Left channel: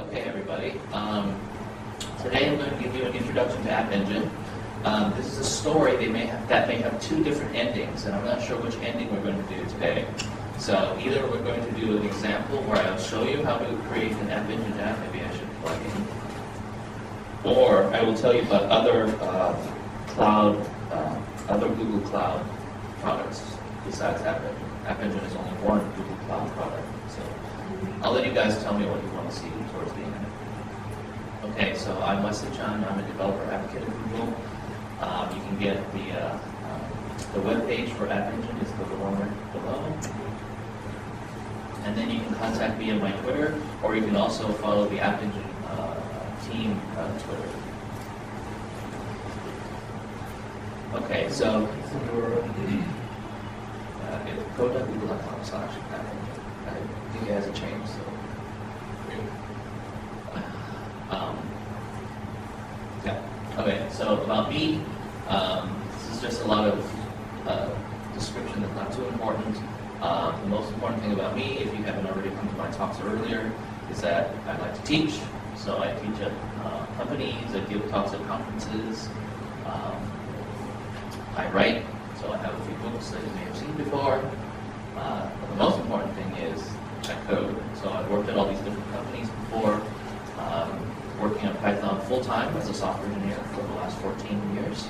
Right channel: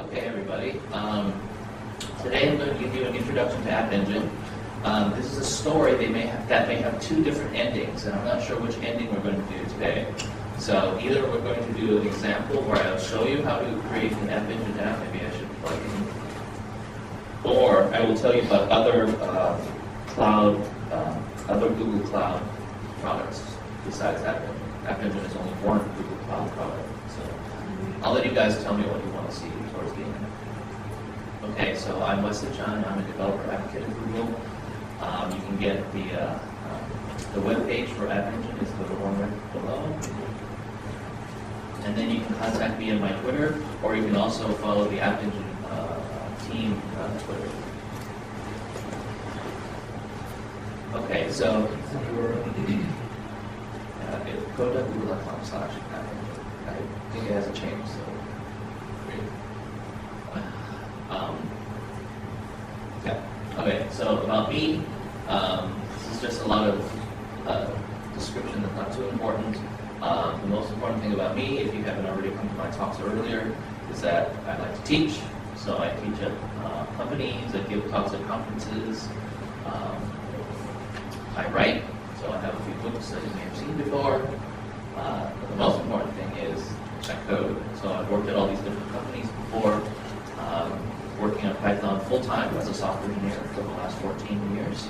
Okay, everybody. Today I'm going to give you an introduction to App Engine. This is a story that may have two different endings, and I'm not sure which ending we're going to do today. So either we're going to do an example where I'll show you how to create an App Engine app, maybe I should plug in, or I will tell you about other other Google Cloud products besides App Engine. App Engine is only one Google Cloud product, so I'll let you guys tell me what you want to see towards the end. Okay, so I'm Wesley Chun. I'm a developer advocate at Google. You can get the web page for App Engine is the one right below. And then you can contact me on my Twitter, or you can also follow the App Engine team on Twitter. Okay, so go.google.com/App Engine. I think it hasn't changed, so. Yeah. Okay, so about me, this is just a lot of description that's not too important. The most important thing about me, if you haven't already come to my talks earlier, is that I like to teach. So I teach at companies, I give talks at conferences, I write, so I have a few books that you may have seen before. But the most important thing is I code. So I've worked at all these different companies before, working on Python full-time as a software engineer for the last 14 years.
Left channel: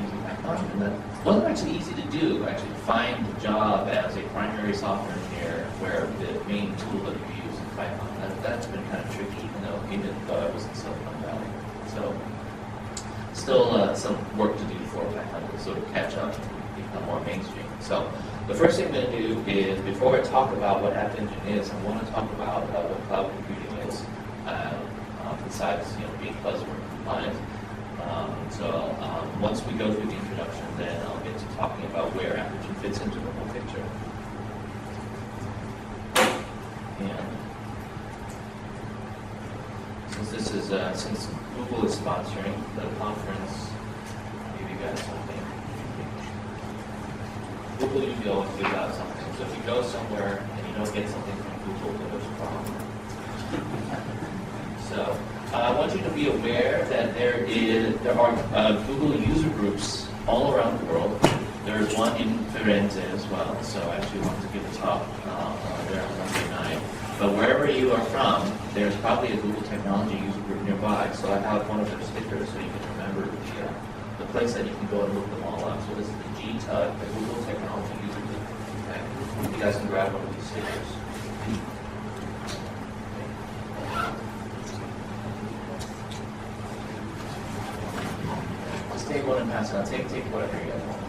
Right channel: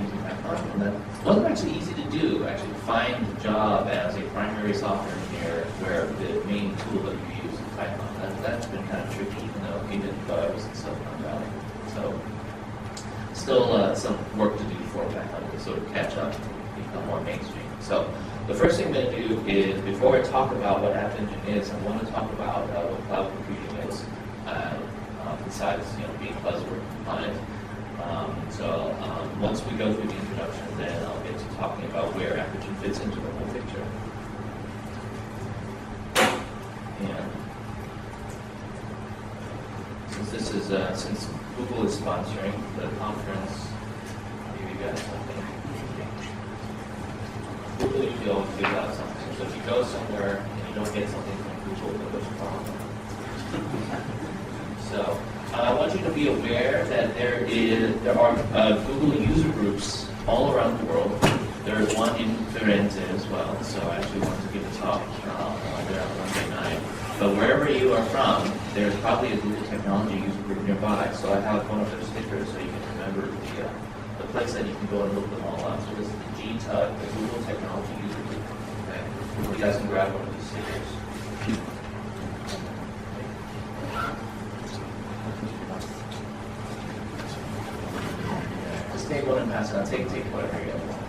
Using Python, and that wasn't actually easy to do, actually, to find a job as a primary software engineer where the main tool that you use is Python. That's been kind of tricky, even though I was in Silicon Valley. So, still some work to do for Python to sort of catch up and become more mainstream. So, the first thing I'm going to do is, before I talk about what App Engine is, I want to talk about what cloud computing is, besides being buzzword compliant. Once we go through the introduction, then I'll get to talking about where App Engine fits into the whole picture. And since Google is sponsoring the conference, I'll give you guys something. Google usually always gives out something. So if you go somewhere and you don't get something from Google, then there's a problem. So I want you to be aware that there are Google user groups all around the world. There's one in Firenze as well, so I actually want to give a talk there on Monday night. But wherever you are from, there's probably a Google Technology user group nearby. So I have one of their stickers so you can remember the place that you can go and look them all up. So this is the GTUG, the Google Technology user group. Okay. You guys can grab one of these stickers. Take one and pass it out. Take whatever you guys want.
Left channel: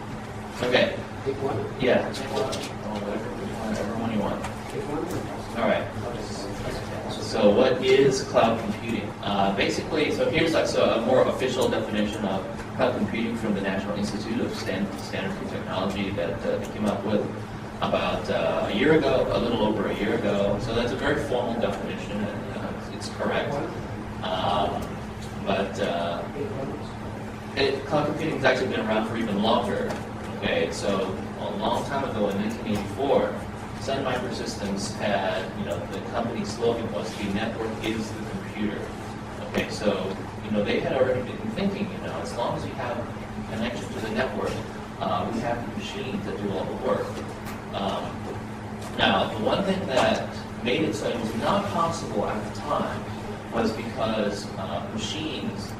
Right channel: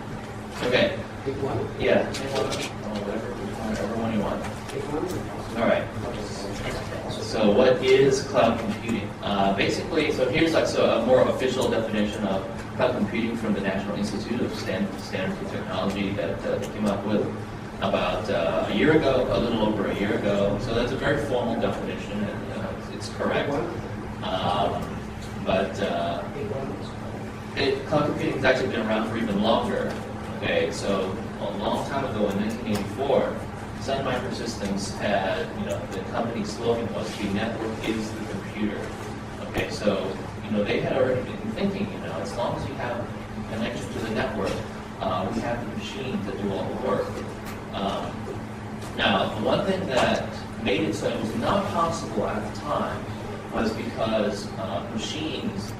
Okay. Take one? Yeah, take one. Oh, whatever one you want. Take one? All right. So what is cloud computing? Basically, so here's a more official definition of cloud computing from the National Institute of Standards and Technology that they came up with about a year ago, a little over a year ago. So that's a very formal definition, and it's correct. Cloud computing has actually been around for even longer. Okay, so a long time ago in 1984, Sun Microsystems had, the company slogan was "The network is the computer." Okay, so they had already been thinking, as long as you have a connection to the network, we have the machines that do all the work. Now, the one thing that made it so it was not possible at the time was because machines,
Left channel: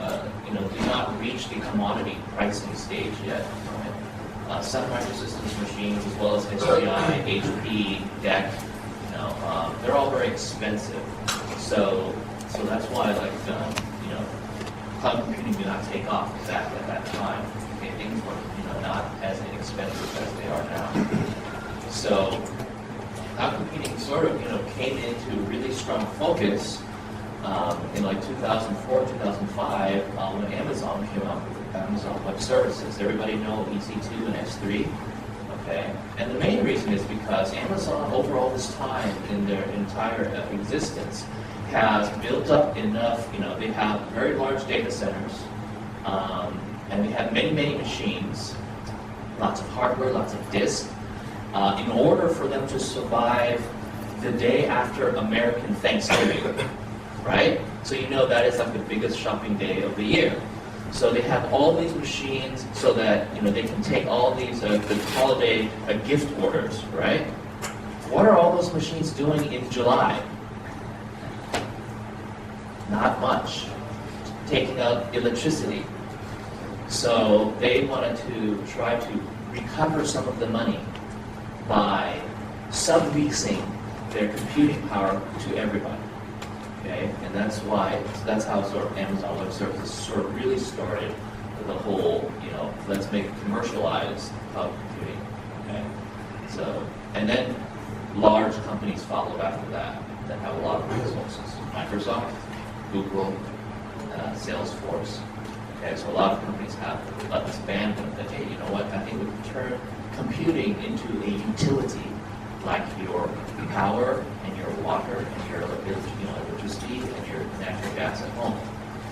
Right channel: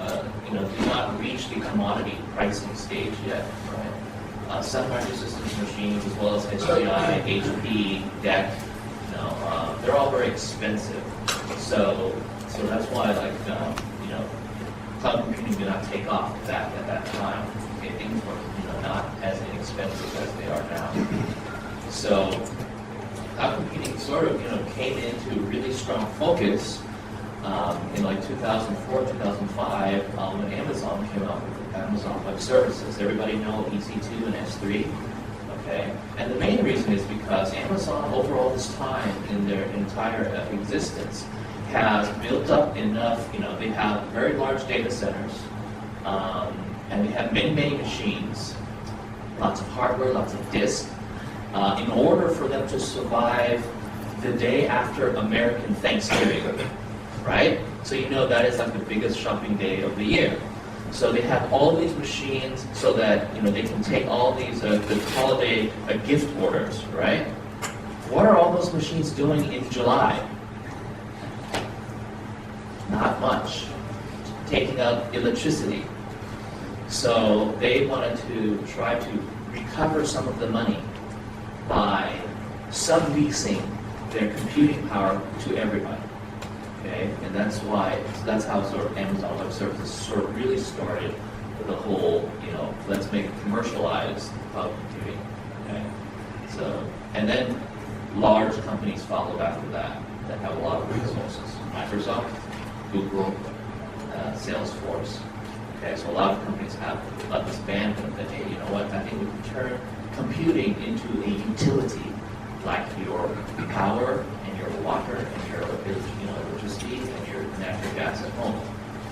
did not reach the commodity pricing stage yet. Right? Sun Microsystems machines, as well as HCI, HP, DEC, they're all very expensive. So that's why, cloud computing did not take off back at that time. Okay, things were, not as inexpensive as they are now. So cloud computing sort of, came into really strong focus in 2004, 2005, when Amazon came out with Amazon Web Services. Everybody know EC2 and S3, okay? And the main reason is because Amazon, over all this time in their entire existence, has built up enough, they have very large data centers, and they have many, many machines, lots of hardware, lots of disk, in order for them to survive the day after American Thanksgiving. right? So you know that is like the biggest shopping day of the year. So they have all these machines so that they can take all these the holiday gift orders, right? What are all those machines doing in July? Not much. Taking out electricity. So they wanted to try to recover some of the money by subleasing their computing power to everybody. Okay, and that's how sort of Amazon Web Services sort of really started the whole, let's make commercialized cloud computing. Okay, so and then large companies followed after that have a lot of resources. Microsoft, Google, Salesforce. Okay, so a lot of companies have this bandwidth that, hey, you know what? I think we can turn computing into a utility like your power and your water and your electricity and your natural gas at home.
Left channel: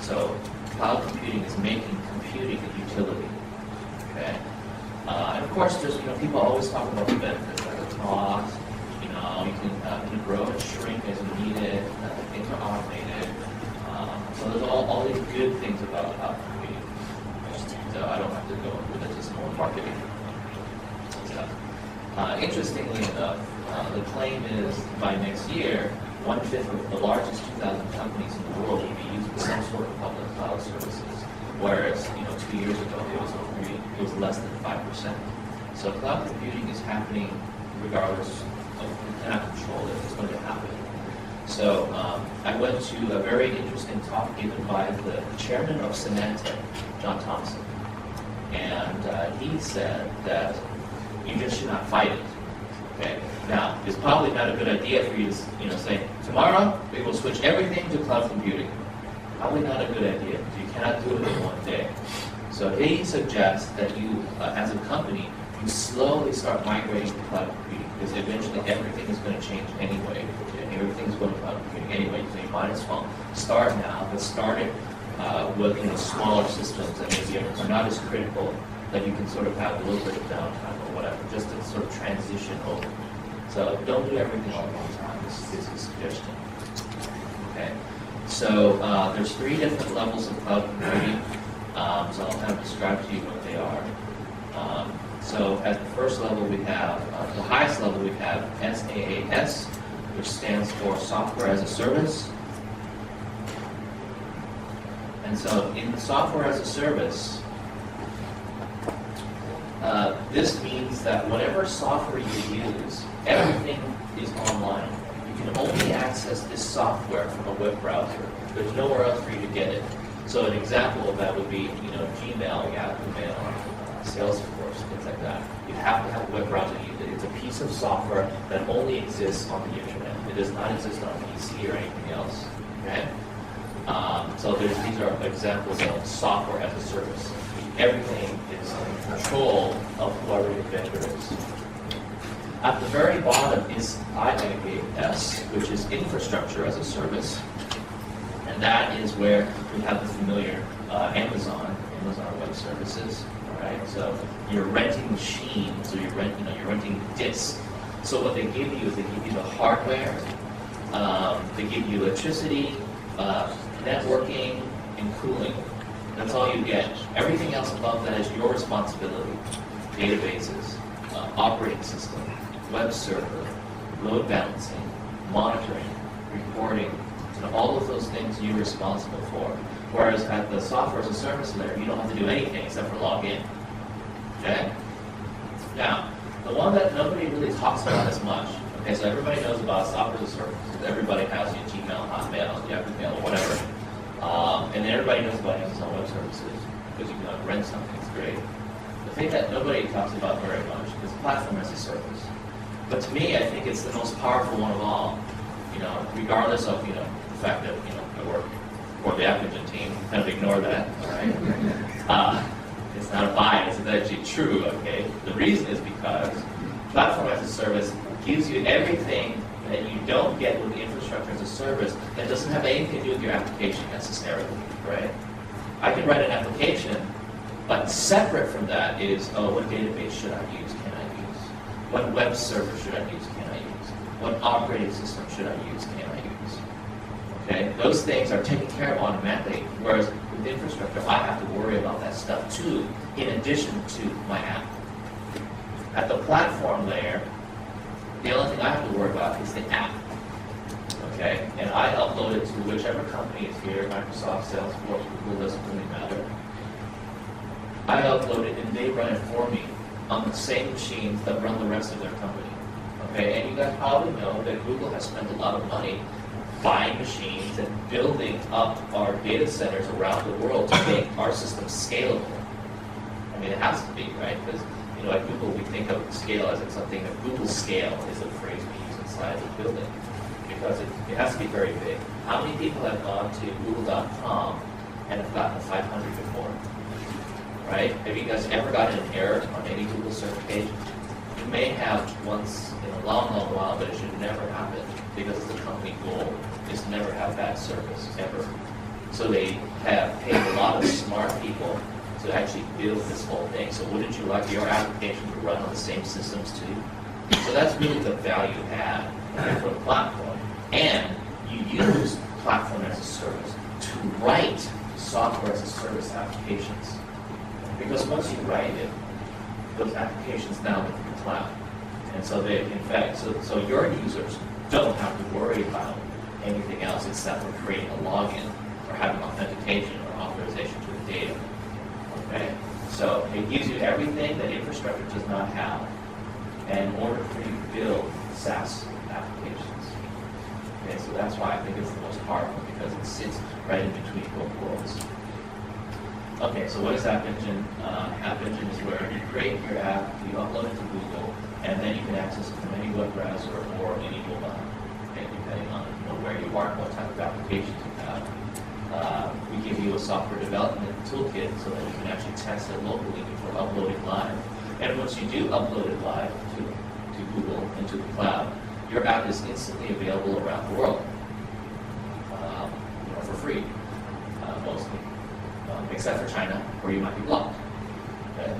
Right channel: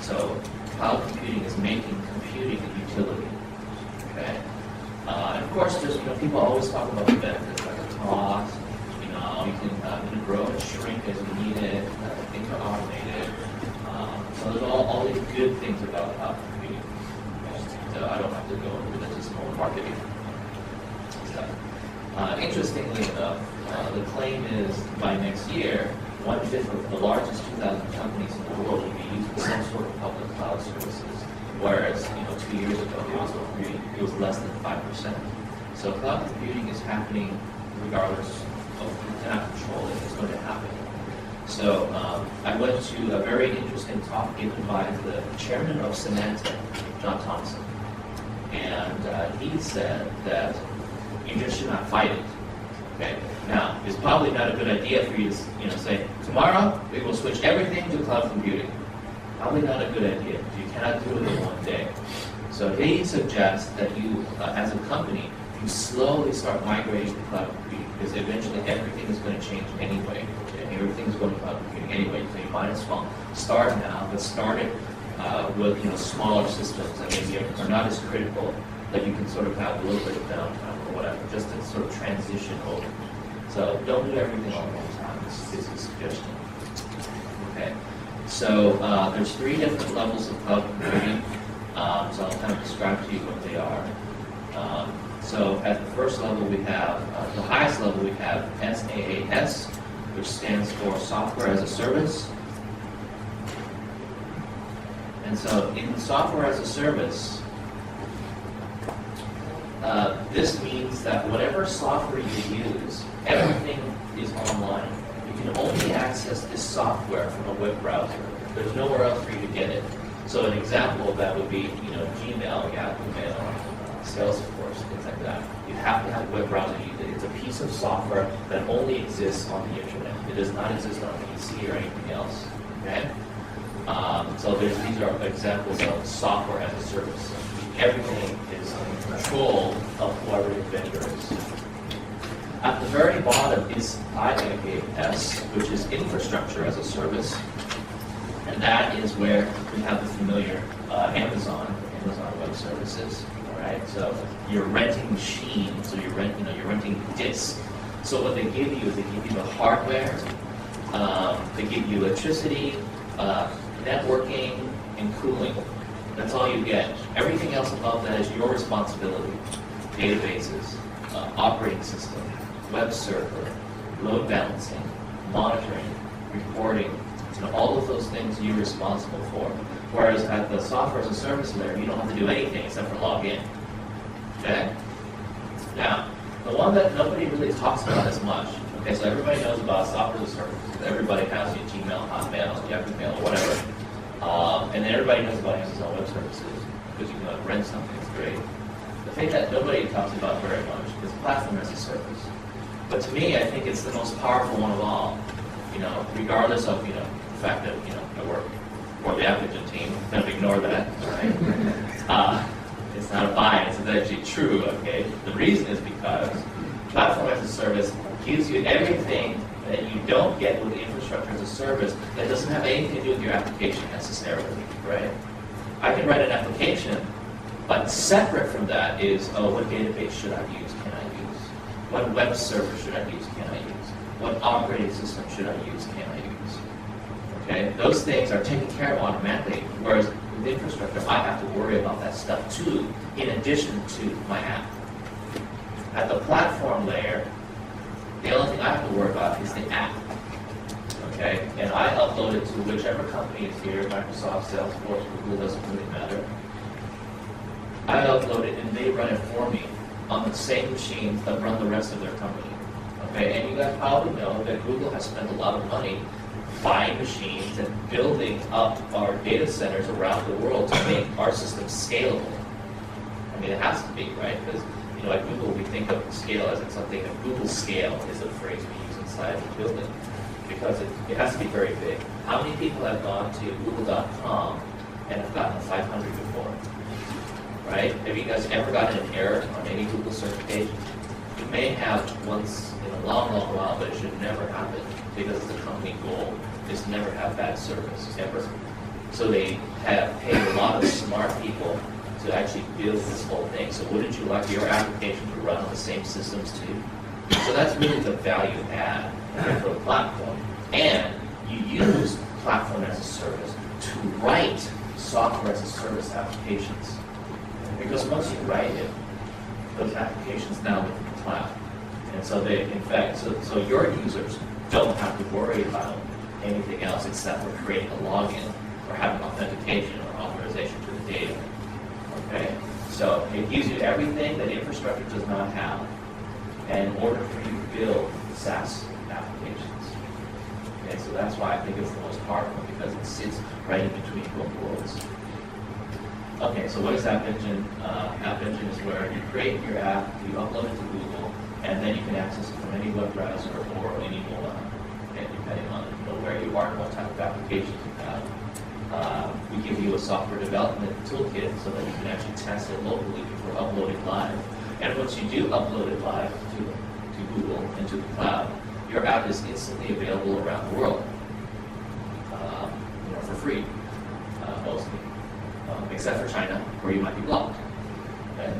So cloud computing is making computing a utility. Okay, and of course, just people always talk about the benefits like the cost. You can grow and shrink as you need it. Things are automated. So there's all these good things about cloud computing. So I don't have to go into that, just more marketing stuff. Interestingly enough, the claim is by next year, 1/5 of the largest 2,000 companies in the world will be using some sort of public cloud services, whereas 2 years ago it was less than 5%. So cloud computing is happening regardless of we cannot control it. It's going to happen. So I went to a very interesting talk given by the chairman of Symantec, John Thompson, and he said that you just should not fight it. Okay. Now, it's probably not a good idea for you to say tomorrow we will switch everything to cloud computing. Probably not a good idea. You cannot do it in one day. So he suggests that you, as a company, you slowly start migrating to cloud computing because eventually everything is going to change anyway. Okay? Everything is going to cloud computing anyway. So you might as well start now, but start it with smaller systems that maybe are not as critical, that you can sort of have a little bit of downtime or whatever, just to sort of transition over. So don't do everything all at one time. This is a suggestion. Okay. So there's 3 different levels of cloud computing. So I'll kind of describe to you what they are. So at the first level we have, the highest level we have SaaS, which stands for Software as a Service. And so in the Software as a Service, this means that whatever software you use, everything is online. You can only access this software from a web browser. There's nowhere else for you to get it. So an example of that would be, Gmail, Yahoo Mail, Salesforce, things like that. You have to have a web browser to use it. It's a piece of software that only exists on the internet. It does not exist on PC or anything else. Okay? So these are examples of software as a service. Everything is in control of whoever the vendor is. At the very bottom is IaaS, which is infrastructure as a service. And that is where we have the familiar Amazon Web Services. All right, so you're renting machines, so you're renting disks. So what they give you is they give you the hardware, they give you electricity, networking, and cooling. That's all you get. Everything else above that is your responsibility. Databases, operating system, web server, load balancing, monitoring, reporting. All of those things you're responsible for. Whereas at the software as a service layer, you don't have to do anything except for log in. Okay? Now, the one that nobody really talks about as much. Okay, so everybody knows about software as a service. Everybody has your Gmail, Hotmail, Yahoo Mail, whatever. And then everybody knows about Amazon Web Services because you can rent something. It's great. The thing that nobody talks about very much is platform as a service. But to me, I think it's the most powerful one of all. Regardless of the fact that I work for the Appian team, kind of ignore that. All right. It's not a bias. It's actually true. Okay. The reason is because platform as a service gives you everything that you don't get with the infrastructure as a service that doesn't have anything to do with your application necessarily, right? I can write an application, but separate from that is, what database should I use, can I use? What web server should I use, can I use? What operating system should I use, can I use? Okay, those things are taken care of automatically, whereas with infrastructure, I have to worry about that stuff too, in addition to my app. At the platform layer, the only thing I have to worry about is the app. Okay, and I upload it to whichever company is here, Microsoft, Salesforce, Google, doesn't really matter. I upload it and they run it for me on the same machines that run the rest of their company. Okay, and you guys probably know that Google has spent a lot of money buying machines and building up our data centers around the world to make our system scalable. I mean, it has to be, right? Because, you know, at Google, we think of scale as something that Google scale is a phrase we use inside the building, because it has to be very big. How many people have gone to google.com and have gotten a 500 before? Right? Have you guys ever gotten an error on any Google search page? You may have once in a long, long while, but it should never happen, because the company goal is to never have bad service, ever. So they have paid a lot of smart people to actually build this whole thing. So wouldn't you like your application to run on the same systems too? So that's really the value add for the platform. And you use platform as a service to write software as a service applications. Because once you write it, those applications now live in the cloud. And so they, in fact, so your users don't have to worry about anything else except for creating a login or having authentication or authorization to the data. Okay? So it gives you everything that infrastructure does not have in order for you to build SaaS applications. Okay, so that's why I think it's the most powerful, because it sits right in between both worlds. Okay, so what is App Engine? App Engine is where you create your app, you upload it to Google, and then you can access it from any web browser or any mobile app, okay, depending on where you are and what type of applications you have. We give you a software development toolkit so that you can actually test it locally before uploading live. And once you do upload it live to Google and to the cloud, your app is instantly available around the world, for free, mostly. Except for China, where you might be blocked. Okay?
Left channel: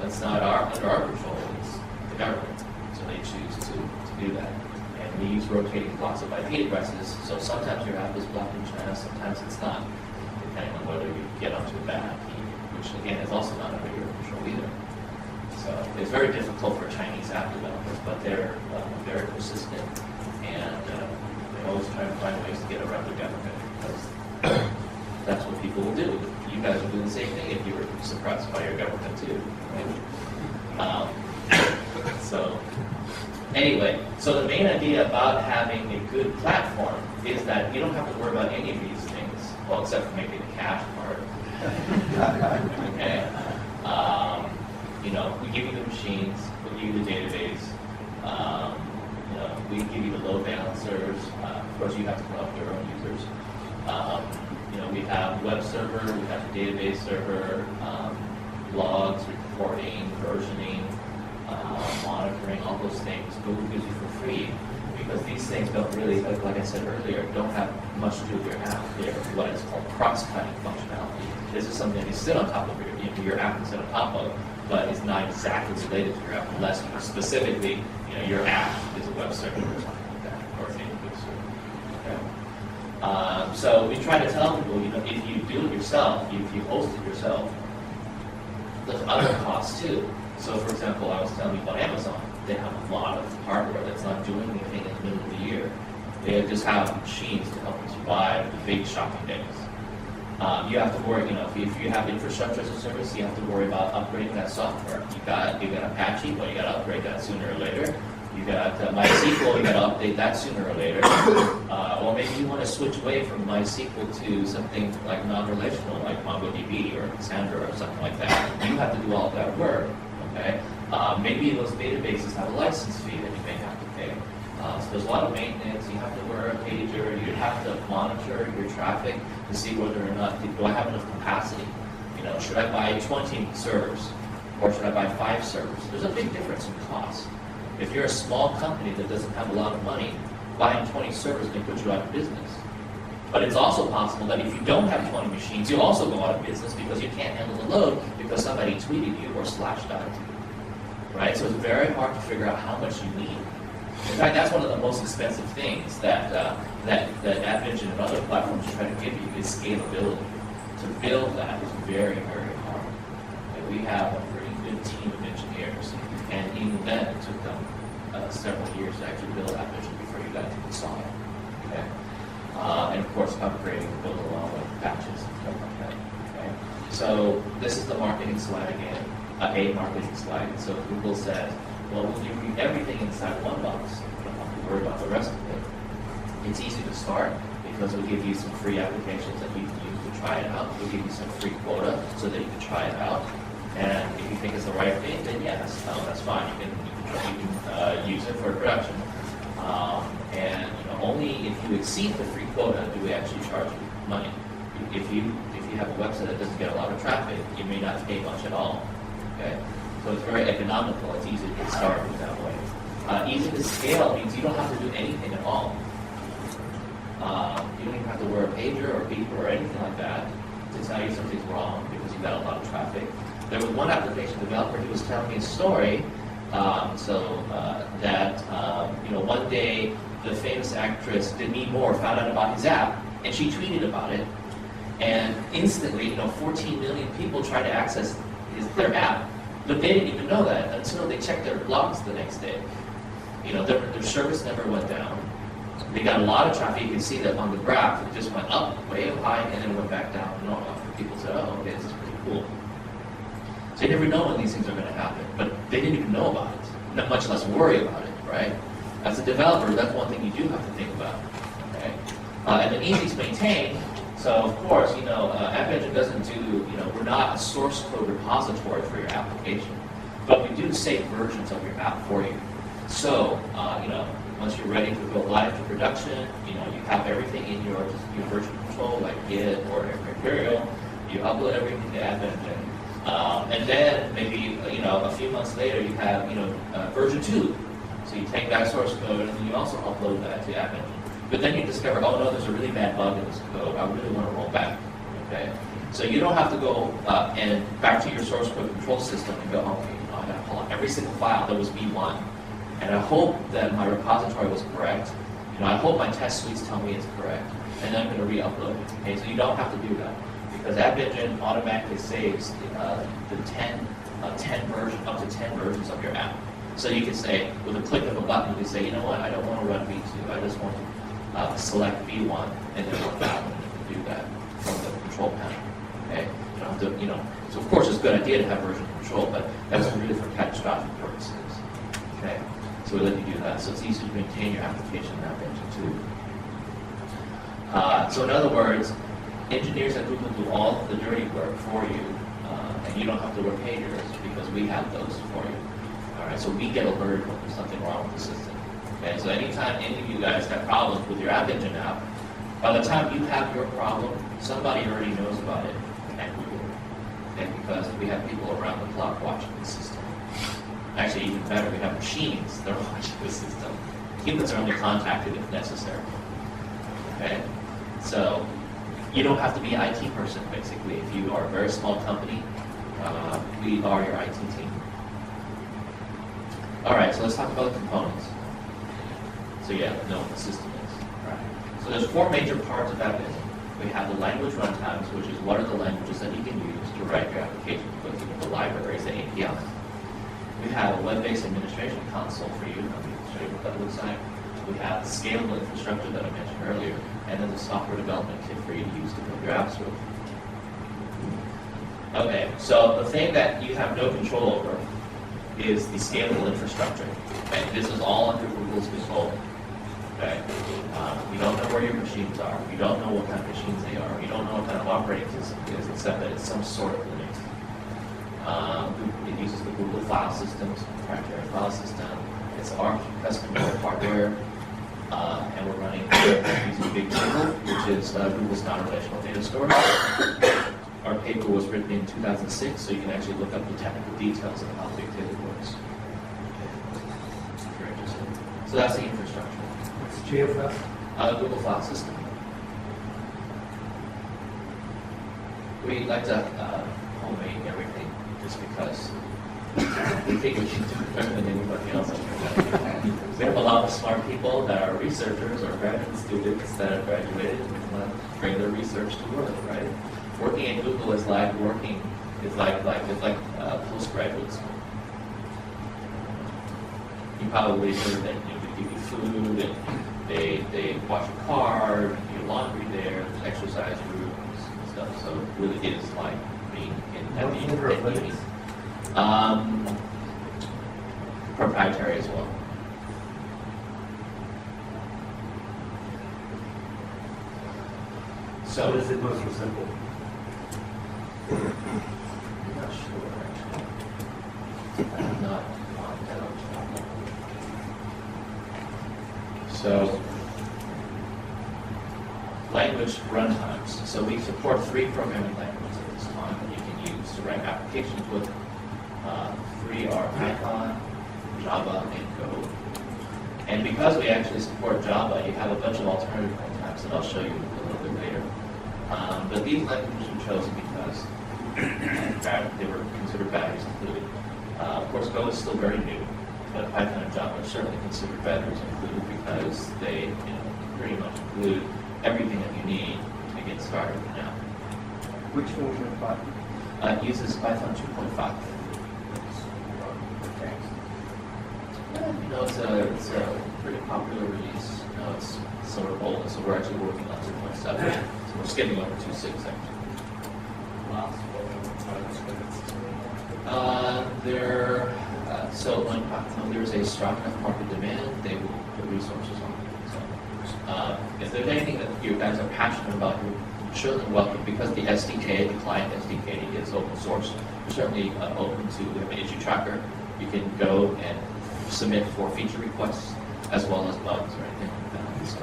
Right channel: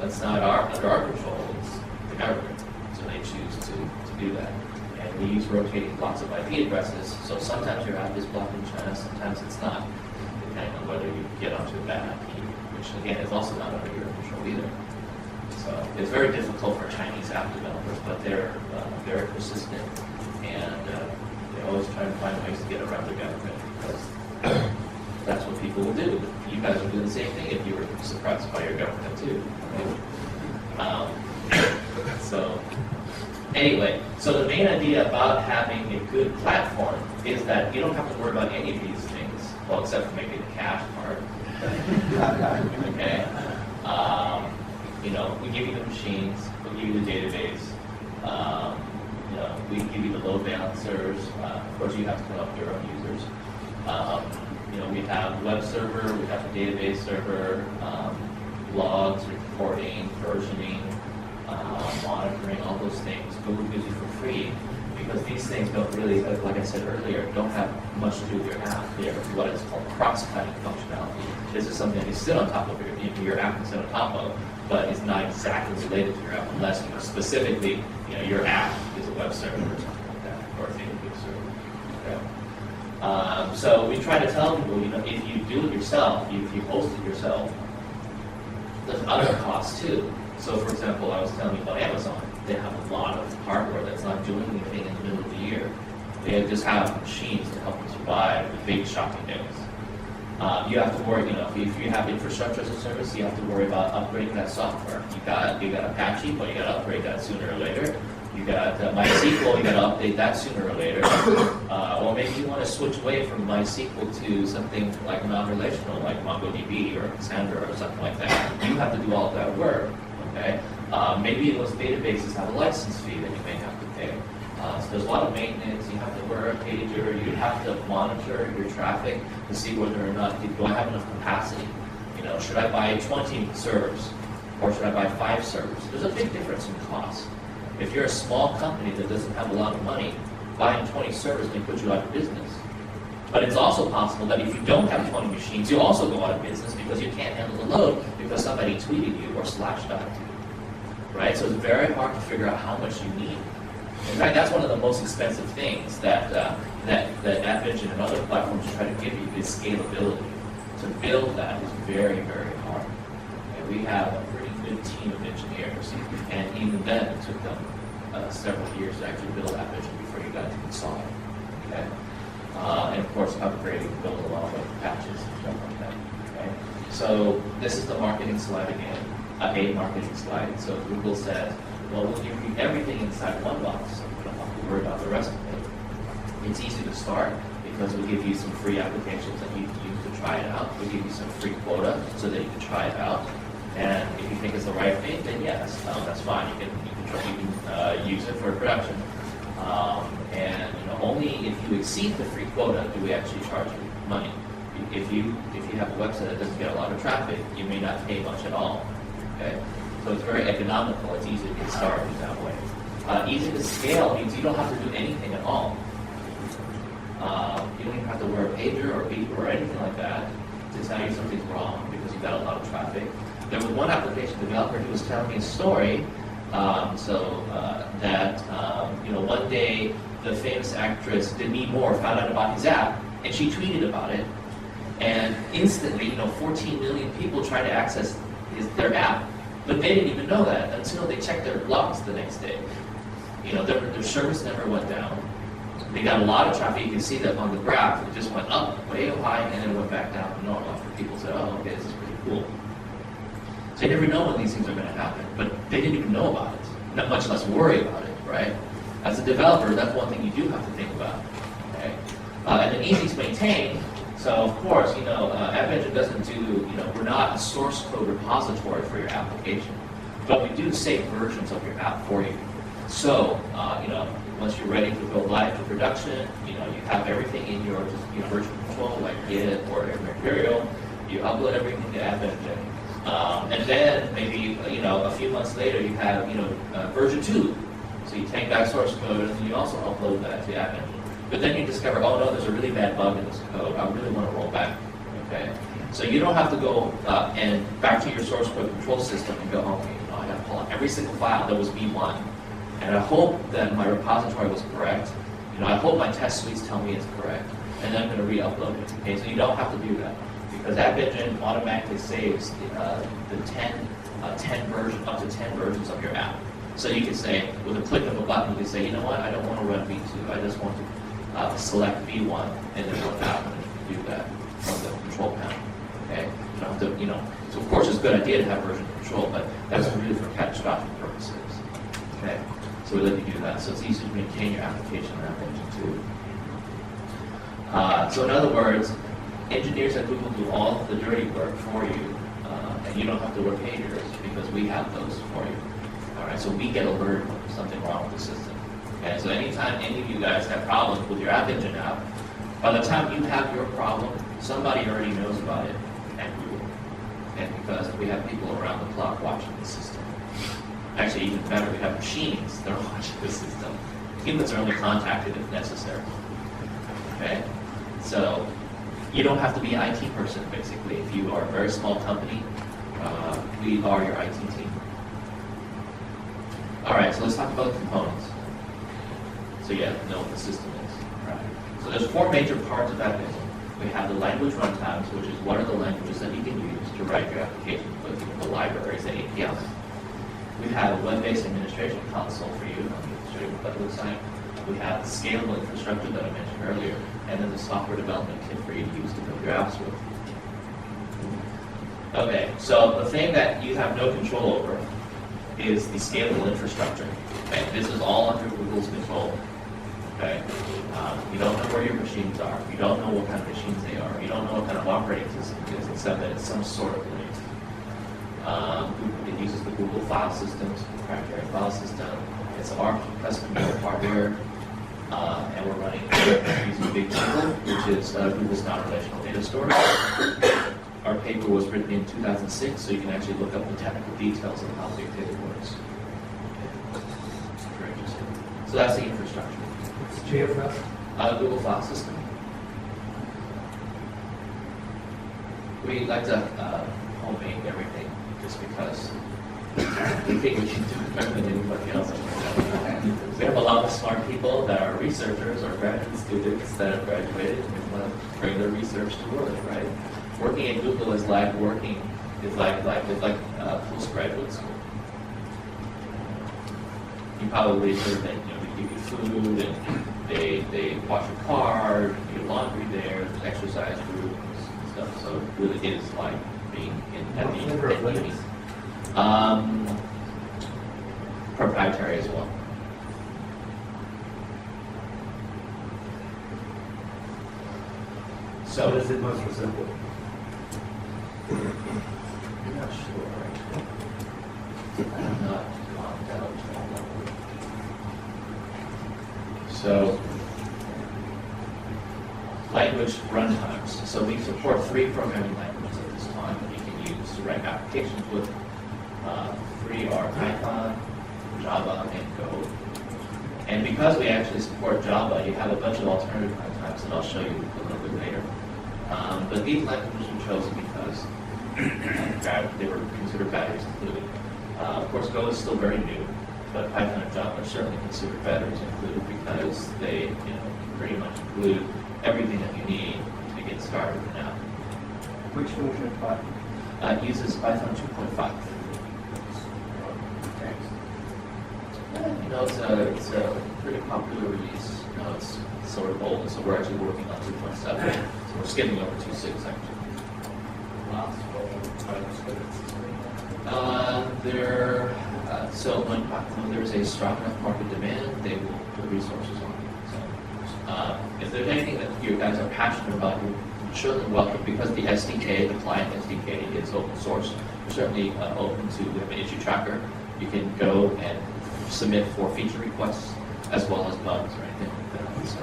That's not under our control, it's the government. So they choose to do that. And we use rotating blocks of IP addresses, so sometimes your app is blocked in China, sometimes it's not, depending on whether you get onto a bad IP, which again is also not under your control either. So it's very difficult for Chinese app developers, but they're very persistent, and they always try to find ways to get around the government, because that's what people will do. You guys would do the same thing if you were suppressed by your government too. So anyway, so the main idea about having a good platform is that you don't have to worry about any of these things, well, except for maybe the cash part. Okay. We give you the machines, we give you the database, we give you the load balancers. Of course, you have to put up your own users. We have web server, we have the database server, logs, reporting, versioning, monitoring, all those things Google gives you for free, because these things don't really, like I said earlier, don't have much to do with your app. They're what is called cross-cutting functionality. This is something that you sit on top of your app can sit on top of, but it's not exactly related to your app unless specifically, your app is a web server or something like that, or a database server. Okay. So we try to tell people, if you do it yourself, if you host it yourself, there's other costs too. So for example, I was telling you about Amazon. They have a lot of hardware that's not doing anything in the middle of the year. They just have machines to help you survive the big shopping days. You have to worry, if you have infrastructure as a service, you have to worry about upgrading that software. You got Apache, but you got to upgrade that sooner or later. You got MySQL, you got to update that sooner or later. Or maybe you want to switch away from MySQL to something like non-relational, like MongoDB or Cassandra or something like that. You have to do all that work. Okay. Maybe those databases have a license fee that you may have to pay. So there's a lot of maintenance. You have to wear a pager. You have to monitor your traffic to see whether or not, do I have enough capacity? Should I buy 20 servers or should I buy 5 servers? There's a big difference in cost. If you're a small company that doesn't have a lot of money, buying 20 servers may put you out of business. But it's also possible that if you don't have 20 machines, you'll also go out of business because you can't handle the load because somebody tweeted you or slashed out you. Right? So it's very hard to figure out how much you need. In fact, that's one of the most expensive things that that App Engine and other platforms try to give you is scalability. To build that is very, very hard. And we have a pretty good team of engineers, and even then it took them several years to actually build App Engine before you got to install it. Okay? And of course, upgrading the build along with patches and stuff like that. Okay? So this is the marketing slide again, a marketing slide. So Google says, well, we'll give you everything inside one box. You don't have to worry about the rest of it. It's easy to start because we'll give you some free applications that you can use to try it out. We'll give you some free quota so that you can try it out. And if you think it's the right thing, then yes, that's fine. You can use it for production. And only if you exceed the free quota do we actually charge you money. If you have a website that doesn't get a lot of traffic, you may not pay much at all. Okay, so it's very economical. It's easy to get started that way. Easy to scale means you don't have to do anything at all. You don't even have to wear a pager or a beeper or anything like that to tell you something's wrong because you've got a lot of traffic. There was one application developer who was telling me a story. One day the famous actress Demi Moore found out about his app, and she tweeted about it, and instantly, 14 million people tried to access their app, but they didn't even know that until they checked their logs the next day. Their service never went down. They got a lot of traffic. You can see that on the graph. It just went up, way up high, and then went back down to normal. People said, "Oh, okay, this is pretty cool." So you never know when these things are going to happen, but they didn't even know about it, not much less worry about it, right? As a developer, that's one thing you do have to think about, okay? And then easy to maintain. So of course, App Engine doesn't do, we're not a source code repository for your application, but we do save versions of your app for you. So, once you're ready to go live to production, you have everything in your version control, like Git or Imperial. You upload everything to App Engine. And then maybe a few months later you have version 2. So you take that source code and then you also upload that to App Engine. But then you discover, oh no, there's a really bad bug in this code. I really want to roll back. Okay. So you don't have to go and back to your source code control system and go, okay, I got to pull out every single file that was V1, and I hope that my repository was correct. I hope my test suites tell me it's correct, and then I'm going to re-upload it. Okay. So you don't have to do that. Because App Engine automatically saves the 10 version, up to 10 versions of your app. So you can say, with a click of a button, you can say, you know what, I don't want to run V2, I just want to select V1 and then run that one, and you can do that from the control panel. Okay? You don't have to, so of course it's a good idea to have version control, but that's really for catastrophic purposes. Okay? So we let you do that. So it's easy to maintain your application in App Engine too. So in other words, engineers at Google do all of the dirty work for you, and you don't have to work pagers because we have those for you. All right, so we get alerted when there's something wrong with the system. Okay, so anytime any of you guys have problems with your App Engine app, by the time you have your problem, somebody already knows about it at Google. And because we have people around the clock watching the system. Actually, even better, we have machines that are watching the system. Humans are only contacted if necessary. Okay, so you don't have to be an IT person, basically. If you are a very small company, we are your IT team. All right, so let's talk about the components. So you have to know what the system is. Right. So there's 4 major parts of App Engine. We have the language runtimes, which is what are the languages that you can use to write your application with, the libraries, the APIs. We have a web-based administration console for you. Let me show you what that looks like. We have the scalable infrastructure that I mentioned earlier, and then the software development kit for you to use to build your apps with. Okay, so the thing that you have no control over is the scalable infrastructure. Okay, this is all under Google's control. Okay, you don't know where your machines are. You don't know what kind of machines they are. You don't know what kind of operating system it is, except that it's some sort of Linux. It uses the Google file systems, proprietary file system. It's our custom hardware, and we're running using BigTable, which is Google's non-relational data storage. Our paper was written in 2006, so you can actually look up the technical details of how BigTable works. Very interesting. So that's the infrastructure. What's GFS? Google File System. We like to homemade everything just because we think we can do it better than anybody else. We have a lot of smart people that are researchers or graduate students that have graduated and want to bring their research to work, right? Working at Google is like postgraduate school. You probably heard that they give you food and they wash your car, you do laundry there, there's exercise rooms and stuff. So it really is like being at the uni. Proprietary as well. So What is it most resemble? I'm not sure. I'm not on that. So, language runtimes. So we support 3 programming languages at this time that you can use to write applications with. 3 are Python, Java, and Go. And because we actually support Java, you have a bunch of alternative runtimes that I'll show you a little bit later. But these languages were chosen because they were considered batteries included. Of course, Go is still very new, but Python and Java are certainly considered batteries included because they, pretty much include everything that you need to get started now. Which version of Python? It uses Python 2.5. It's a pretty popular release. It's sort of old, so we're actually working on 2.7. So we're skipping over 2.6 actually. So when there's a strong enough market demand, they will put resources on it. So if there's anything that you guys are passionate about, you're certainly welcome, because the SDK, the client SDK, is open source. You're certainly open to, we have an issue tracker. You can go and submit for feature requests as well as bugs or anything like that. So,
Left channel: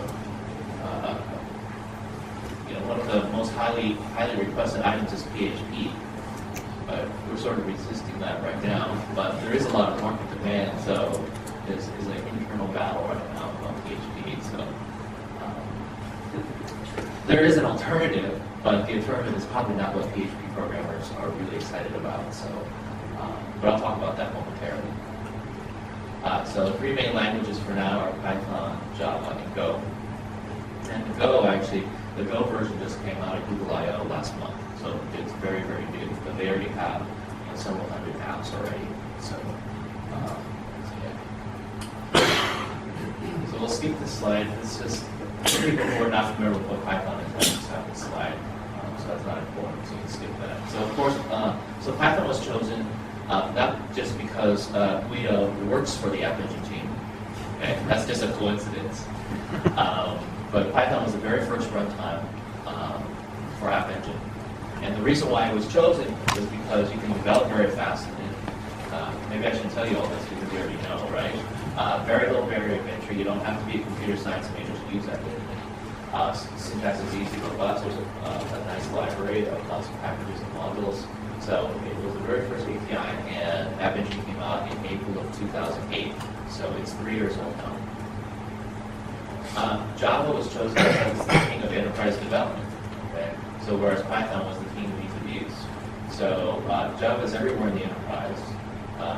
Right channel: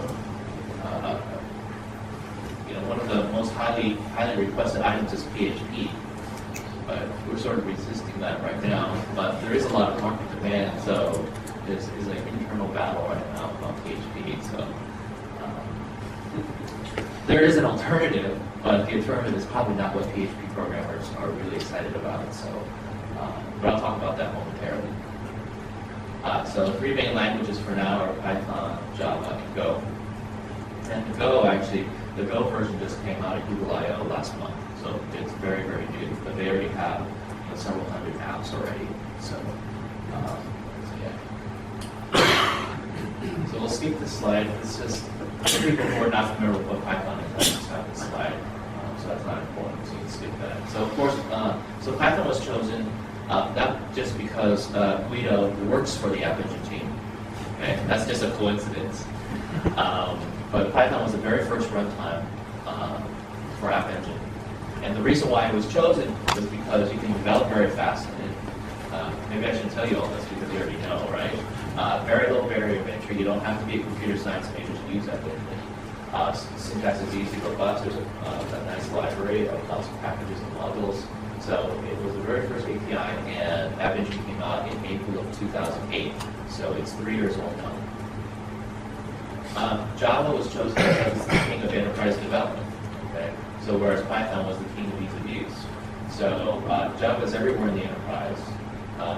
one of the most highly requested items is PHP, but we're sort of resisting that right now. But there is a lot of market demand, so there's an internal battle right now about PHP. So there is an alternative, but the alternative is probably not what PHP programmers are really excited about. So, but I'll talk about that momentarily. So 3 main languages for now are Python, Java, and Go. And the Go version just came out at Google I/O last month, so it's very, very new. But they already have several hundred apps already. So, so we'll skip this slide. It's just for people who are not familiar with what Python is. I just have this slide, so that's not important. So you can skip that. So of course, so Python was chosen. Not just because Guido works for the App Engine team. Okay? That's just a coincidence. But Python was the very first runtime for App Engine. And the reason why it was chosen was because you can develop very fast in it. Maybe I shouldn't tell you all this because you already know, right? Very low barrier of entry. You don't have to be a computer science major to use App Engine. Syntax is easy, robust. There's a nice library of lots of packages and modules. So it was the very first API, and App Engine came out in April of 2008. So it's 3 years old now. Java was chosen as the king of enterprise development. Okay? So whereas Python was the king of ease of use. So Java is everywhere in the enterprise.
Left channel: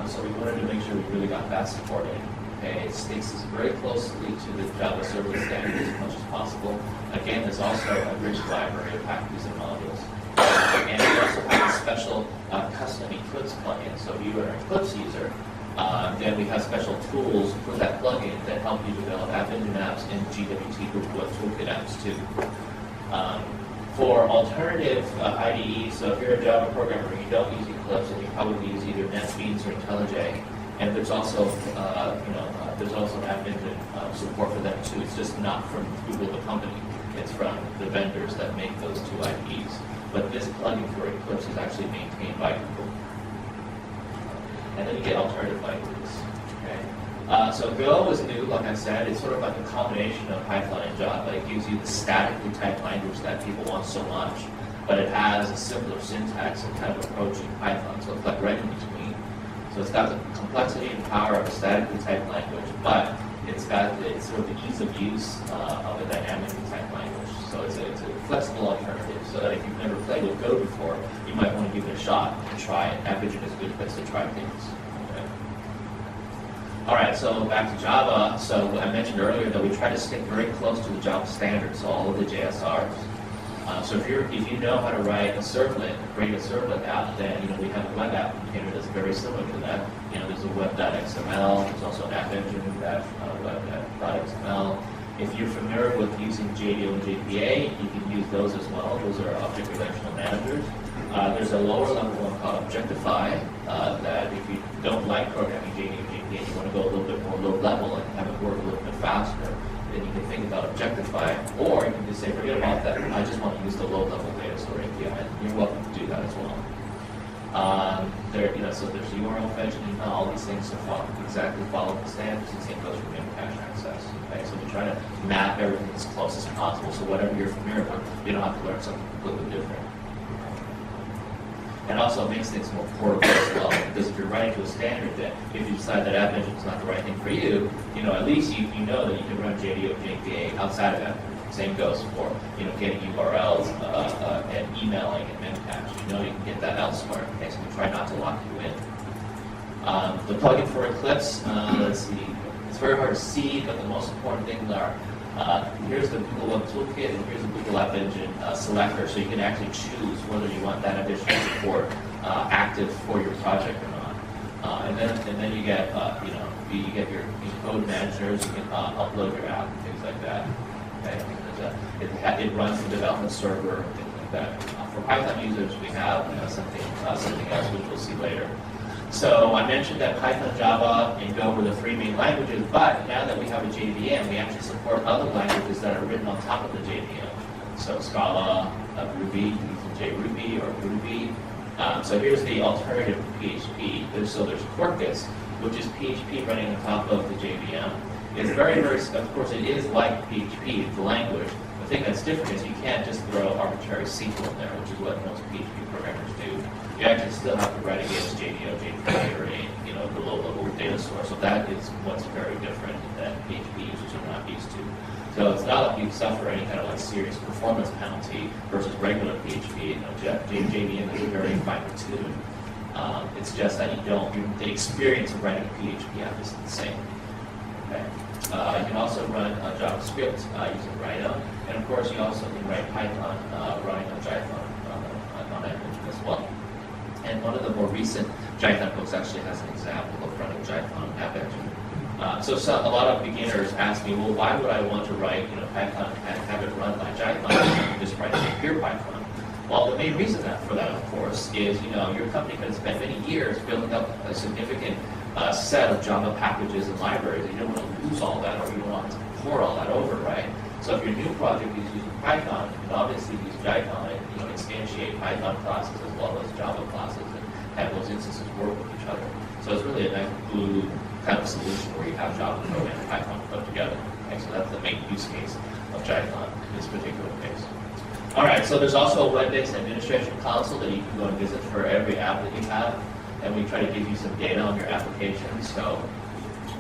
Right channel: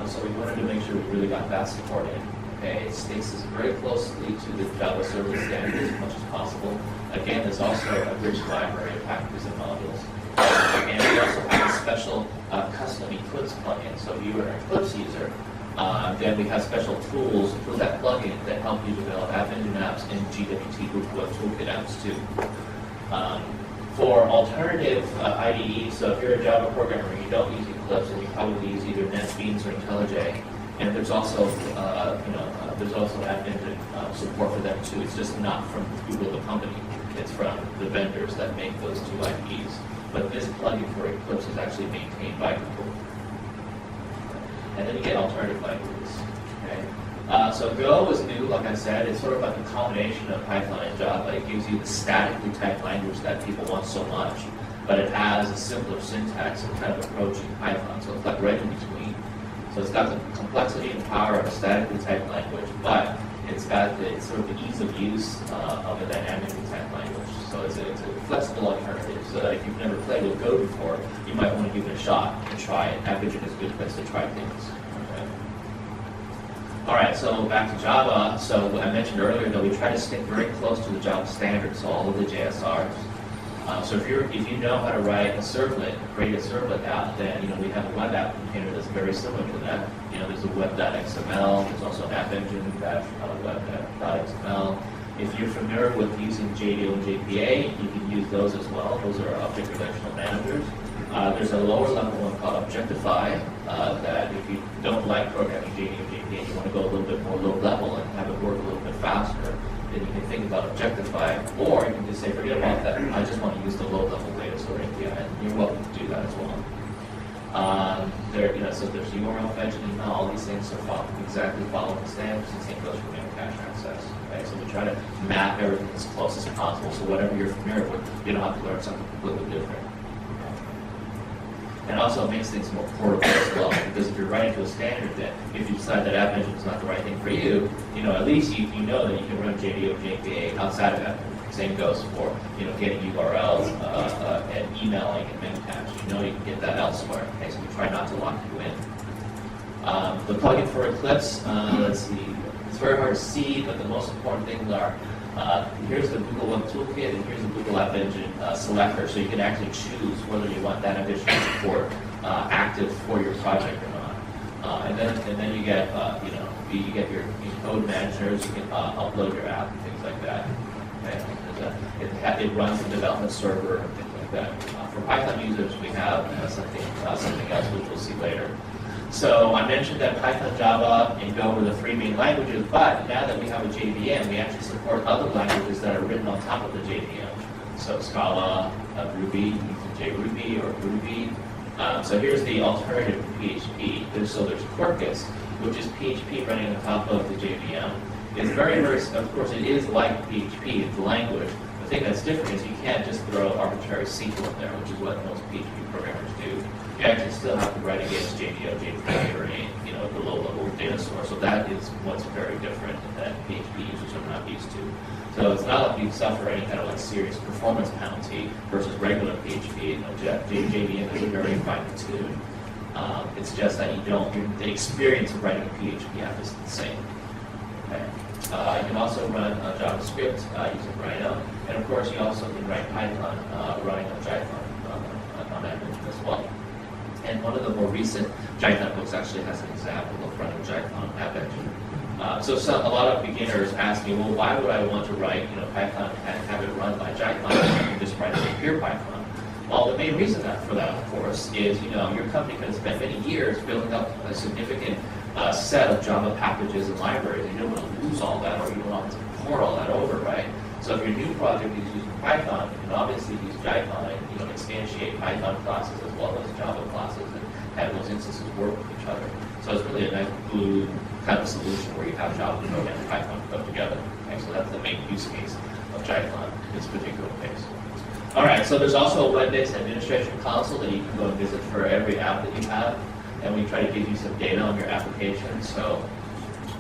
So we wanted to make sure we really got that supported. Okay? It sticks very closely to the Java service standards as much as possible. Again, there's also a rich library of packages and modules. And we also have a special custom Eclipse plugin. So if you are an Eclipse user, then we have special tools for that plugin that help you develop App Engine apps and GWT Group Web Toolkit apps too. For alternative IDEs, so if you're a Java programmer and you don't use Eclipse, and you probably use either NetBeans or IntelliJ, and there's also App Engine support for them too. It's just not from Google the company; it's from the vendors that make those 2 IDEs. But this plugin for Eclipse is actually maintained by Google. And then you get alternative languages. Okay? So Go is new, like I said. It's sort of like a combination of Python and Java. It gives you the statically typed language that people want so much, but it has a simpler syntax and kind of approaching Python. So it's like right in between. So it's got the complexity and power of a statically typed language, but it's got the sort of the ease of use of a dynamic type language. So it's a flexible alternative. So that if you've never played with Go before, you might want to give it a shot and try it. AppEngine is a good place to try things. Okay. All right, so back to Java. So I mentioned earlier that we try to stick very close to the Java standards, so all of the JSRs. So if you know how to write a servlet, create a servlet app, then we have a web app container that's very similar to that. There's a web.xml. There's also an AppEngine-web.xml. If you're familiar with using JDO and JPA, you can use those as well. Those are object relational managers. There's a lower level one called Objectify that if you don't like programming JDO and JPA, and you want to go a little bit more low level and have it work a little bit faster, then you can think about Objectify, or you can just say, forget about that. I just want to use the low-level data store API. And you're welcome to do that as well. So there's URL fetch and email. All these things are exactly follow the standards. The same goes for memcache access. Okay, so we try to map everything as close as possible. So whatever you're familiar with, you don't have to learn something completely different. And also it makes things more portable as well, because if you're writing to a standard, that if you decide that AppEngine is not the right thing for you, at least you know that you can run JDO or JPA outside of AppEngine. Same goes for getting URLs and emailing and memcache. You can get that elsewhere. Okay, so we try not to lock you in. The plugin for Eclipse, let's see, it's very hard to see, but the most important things are here's the Google Web Toolkit and here's the Google App Engine selector, so you can actually choose whether you want that additional support active for your project or not. And then you get you get your code managers. You can upload your app and things like that. Okay, it runs the development server and things like that. For Python users, we have something else which we'll see later. So I mentioned that Python, Java, and Go were the three main languages, but now that we have a JVM, we actually support other languages that are written on top of the JVM. So Scala, Ruby, using JRuby or Ruby. So here's the alternative to PHP. There's Quarkus, which is PHP running on top of the JVM. It's very, very, of course, it is like PHP, the language. The thing that's different is you can't just throw arbitrary SQL in there, which is what most PHP programmers do. You actually still have to write against JDO, JPA, or the low-level data source. So that is what's very different that PHP users are not used to. So it's not like you suffer any kind of serious performance penalty versus regular PHP. JVM is very fine-tuned. It's just that the experience of writing a PHP app is the same. Okay. You can also run JavaScript using Rhino, and of course you also can write Python running on Jython on that engine as well. And one of the more recent Jython books actually has an example of running Jython on AppEngine. So a lot of beginners ask me, well, why would I want to write Python and have it run by Jython and just write pure Python? Well, the main reason for that, of course, is your company can spend many years building up a significant set of Java packages and libraries. You don't want to lose all that, or you don't want to pour all that over, right? So if your new project is using Python, you can obviously use Jython and instantiate Python classes as well as Java classes and have those instances work with each other. So it's really a nice glue kind of solution where you have Java code and Python code together. Okay, so that's the main use case of Jython in this particular case. All right, so there's also a web-based administration console that you can go and visit for every app that you have, and we try to give you some data on your application. So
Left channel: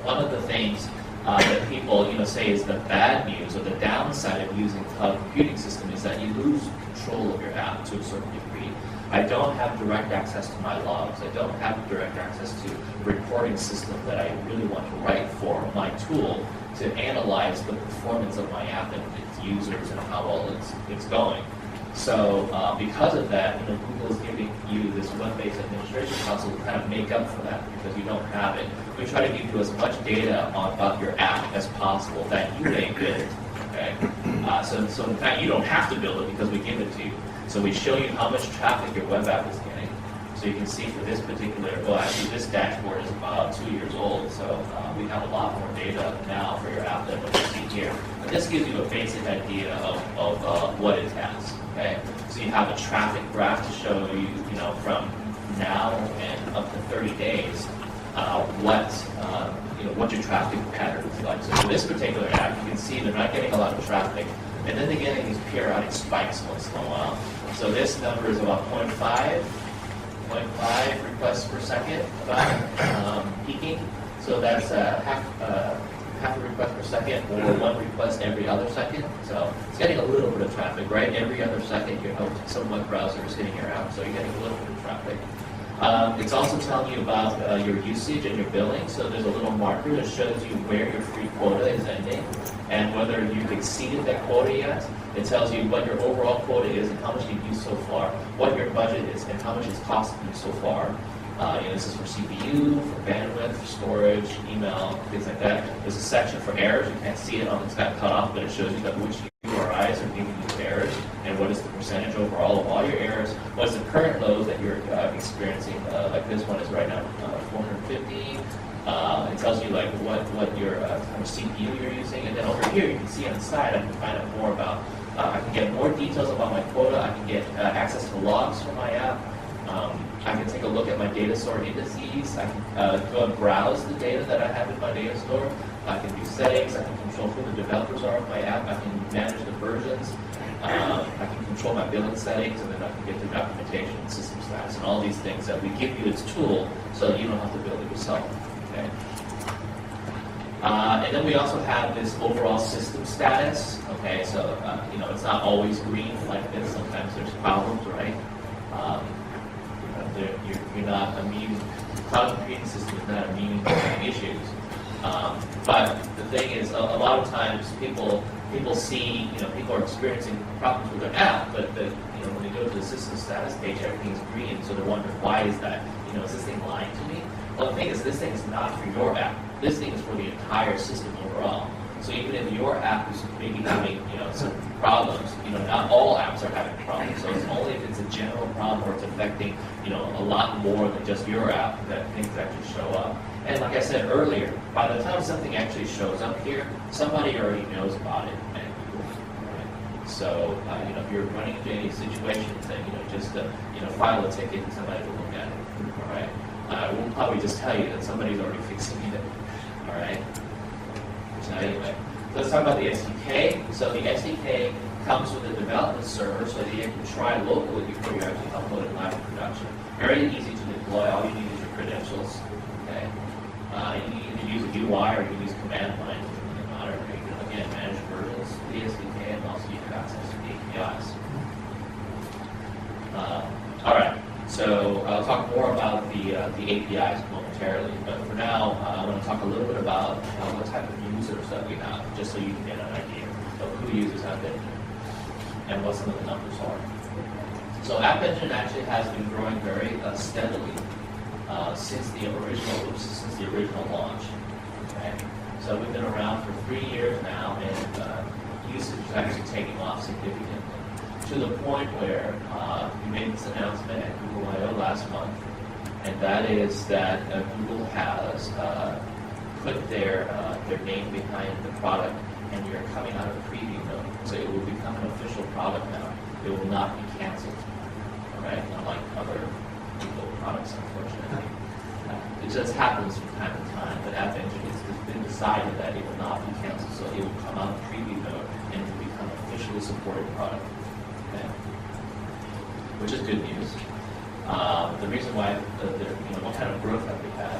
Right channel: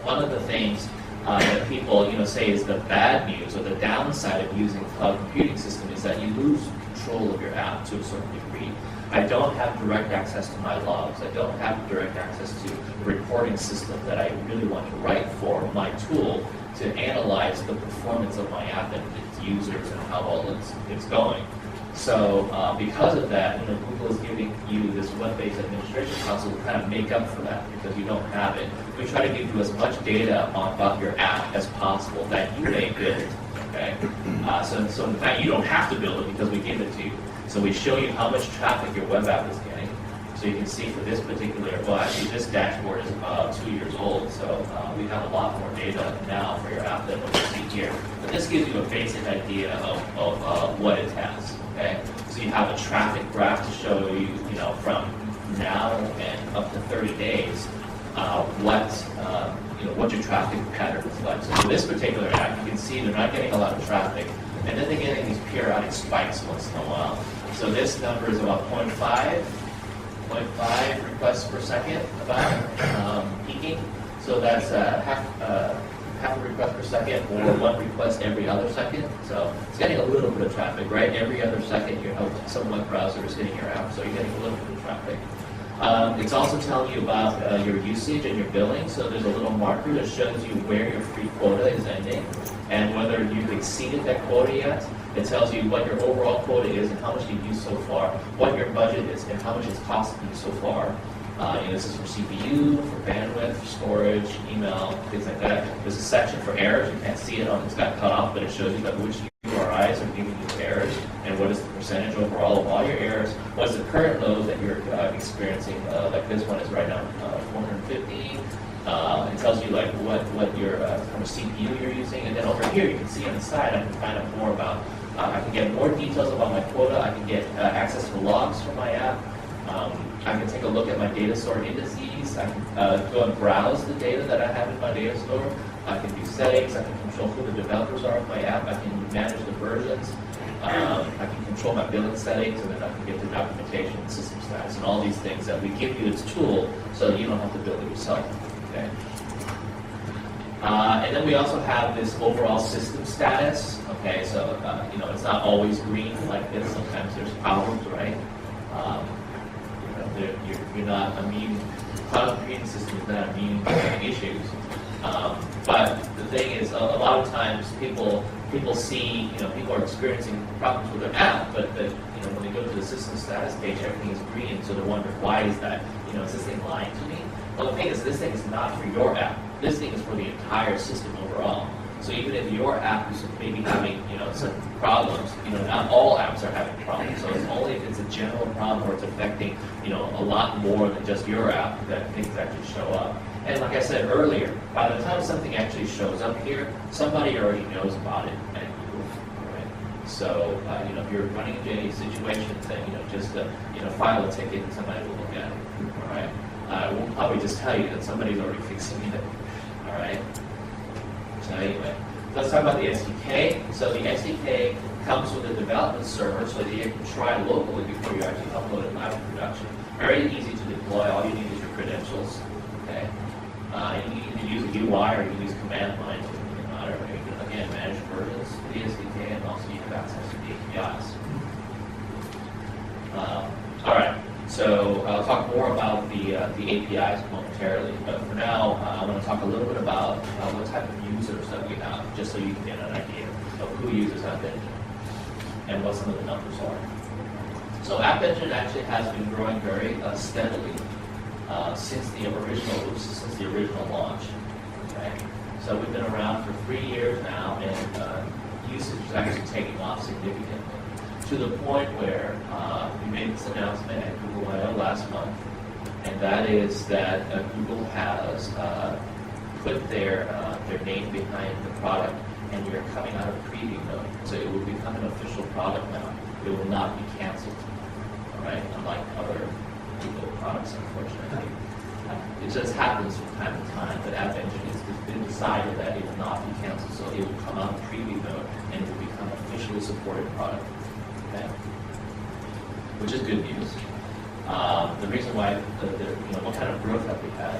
one of the things that people say is the bad news or the downside of using a cloud computing system is that you lose control of your app to a certain degree. I don't have direct access to my logs. I don't have direct access to the reporting system that I really want to write for my tool to analyze the performance of my app and its users and how well it's going. So because of that, Google is giving you this web-based administration console to kind of make up for that because you don't have it. We try to give you as much data about your app as possible that you may build. Okay? So in fact, you don't have to build it because we give it to you. So we show you how much traffic your web app is getting. So you can see for this particular, well actually this dashboard is about 2 years old, so we have a lot more data now for your app than what you see here. But this gives you a basic idea of what it has. Okay, so you have a traffic graph to show you, from now and up to 30 days, what your traffic pattern is like. So for this particular app, you can see they're not getting a lot of traffic, and then they're getting these periodic spikes once in a while. So this number is about 0.5 requests per second, about peaking. So that's half half a request per second or one request every other second. So it's getting a little bit of traffic, right? Every other second, some web browser is hitting your app, so you're getting a little bit of traffic. It's also telling you about your usage and your billing. So there's a little marker that shows you where your free quota is ending and whether you've exceeded that quota yet. It tells you what your overall quota is and how much you've used so far, what your budget is, and how much it's costing you so far. This is for CPU, for bandwidth, for storage, email, things like that. There's a section for errors. You can't see it on it's got cut off, but it shows you that which URIs are giving you errors and what is the percentage overall of all your errors. What's the current load that you're experiencing? Like this one is right now 450. It tells you like what your kind of CPU you're using, and then over here you can see on the side I can find out more about. I can get more details about my quota. I can get access to logs from my app. I can take a look at my data store indices. I can go and browse the data that I have in my data store. I can do settings. I can control who the developers are of my app. I can manage the versions. I can control my billing settings, and then I can get the documentation and system status and all these things that we give you as tool so that you don't have to build it yourself. Okay. And then we also have this overall system status. Okay, so it's not always green like this. Sometimes there's problems, right? You're not immune. Cloud computing system is not immune to issues. But the thing is, a lot of times people see, people are experiencing problems with their app, but when they go to the system status page, everything is green, so they're wondering, why is that? Is this thing lying to me? Well, the thing is, this thing is not for your app. This thing is for the entire system overall. So even if your app is maybe having, some problems, not all apps are having problems. So it's only if it's a general problem or it's affecting, a lot more than just your app that things actually show up. And like I said earlier, by the time something actually shows up here, somebody already knows about it at Google. Right? So, if you're running into any situations, then, just file a ticket and somebody will look at it. All right? We'll probably just tell you that somebody's already fixing it. All right? So anyway, let's talk about the SDK. So the SDK comes with a development server so that you can try locally before you actually upload it live in production. Very easy to deploy. All you need is your credentials. Okay. You can use a UI or you can use command line. You can, again, manage versions of the SDK, and also you have access to the APIs. All right. So I'll talk more about the APIs momentarily, but for now, I want to talk a little bit about what type of users that we have, just so you can get an idea of who uses App Engine and what some of the numbers are. So App Engine actually has been growing very steadily since the original launch. Okay? So we've been around for 3 years now, and usage is actually taking off significantly, to the point where we made this announcement at Google I/O last month, and that is that Google has put their name behind the product, and you're coming out of preview mode. So it will become an official product now. It will not be canceled. All right, unlike other Google products, unfortunately. It just happens from time to time, but App Engine it's been decided that it will not be canceled, so it will come out of preview mode and it will become an officially supported product. Okay. Which is good news. The reason why, what kind of growth have we had?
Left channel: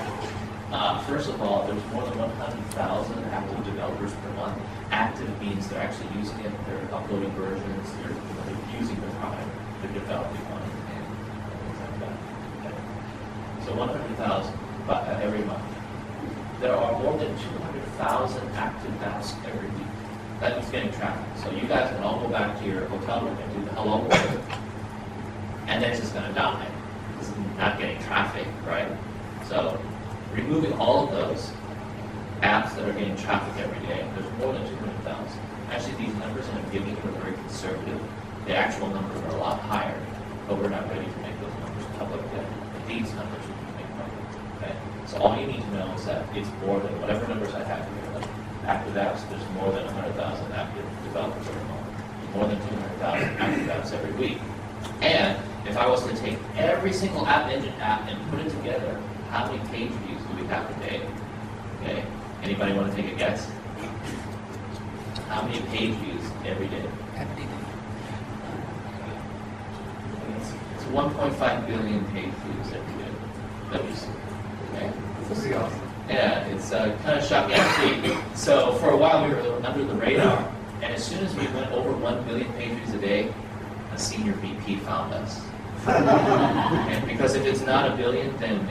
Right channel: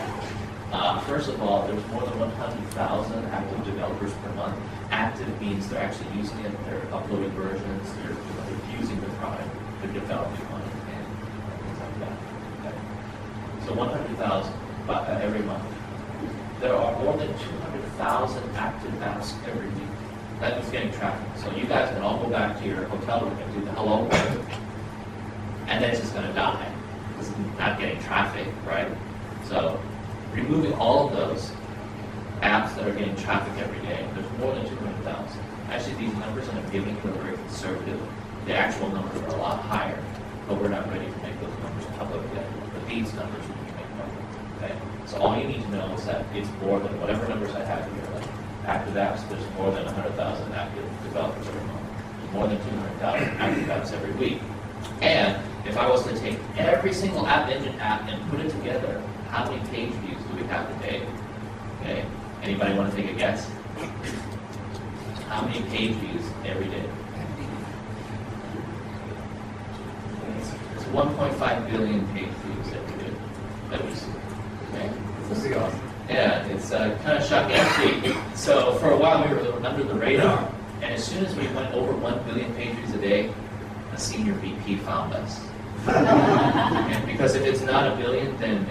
First of all, there's more than 100,000 active developers per month. Active means they're actually using it, they're uploading versions, they're using the product, they're developing on it, and things like that. Okay. So 100,000 every month. There are more than 200,000 active apps every week. That is getting traffic. So you guys can all go back to your hotel room and do the hello world, and then it's just going to die because it's not getting traffic, right? So removing all of those apps that are getting traffic every day, there's more than 200,000. Actually, these numbers I'm giving you are very conservative. The actual numbers are a lot higher, but we're not ready to make those numbers public yet. But these numbers we can make public. Okay? So all you need to know is that it's more than whatever numbers I have here. Like active apps, there's more than 100,000 active developers every month. There's more than 200,000 active apps every week. And if I was to take every single App Engine app and put it together, how many page views do we have today? Okay. Anybody want to take a guess? How many page views every day? It's 1.5 billion page views every day that we see. Okay. This is awesome. Yeah, it's kind of shocking to see. So for a while we were under the radar, and as soon as we went over 1 billion page views a day, a senior VP found us. And because if it's not a billion, then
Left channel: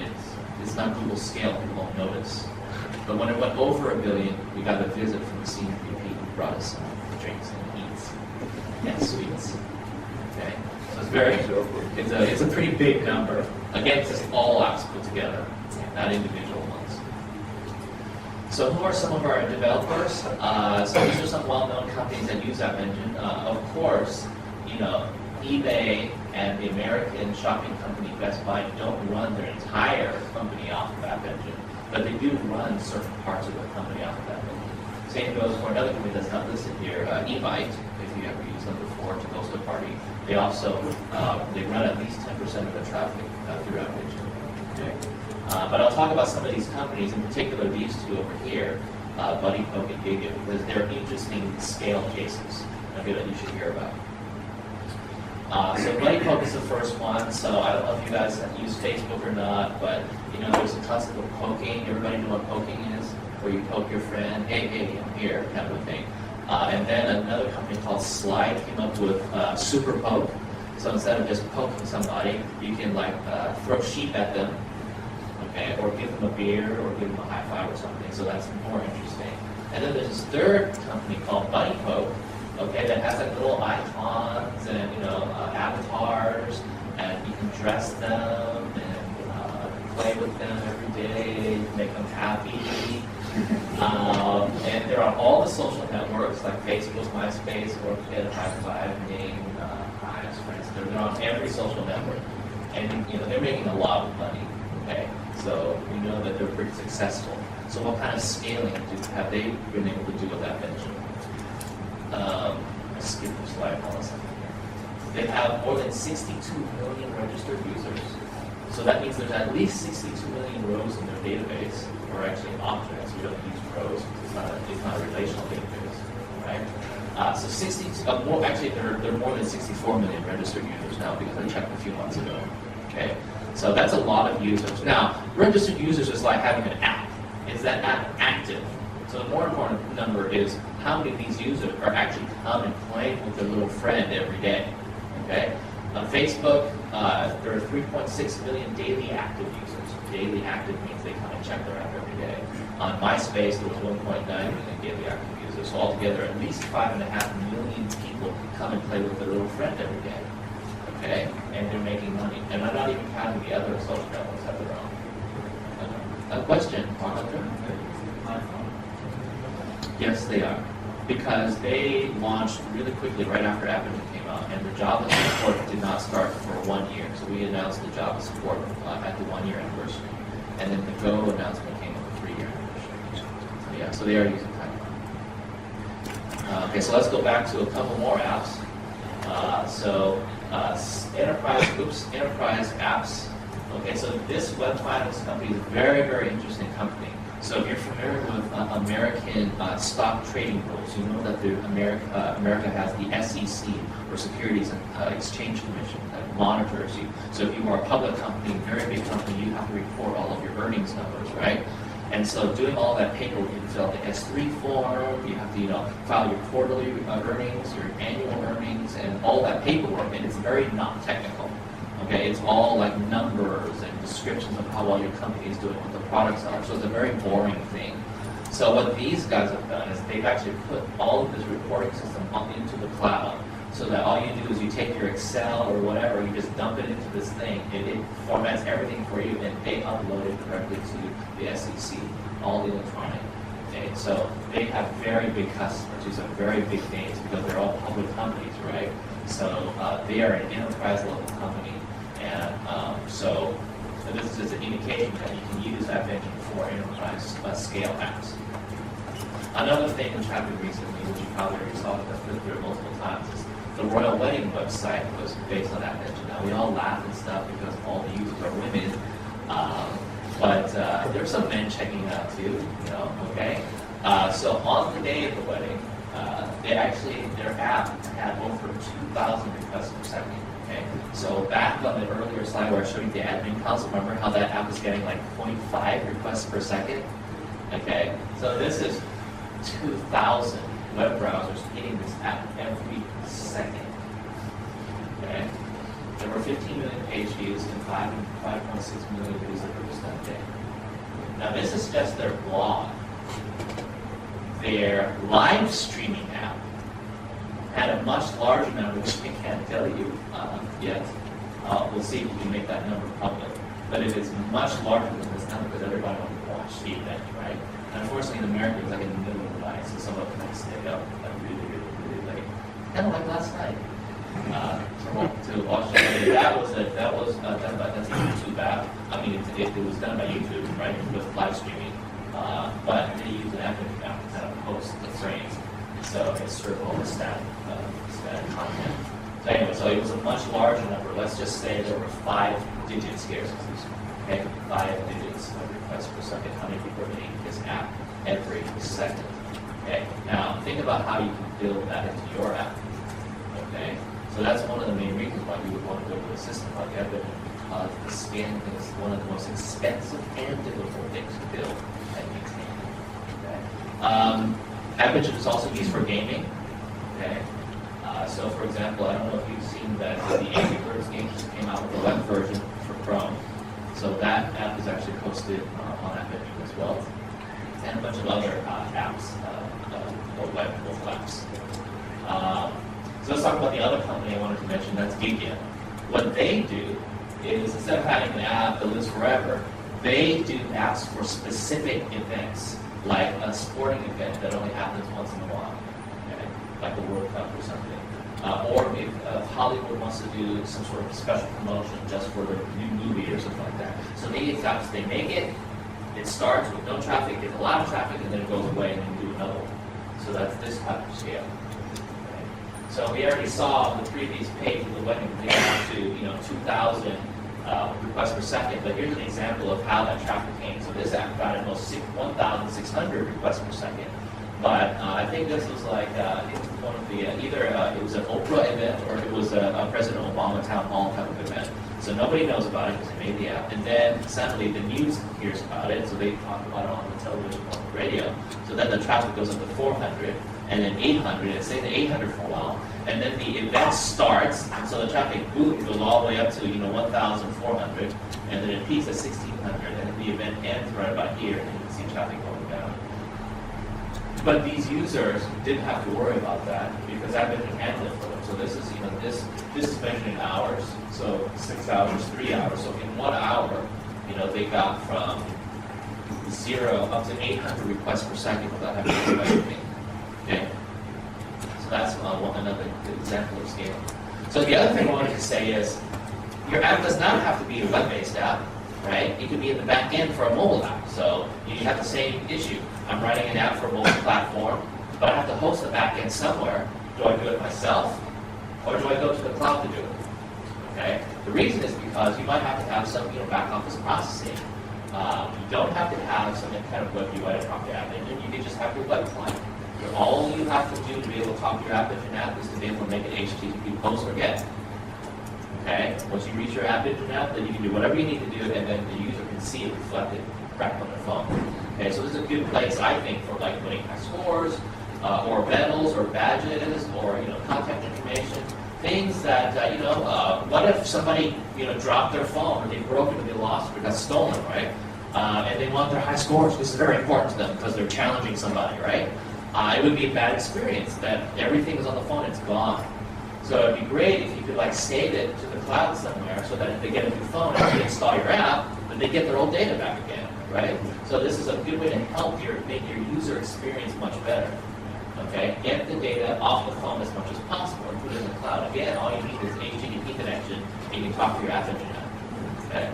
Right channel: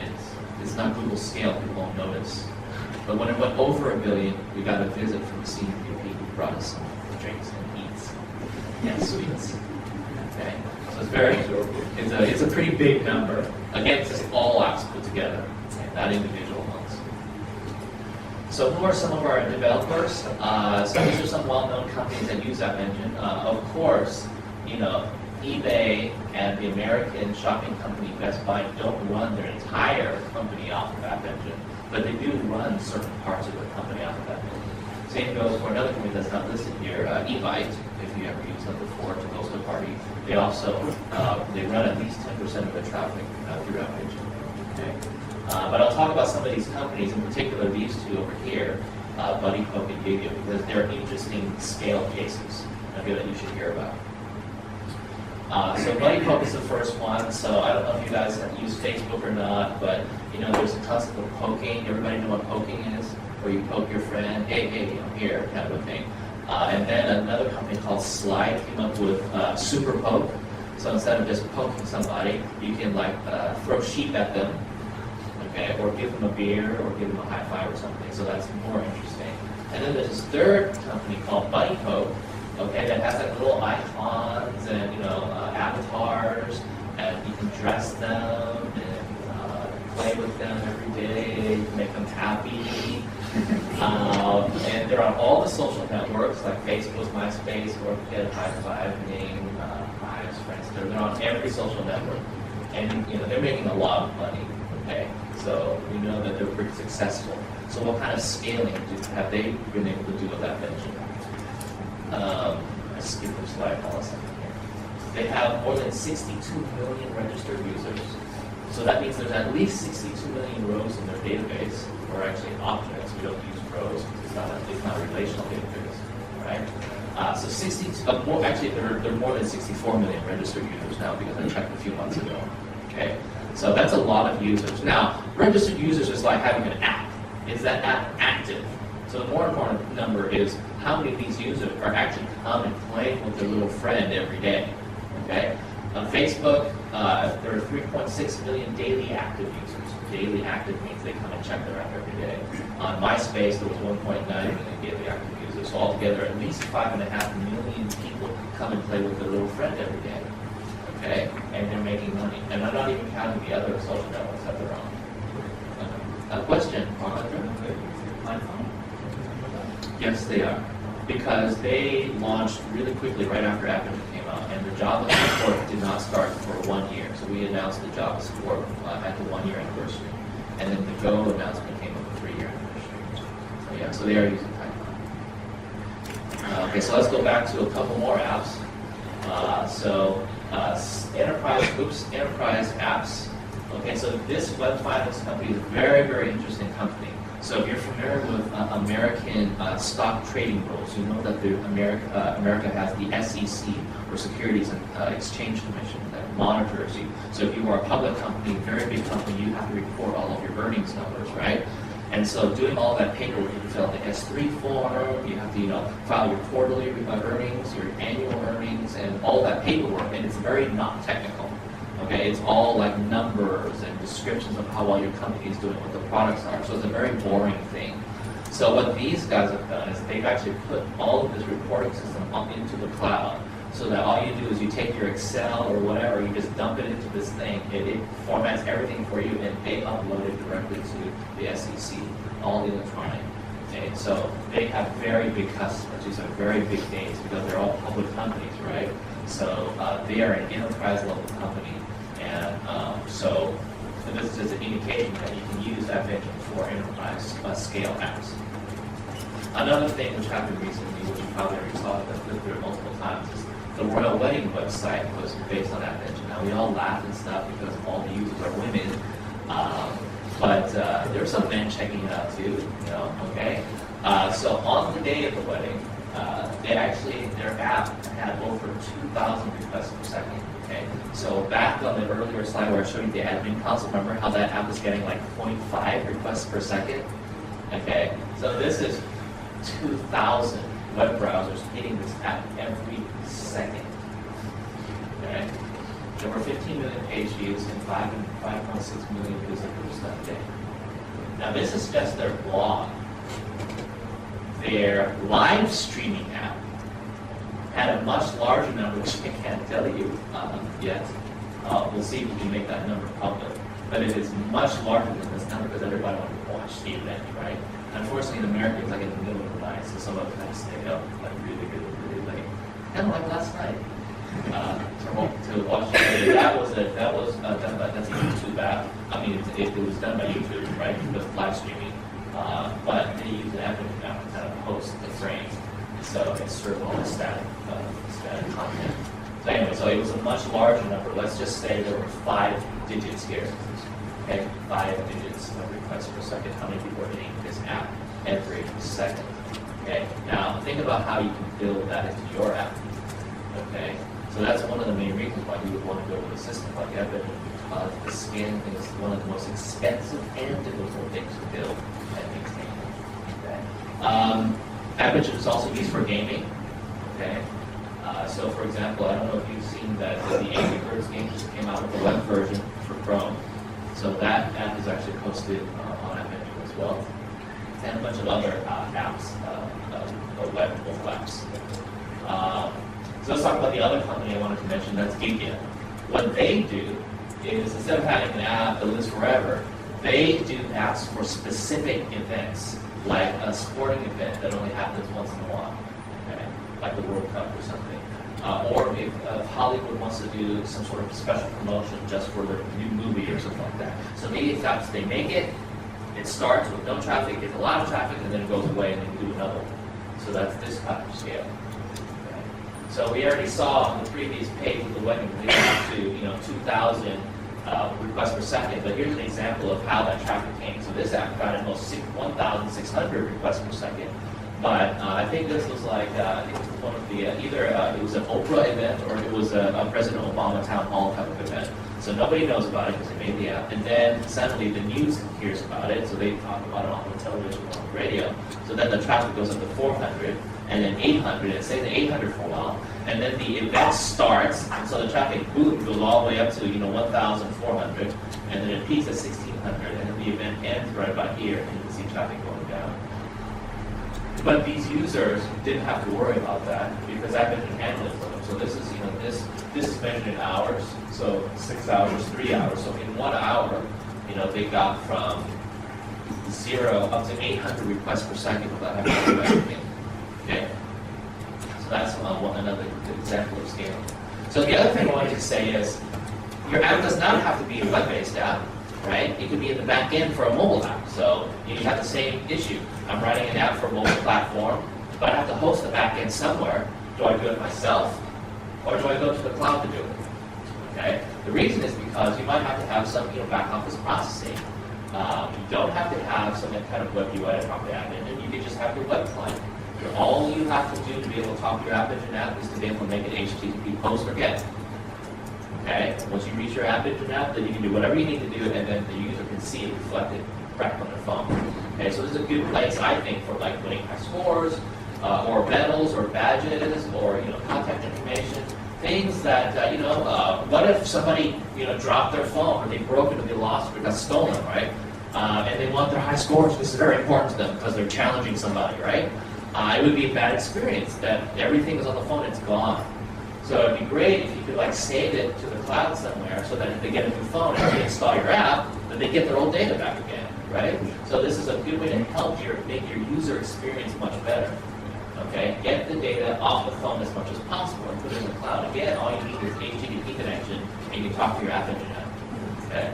it's not Google scale, people won't notice. But when it went over a billion, we got a visit from the senior VP who brought us some drinks and eats and sweets. Okay, so it's a pretty big number. Again, it's just all apps put together, not individual ones. So who are some of our developers? So these are some well-known companies that use App Engine. Of course, eBay and the American shopping company Best Buy don't run their entire company off of App Engine, but they do run certain parts of the company off of App Engine. Same goes for another company that's not listed here, eBite. If you ever used them before to host a party, they also they run at least 10% of the traffic through App Engine. Okay. But I'll talk about some of these companies, in particular these two over here, Buddy Poke and Gigio, because they're interesting scale cases that you should hear about. So Buddy Poke is the first one. So I don't know if you guys use Facebook or not, but there's a concept of poking. Everybody know what poking is, where you poke your friend, hey, I'm here, kind of a thing. And then another company called Slide came up with Super Poke. So instead of just poking somebody, you can throw sheep at them, okay, or give them a beer, or give them a high five or something. So that's more interesting. And then there's this third company called Buddy Poke. Okay, that has little icons and avatars, and you can dress them and play with them every day, make them happy. And they're on all the social networks like Facebook, MySpace, Orchid, High-Fiving, Hives, Friends. They're on every social network, and they're making a lot of money. Okay, so we know that they're pretty successful. So what kind of scaling have they been able to do with that venture? Let's skip the slide for a second here. They have more than 62 million registered users. So that means there's at least 62 million rows in their database, or actually objects. We don't use rows because it's not a relational database, right? So 62, actually there are more than 64 million registered users now because I checked a few months ago. Okay, so that's a lot of users. Now, registered users is like having an app. Is that app active? So the more important number is how many of these users are actually coming and playing with their little friend every day. Okay? On Facebook, there are 3.6 million daily active users. Daily active means they come and check their app every day. On MySpace, there was 1.9 million daily active users. So altogether, at least 5.5 million people come and play with their little friend every day. Okay? And they're making money. And I'm not even counting the other social networks that they're on. A question, Yes, they are. Because they launched really quickly right after App Engine came out, and the Java support did not start for 1 year. So we announced the Java support at the 1 year anniversary. And then the Go announcement came at the 3 year anniversary. So they are using Python. Okay, so let's go back to a couple more apps. Enterprise apps. Okay, so this Web Vitals company is a very, very interesting company. So if you're familiar with American stock trading rules, you know that America has the SEC, or Securities and Exchange Commission, that monitors you. So if you are a public company, very big company, you have to report all of your earnings numbers, right? And so doing all that paperwork, you fill out the S3 form, you have to file your quarterly earnings, your annual earnings, and all that paperwork, and it's very not technical. Okay, it's all like numbers and descriptions of how well your company is doing, what the products are. So it's a very boring thing. So what these guys have done is they've actually put all of this reporting system up into the cloud, so that all you do is you take your Excel or whatever, you just dump it into this thing, it formats everything for you, and they upload it directly to the SEC, all electronic. Okay, so they have very big customers. These are very big names because they're all public companies, right? So they are an enterprise level company. And so this is an indication that you can use App Engine for enterprise scale apps. Another thing which happened recently, which you probably already saw that I've flipped through multiple times, is the royal wedding website was based on App Engine. Now we all laugh and stuff because all the users are women, but there's some men checking it out too, okay? So on the day of the wedding, their app had over 2,000 requests per second. Okay. So back on the earlier slide where I showed you the admin console, remember how that app was getting like 0.5 requests per second? Okay, so this is 2,000 web browsers hitting this app every second. Okay, there were 15 million page views and 5.6 million visitors that day. Now this is just their blog. Their live streaming app had a much larger number, which I can't tell you yet. We'll see if we can make that number public. But it is much larger than this number because everybody wanted to watch the event, right? Unfortunately, in America, it's like in the middle of the night, so some of them have to stay up like really late. Kind of like last night. To watch the video. That was done by that's a YouTube app. I mean, it was done by YouTube, right? With live streaming. But they use an app to kind of post the frames. So it served all the static content. So anyway, so it was a much larger number. Let's just say there were 5 digits here. Okay, 5 digits of requests per second. How many people are hitting this app every second? Okay, now think about how you can build that into your app. Okay, so that's one of the main reasons why you would want to go with a system like Epic, because the scanning thing is one of the most expensive and difficult things to build and maintain. Okay. Epic is also used for gaming. Okay. So, for example, I don't know if you've seen that the Angry Birds game just came out with a web version for Chrome. So that app is actually posted on Epic as well, and a bunch of other apps, web apps. So let's talk about the other company I wanted to mention. That's Tagliatelle. What they do is, instead of having an app that lives forever, they do apps for specific events, like a sporting event that only happens once in a while, okay? Like the World Cup or something. Or if Hollywood wants to do some sort of special promotion just for the new movie or something like that. So these apps, they make it, it starts with no traffic, gets a lot of traffic, and then it goes away and then you do another one. So that's this type of scale. Okay. So we already saw on the previous page of the wedding to 2,000 requests per second, but here's an example of how that traffic came. So this app got at most 1,600 requests per second. But I think this was like, I think it was one of the, either it was an Oprah event or it was a President Obama town hall type of event. So nobody knows about it because they made the app. And then suddenly the news hears about it, so they talk about it on the television or on the radio. So then the traffic goes up to 400, and then 800, and say the 800 for a while. And then the event starts, and so the traffic boom goes all the way up to 1,400, and then it peaks at 1,600, and then the event ends right about here, and you can see traffic going down. But these users didn't have to worry about that because I've been handling it for them. So this is, this is measured in hours. So 6 hours, 3 hours. So in 1 hour, they got from 0 up to 800 requests per second without having to do anything. Okay. So that's another example of scale. So the other thing I wanted to say is, your app does not have to be a web-based app, right? It could be in the back end for a mobile app. So you have the same issue. I'm writing an app for a mobile platform, but I have to host the back end somewhere. Do I do it myself, or do I go to the cloud to do it? Okay. The reason is because you might have to have some back office processing. You don't have to have some kind of web UI to talk to app engine. You can just have your web client. All you have to do to be able to talk to your app engine app is to be able to make an HTTP post or GET. Okay. Once you reach your app engine app, then you can do whatever you need to do, and then the user can see it reflected back on their phone. Okay, so this is a good place, I think, for like winning high scores, or medals, or badges, or contact information, things that what if somebody dropped their phone, or they broke it, or they lost it, or got stolen, right? And they want their high scores. This is very important to them because they're challenging somebody, right? It would be a bad experience that everything is on the phone, it's gone. So it'd be great if you could save it to the cloud somewhere, so that if they get a new phone and they install your app, then they get their old data back again, right? So this is a good way to help make your user experience much better. Okay, get the data off the phone as much as possible and put it in the cloud. Again, all you need is HTTP connection, and you can talk to your app engine app. Okay.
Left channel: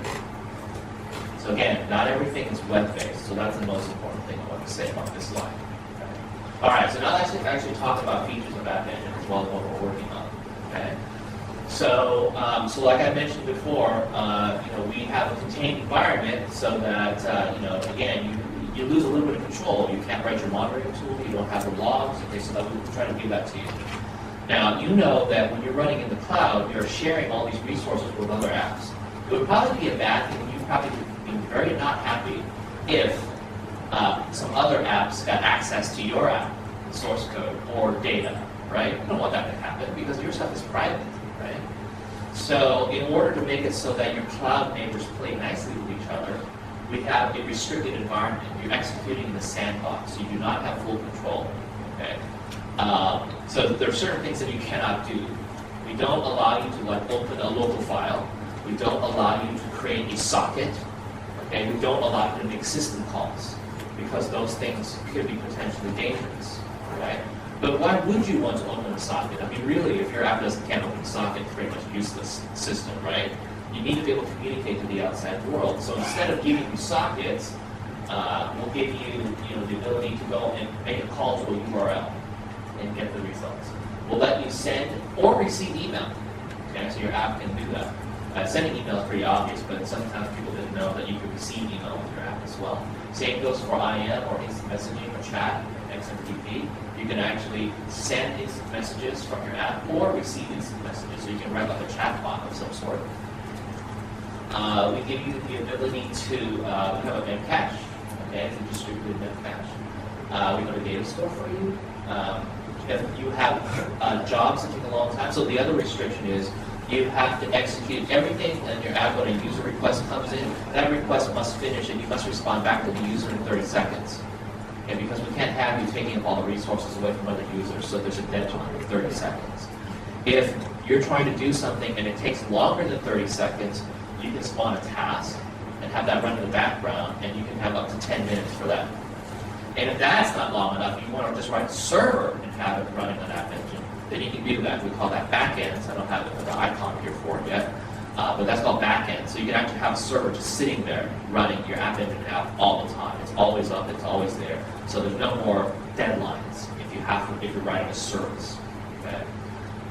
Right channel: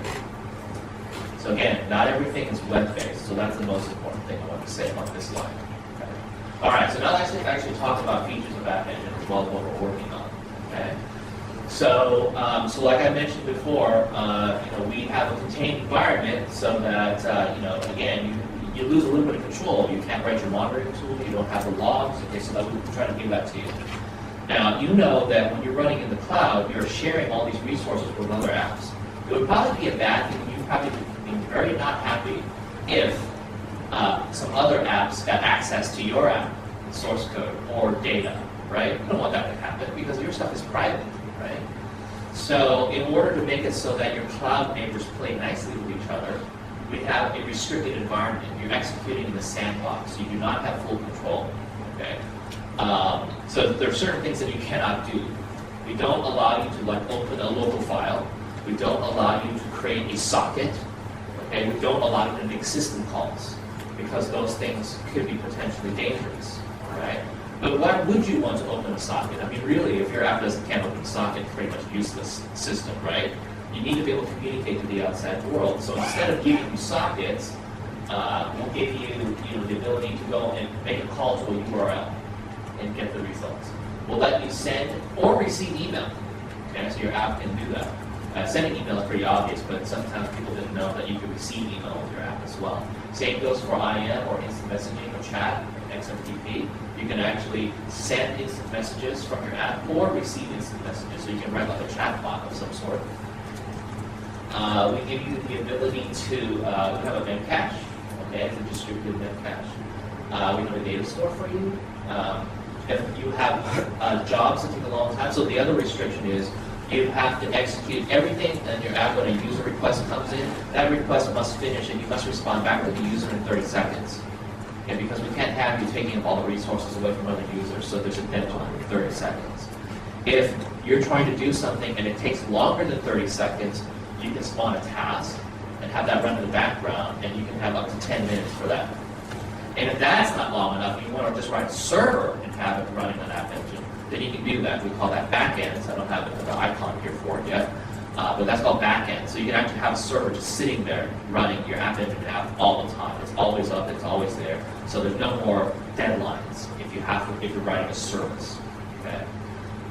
So again, not everything is web-based, so that's the most important thing I want to say about this slide. Okay. All right, so now let's actually talk about features of App Engine as well as what we're working on. Okay. So, like I mentioned before, we have a contained environment so that again, you lose a little bit of control. You can't write your monitoring tool. You don't have the logs. Okay, so we're trying to give that to you. Now, you know that when you're running in the cloud, you're sharing all these resources with other apps. It would probably be a bad thing. You'd probably be very not happy if some other apps got access to your app, source code, or data, right? You don't want that to happen because your stuff is private, right? So in order to make it so that your cloud neighbors play nicely with each other, we have a restricted environment. You're executing in the sandbox, so you do not have full control, okay? So there are certain things that you cannot do. We don't allow you to open a local file. We don't allow you to create a socket, okay? We don't allow you to make system calls because those things could be potentially dangerous, right? But why would you want to open a socket? I mean, really, if your app can't open a socket, it's pretty much a useless system, right? You need to be able to communicate to the outside world. So instead of giving you sockets, we'll give you, the ability to go and make a call to a URL and get the results. We'll let you send or receive email. Okay, so your app can do that. Sending email is pretty obvious, but sometimes people didn't know that you could receive email with your app as well. Same goes for IM or instant messaging or chat, XMPP. You can actually send instant messages from your app or receive instant messages, so you can write like a chat bot of some sort. We give you the ability to have a memcache, okay, it's a distributed memcache. We have a data store for you. If you have jobs that take a long time, so the other restriction is you have to execute everything in your app when a user request comes in. That request must finish and you must respond back to the user in 30 seconds. Okay, because we can't have you taking up all the resources away from other users, so there's a deadline of 30 seconds. If you're trying to do something and it takes longer than 30 seconds, you can spawn a task and have that run in the background, and you can have up to 10 minutes for that. And if that's not long enough, you want to just write a server and have it running on App Engine, then you can do that. We call that backend. So I don't have the icon here for it yet, but that's called backend. So you can actually have a server just sitting there running your App Engine app all the time. It's always up. It's always there. So there's no more deadlines if you're writing a service. Okay.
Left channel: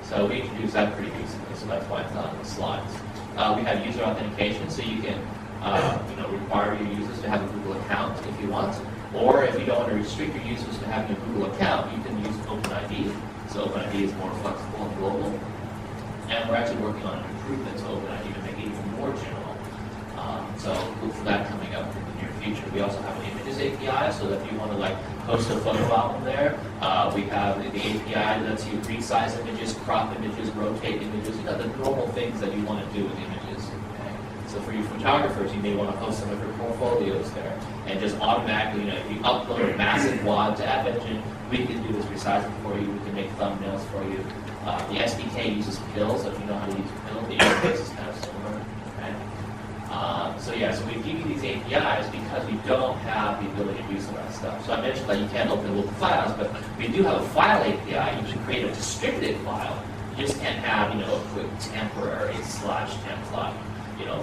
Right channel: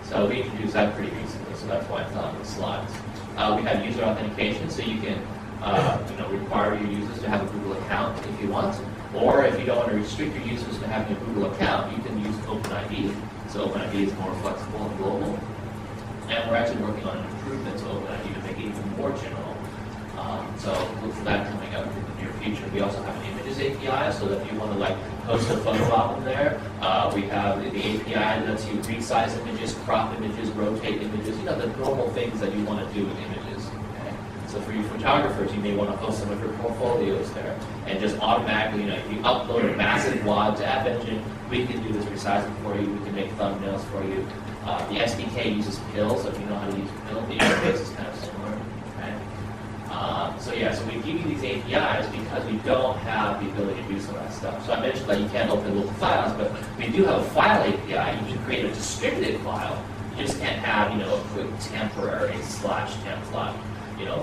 So we introduced that pretty recently. So that's why it's not on the slides. We have user authentication, so you can require your users to have a Google account if you want. Or if you don't want to restrict your users to having a Google account, you can use OpenID. So OpenID is more flexible and global. And we're actually working on an improvement to OpenID to make it even more general. So look for that coming up in the near future. We also have an images API, so that if you want to post a photo album there, we have the API that lets you resize images, crop images, rotate images, the normal things that you want to do with images. So for you photographers, you may want to post some of your portfolios there. And just automatically, if you upload a massive WAD to App Engine, we can do this resizing for you. We can make thumbnails for you. The SDK uses Pill, so if you know how to use Pill, the interface is kind of similar. Okay? So we give you these APIs because we don't have the ability to do some of that stuff. So I mentioned that you can't open local files, but we do have a file API. You can create a distributed file. You just can't have, a quick temporary /temp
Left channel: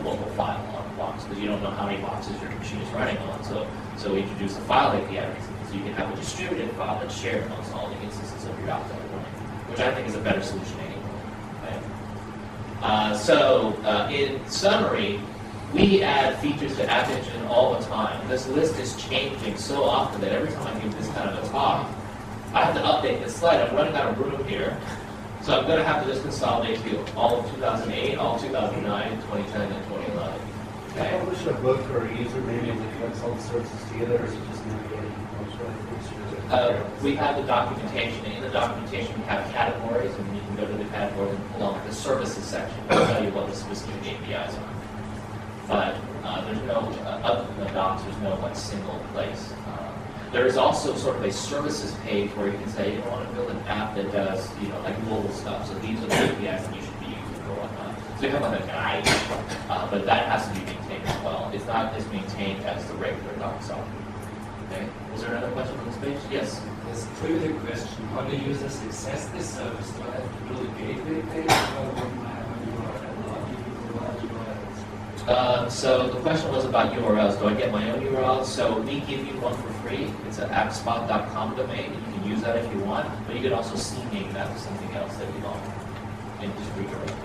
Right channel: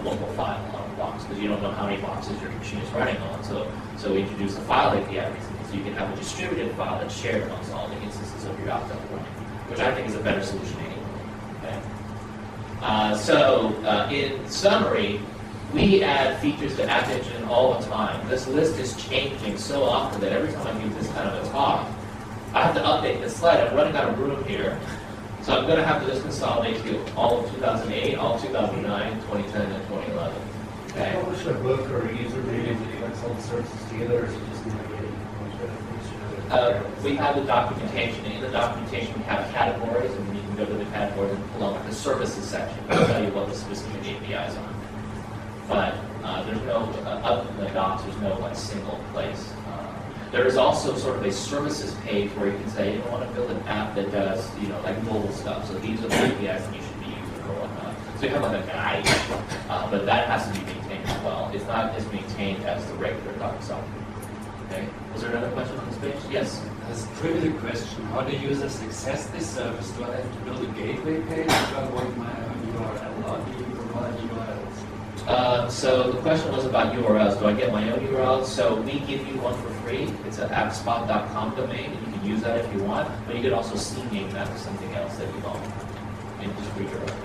local file on the box, because you don't know how many boxes your machine is running on. So we introduced a file API recently, so you can have a distributed file that's shared amongst all the instances of your app that are running, which I think is a better solution anyway. Okay? In summary, we add features to App Engine all the time. This list is changing so often that every time I give this kind of a talk, I have to update this slide. I'm running out of room here. So I'm going to have to just consolidate all of 2008, all of 2009, 2010, and 2011. Okay? Publish a book or a user manual that connects all the services together, or is it just navigating? We have the documentation. In the documentation, we have categories, and you can go to the categories and pull out the services section to tell you what the specific APIs are. But there's no, other than the docs, there's no single place. There is also sort of a services page where you can say, I want to build an app that does, mobile stuff. So these are the APIs that you should be using or whatnot. So you have a guide, but that has to be maintained as well. It's not as maintained as the regular doc software. Okay. Was there another question on this page? Yes. As a trivial question, how do users access this service? Do I have to build a gateway page? Do I want my URL or do you provide URLs? So the question was about URLs. Do I get my own URL? So we give you one for free. It's an appspot.com domain. You can use that if you want, but you can also CNAME that to something else that you don't, and just redirect it.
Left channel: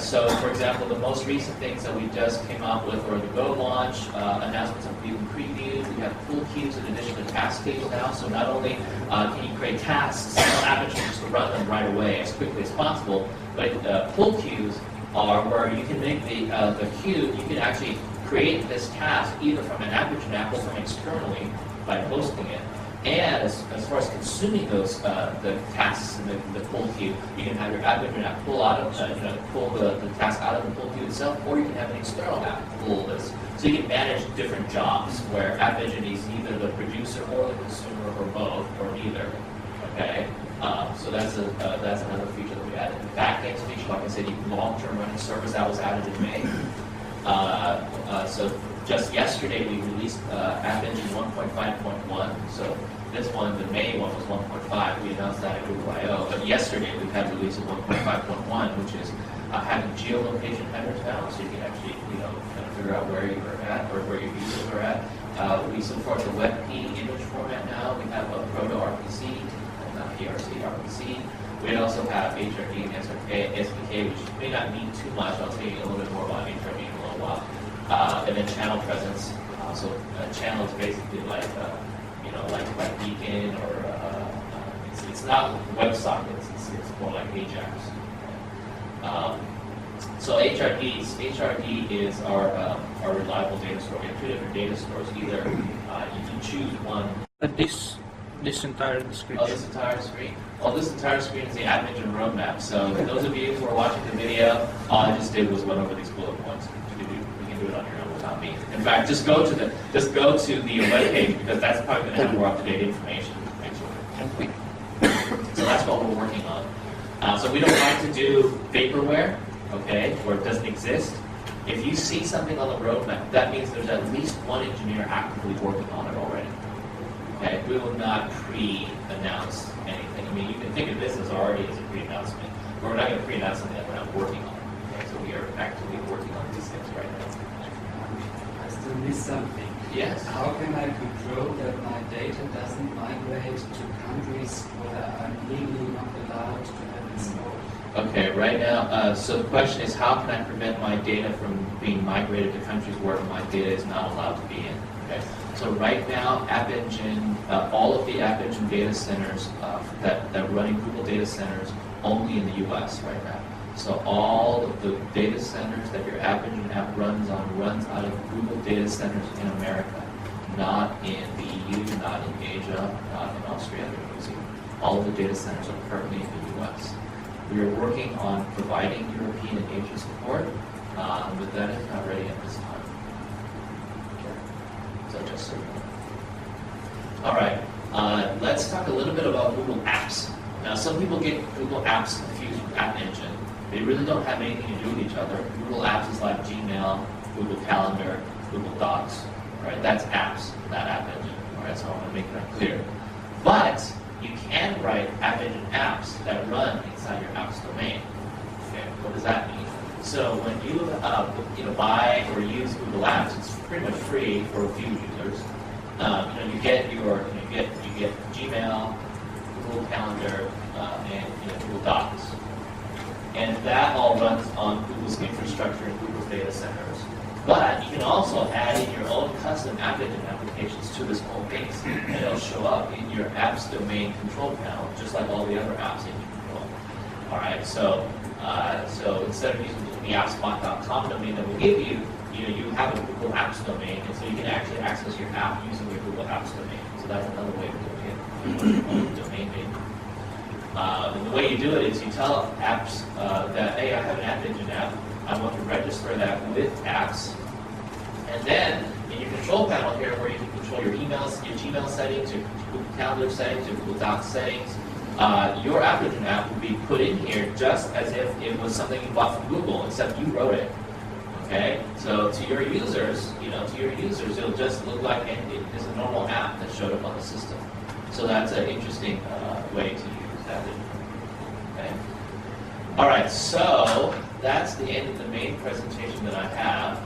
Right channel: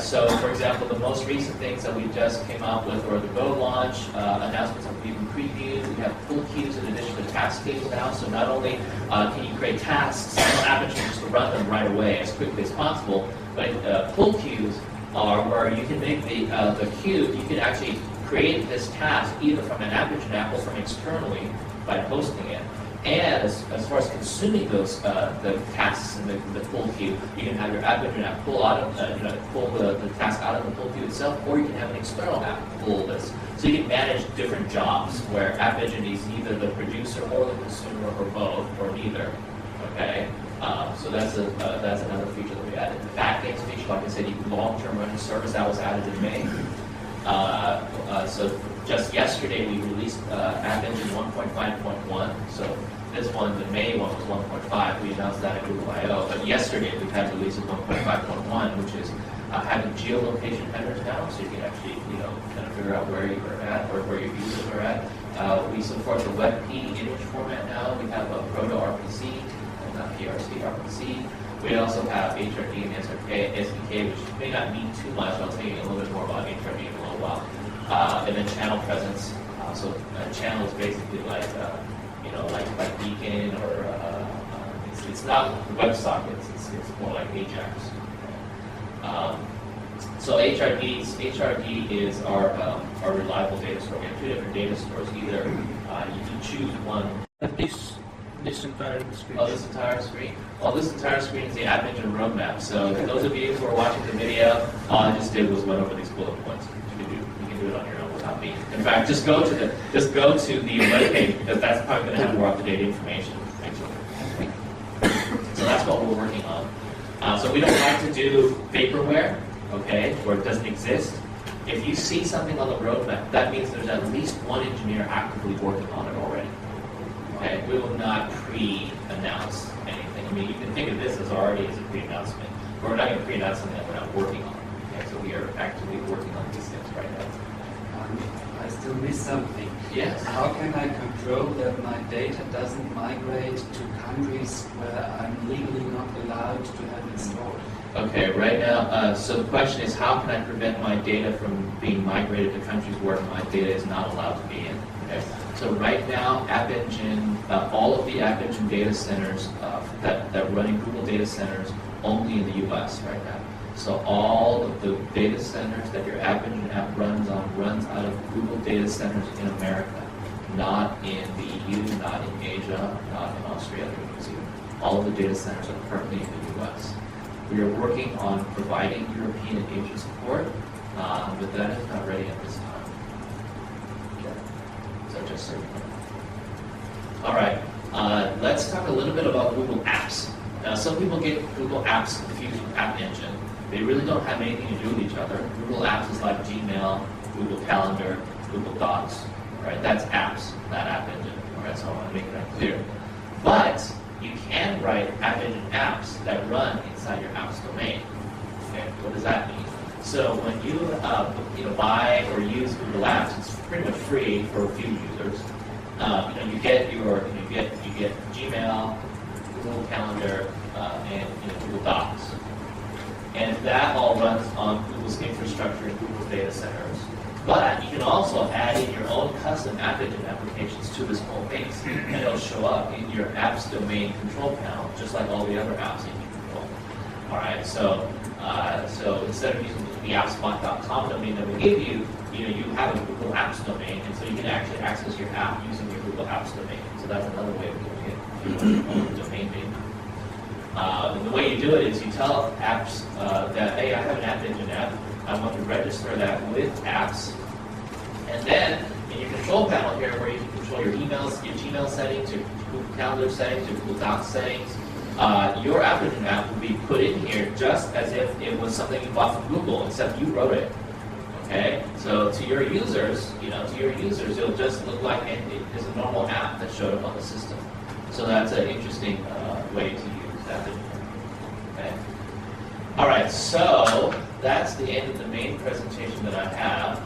So for example, the most recent things that we just came out with were the Go launch, announcements that we've been previewed. We have pull queues in addition to task tables now, so not only can you create tasks on App Engine just to run them right away as quickly as possible, but pull queues are where you can make the queue, you can actually create this task either from an App Engine app or from externally by hosting it. And as far as consuming those the tasks in the pull queue, you can have your App Engine app pull out of pull the task out of the pull queue itself, or you can have an external app pull this. So you can manage different jobs where App Engine is either the producer or the consumer or both or neither. Okay, so that's another feature that we added. The backends feature, like I said, you can long-term running service that was added in May. So just yesterday we released App Engine 1.5.1. So this one, the May one, was 1.5. We announced that at Google I/O. But yesterday we had release of 1.5.1, which is having geolocation headers now, so you can actually kind of figure out where you are at or where your users are at. We support the WebP image format now. We have a Proto RPC, not PRC, RPC. We also have HRD and SDK, which may not mean too much. I'll tell you a little bit more about HRD in a little while. And then channel presence. So a channel is basically like Beacon or it's not WebSockets. It's more like Ajax. So HRD is our reliable data store. We have two different data stores. Either you can choose one. This entire screen. Oh, this entire screen? Well, this entire screen is the App Engine roadmap. So those of you who are watching the video, all I just did was went over these bullet points. You can do it on your own without me. In fact, just go to the web page, because that's probably going to have more up-to-date information. So that's what we're working on. So we don't like to do vaporware, okay, where it doesn't exist. If you see something on the roadmap, that means there's at least one engineer actively working on it already. Okay, we will not pre-announce anything. I mean, you can think of this as already as a pre-announcement, but we're not going to pre-announce something that we're not working on. Okay, so we are actively working on these things right now. I still miss something. Yes. How can I control that my data doesn't migrate to countries where I'm legally not allowed to have it stored? Okay, right now, so the question is, how can I prevent my data from being migrated to countries where my data is not allowed to be in? Okay. So right now, App Engine, all of the App Engine data centers that run in Google data centers only in the U.S. right now. So all of the data centers that your App Engine app runs out of Google data centers in America, not in the EU, not in Asia, not in Australia or New Zealand. All of the data centers are currently in the U.S. We are working on providing European and Asian support, but that is not ready at this time. So just so you know. All right, let's talk a little bit about Google Apps. Now, some people get Google Apps confused with App Engine. They really don't have anything to do with each other. Google Apps is like Gmail, Google Calendar, Google Docs, right? That's apps, not App Engine. All right, so I want to make that clear. But you can write App Engine apps that run inside your apps domain. Okay, what does that mean? So when you buy or use Google Apps, it's pretty much free for a few users. You get Gmail, Google Calendar, and Google Docs, and that all runs on Google's infrastructure and Google's data centers. But you can also add in your own custom App Engine applications to this whole base, and it'll show up in your apps domain control panel, just like all the other apps that you control. All right, so instead of using the appspot.com domain that we give you, you have a Google Apps domain, and so you can actually access your app using your Google Apps domain. So that's another way of doing it. You want your own domain name. And the way you do it is you tell apps that, hey, I have an App Engine app. I want to register that with apps. And then in your control panel here, where you can control your emails, your Gmail settings, your Google Calendar settings, your Google Docs settings, your App Engine app will be put in here just as if it was something you bought from Google, except you wrote it. Okay, so to your users, it'll just look like it's a normal app that showed up on the system. So that's an interesting way to use that. Okay. All right, so that's the end of the main presentation that I have.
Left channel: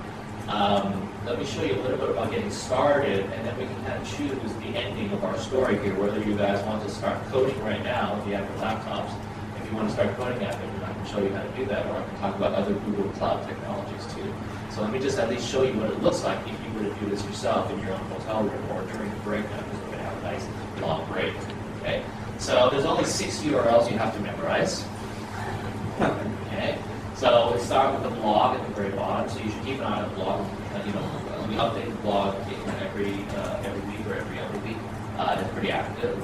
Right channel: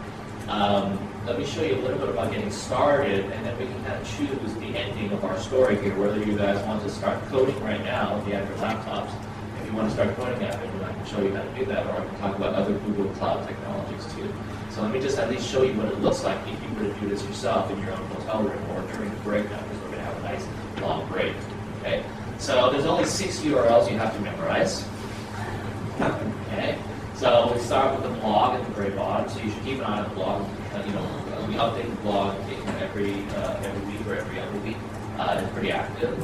Let me show you a little bit about getting started, and then we can kind of choose the ending of our story here, whether you guys want to start coding right now if you have your laptops. If you want to start coding App Engine, I can show you how to do that, or I can talk about other Google Cloud technologies too. So let me just at least show you what it looks like if you were to do this yourself in your own hotel room or during the break now, because we're going to have a nice long break. Okay. So there's only 6 URLs you have to memorize. Okay. So we start with the blog at the very bottom. So you should keep an eye on the blog. We update the blog every week or every other week. It's pretty active.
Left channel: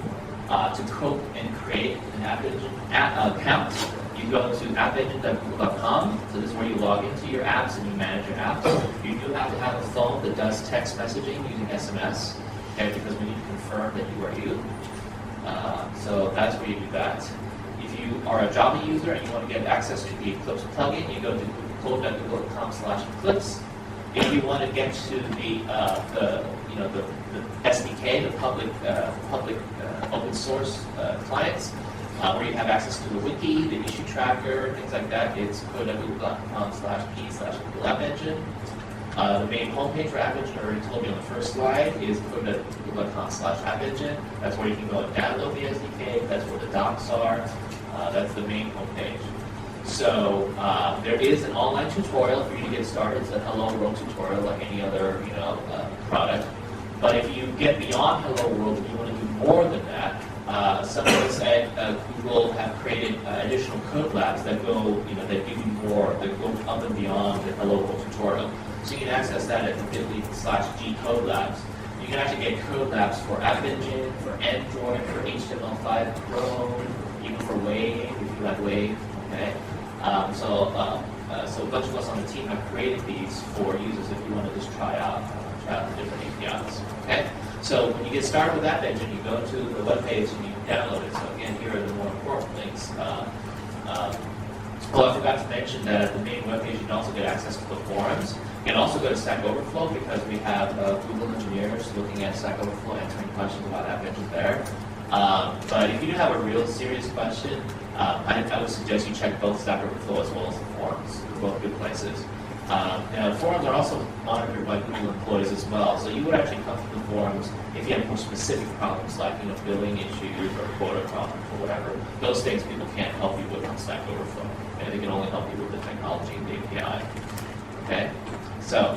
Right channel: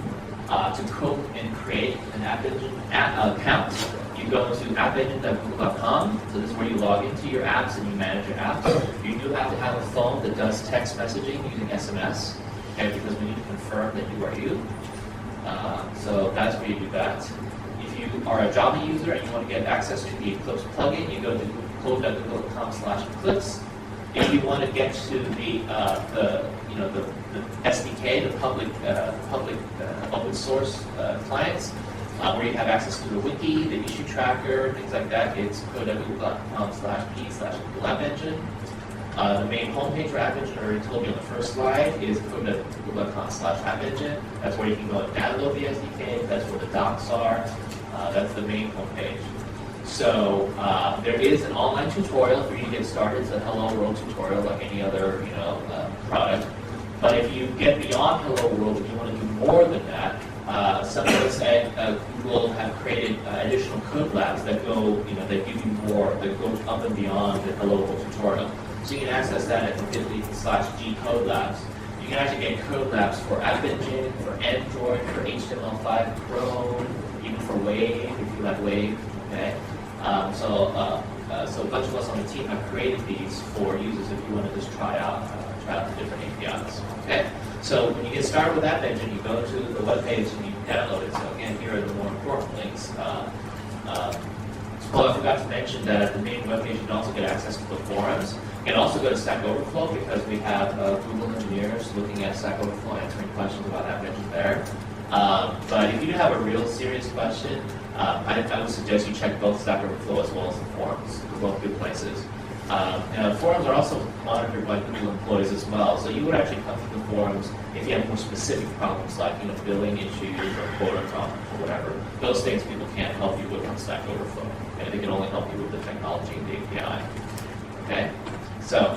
To cope and create an App Engine account, you go to appengine.google.com. So this is where you log into your apps and you manage your apps. You do have to have a phone that does text messaging using SMS, okay, because we need to confirm that you are you. So that's where you do that. If you are a Java user and you want to get access to the Eclipse plugin, you go to code.google.com/Eclipse. If you want to get to the SDK, the public open source clients, where you have access to the wiki, the issue tracker, things like that, it's code.google.com/p/Google App Engine. The main homepage for App Engine, I already told you on the first slide, is code.google.com/App Engine. That's where you can go and download the SDK. That's where the docs are. That's the main homepage. So there is an online tutorial for you to get started. It's a Hello World tutorial like any other product. But if you get beyond Hello World and you want to do more than that, some of us at Google have created additional code labs that go, that give you more, that go up and beyond the Hello World tutorial. So you can access that at bit.ly/G Code Labs. You can actually get code labs for App Engine, for Android, for HTML5, Chrome, even for Wave, if you like Wave. Okay. So a bunch of us on the team have created these for users if you want to just try out the different APIs. Okay. So when you get started with App Engine, you go to the web page and you download it. So again, here are the more important links. I forgot to mention that at the main web page, you can also get access to the forums. You can also go to Stack Overflow because we have Google engineers looking at Stack Overflow, answering questions about App Engine there. But if you do have a real serious question, I would suggest you check both Stack Overflow as well as the forums. They're both good places. Now, the forums are also monitored by Google employees as well. So you would actually come to the forums if you have more specific problems like billing issues or quota problems or whatever. Those things people can't help you with on Stack Overflow. Okay? They can only help you with the technology and the API. Okay? So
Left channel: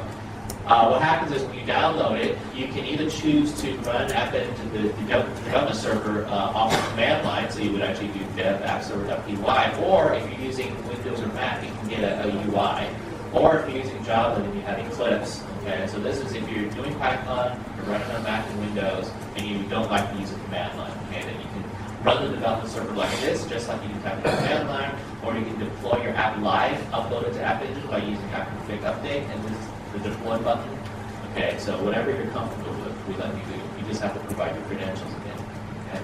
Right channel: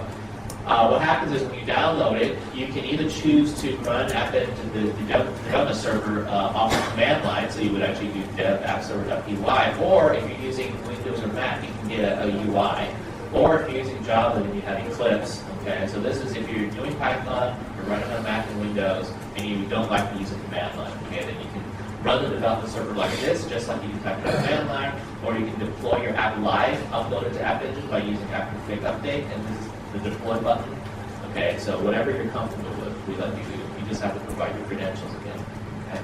what happens is when you download it, you can either choose to run App Engine, the development server off the command line, so you would actually do dev appserver.py, or if you're using Windows or Mac, you can get a UI. Or if you're using Java, then you have Eclipse. Okay, so this is if you're doing Python, you're running on Mac and Windows, and you don't like to use a command line. Okay, then you can run the development server like this, just like you can type in a command line, or you can deploy your app live, upload it to App Engine by using app-config update, and this is the deploy button. Okay, so whatever you're comfortable with, we let you do. You just have to provide your credentials again. Okay.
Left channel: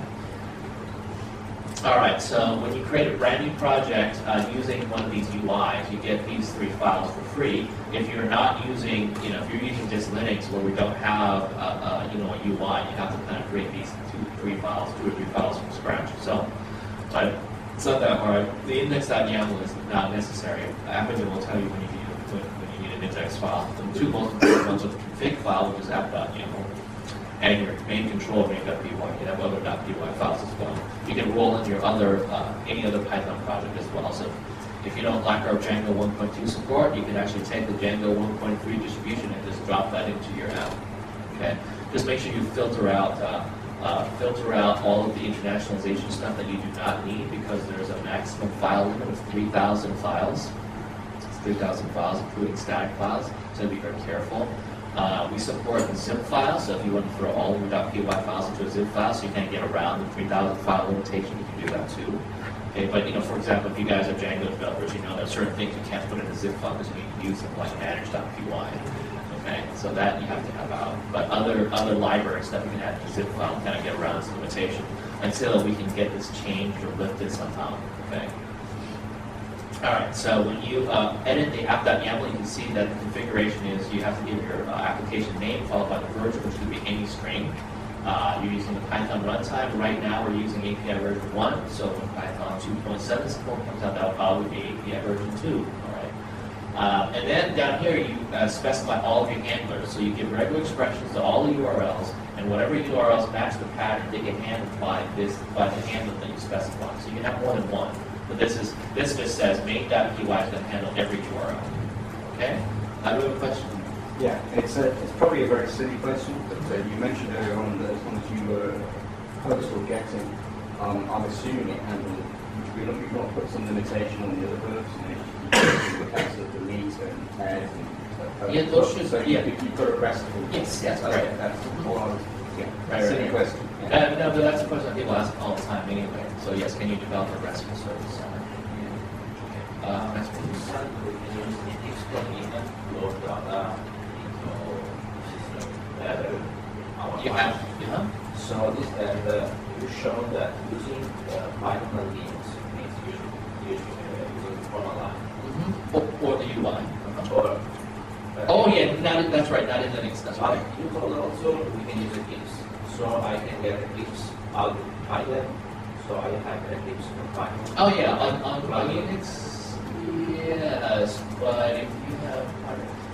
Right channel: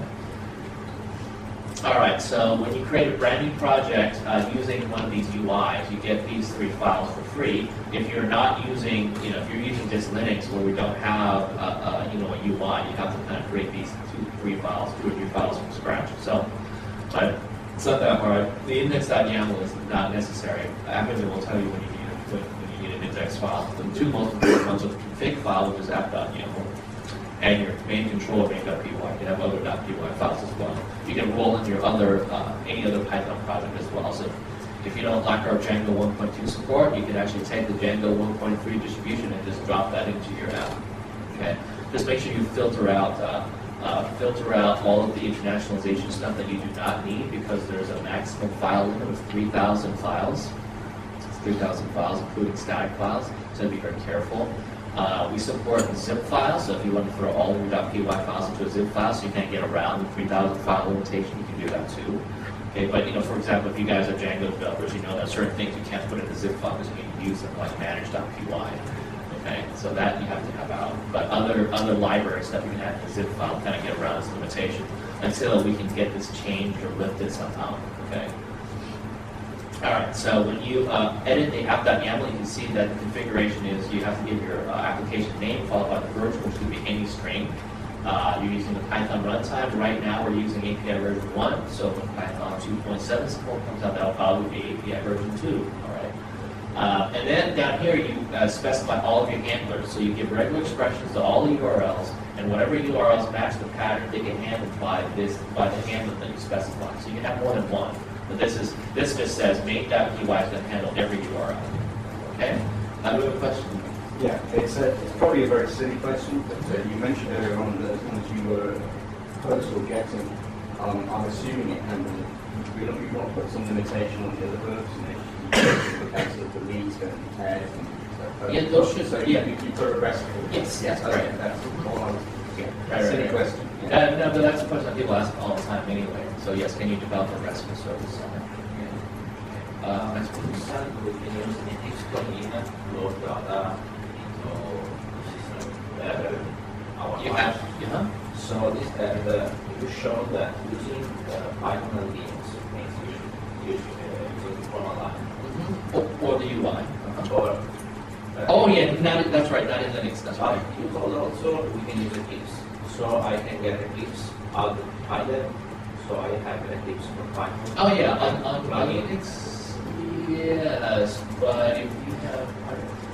All right, so when you create a brand new project using one of these UIs, you get these 3 files for free. If you're not using, if you're using just Linux where we don't have a UI, you have to kind of create these 2 or 3 files from scratch. So, but it's not that hard. The index.yaml is not necessary. App Engine will tell you when you need an index file. The 2 most important ones are the config file, which is app.yaml, and your main control main.py. You can have other .py files as well. You can roll in your any other Python project as well. So if you don't like our Django 1.2 support, you can actually take the Django 1.3 distribution and just drop that into your app. Okay. Just make sure you filter out all of the internationalization stuff that you do not need, because there's a maximum file limit of 3,000 files. It's 3,000 files, including static files. So be very careful. We support the zip file, so if you want to throw all of your .py files into a zip file so you can't get around the 3,000 file limitation, you can do that too. Okay, but for example, if you guys are Django developers, you know that certain things you can't put in a zip file because you need to use them like manage.py. Okay, so that you have to have out. But other libraries that we can add to the zip file kind of get around this limitation until we can get this changed or lifted somehow. Okay. All right, so when you edit the app.yaml, you can see that the configuration is you have to give your application name followed by the version, which could be any string. You're using the Python runtime. Right now, we're using API version 1, so when Python 2.7 support comes out, that'll probably be API version 2. All right, and then down here, you specify all of your handlers. So you give regular expressions to all the URLs, and whatever URLs match the pattern, they get handled by the handler that you specify. So you can have more than one. But this just says main.py is going to handle every URL. Okay? Now do we have a question? Yeah, it's probably a very silly question, but you mentioned earlier on that as long as you post or get in I'm assuming it handles, we want to put some limitation on the other verbs, in the case of the meet and head and stuff. Yeah, those should- So yeah. you put a restful. Yes, Yes, right. okay, that's all I was, yeah, Right, silly right. question. Yeah. No, but that's a question people ask all the time anyway. So yes, can you develop a RESTful service center? Next please. We can use the X plugin to load data into the system where our You have, So this you show that using Python plugins makes you use from a line. or the UI. Or Oh yeah, that's right, not in Linux, that's but right. you call also we can use Eclipse. So I can get Eclipse out of Python. So I have Eclipse from Python. Oh yeah, on Linux, yes, but if you have,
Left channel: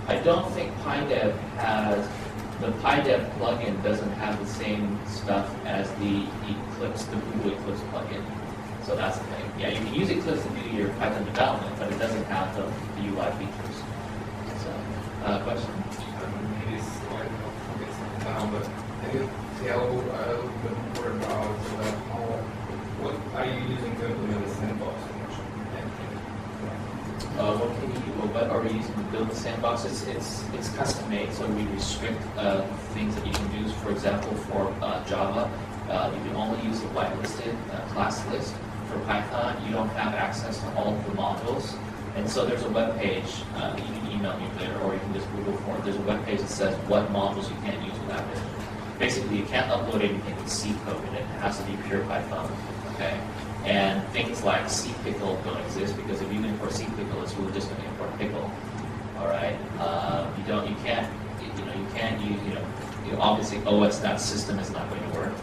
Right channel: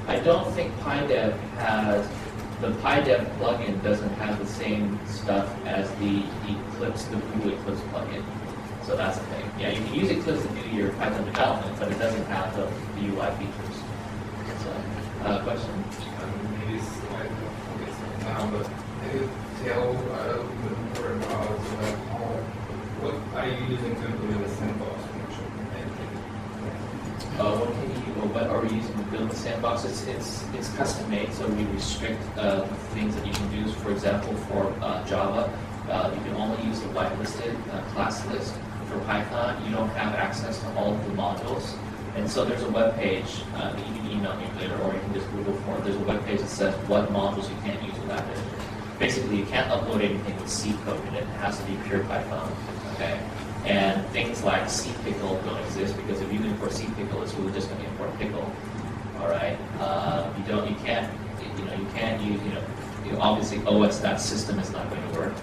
I don't think PyDev has, the PyDev plugin doesn't have the same stuff as the Eclipse, the Google Eclipse plugin. So that's the thing. Yeah, you can use Eclipse to do your Python development, but it doesn't have the UI features. So, question? Maybe it's like focus now, but can you tell a little bit more about what are you using to implement the sandbox function? What are we using to build the sandbox? It's custom made, so we restrict things that you can do. For example, for Java, you can only use the whitelisted class list. For Python, you don't have access to all of the modules. And so there's a web page that you can email me later, or you can just Google for it. There's a web page that says what modules you can't use with that page. Basically, you can't upload anything with C code in it. It has to be pure Python. Okay. And things like cpickle don't exist because if you import cpickle, it's really just going to import pickle. All right. You can't use, obviously os.system is not going to work.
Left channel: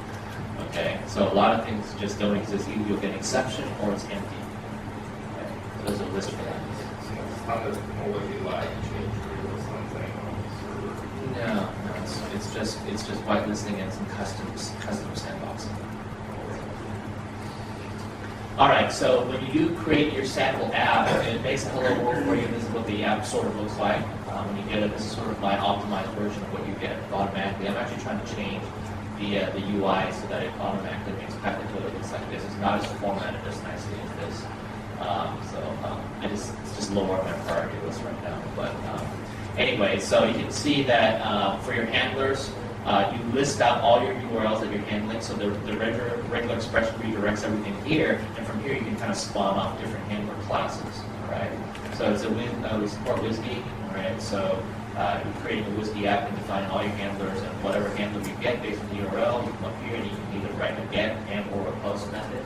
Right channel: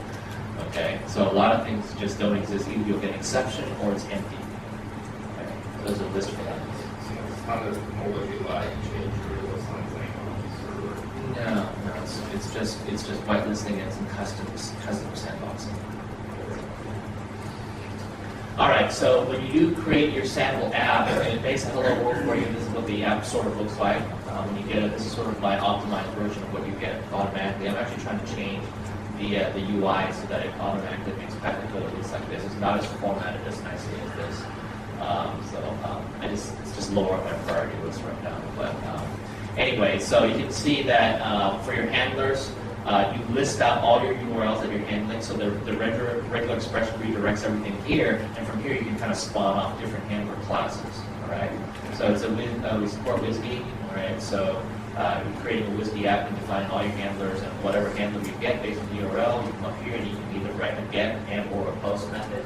Okay. So a lot of things just don't exist. Either you'll get an exception or it's empty. Okay. So there's a list for that. So it's not a technology like change or something on the server. No, it's just whitelisting and some custom sandboxing. All right, so when you do create your sample app, and it makes a hello world for you. This is what the app sort of looks like when you get it. This is sort of my optimized version of what you get automatically. I'm actually trying to change the UI so that it automatically makes Python code that looks like this. It's not as formatted as nicely as this. It's just lower on my priority list right now. But anyway, so you can see that for your handlers, you list out all your URLs that you're handling. So the regular expression redirects everything here, and from here you can kind of spawn off different handler classes. All right. So it's we support WSDI. All right. So you're creating a WSDI app and define all your handlers, and whatever handler you get based on the URL, you come up here and you can either write a get and or a post method.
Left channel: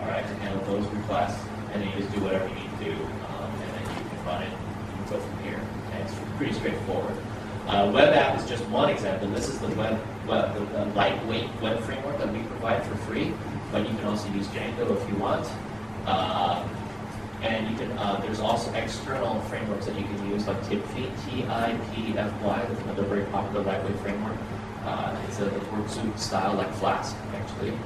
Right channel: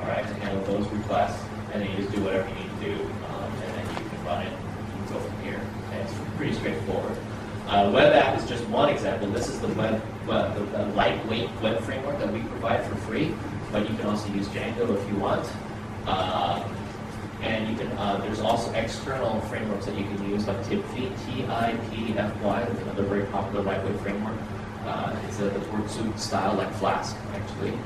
All right, to handle those requests, and then you just do whatever you need to do, and then you can run it. You can go from here. Okay, it's pretty straightforward. Web app is just one example. This is the lightweight web framework that we provide for free, but you can also use Django if you want. And you can. There's also external frameworks that you can use, like TIPFY, T-I-P-F-Y, which is another very popular lightweight framework. It's a Wordsuit style, like Flask, actually.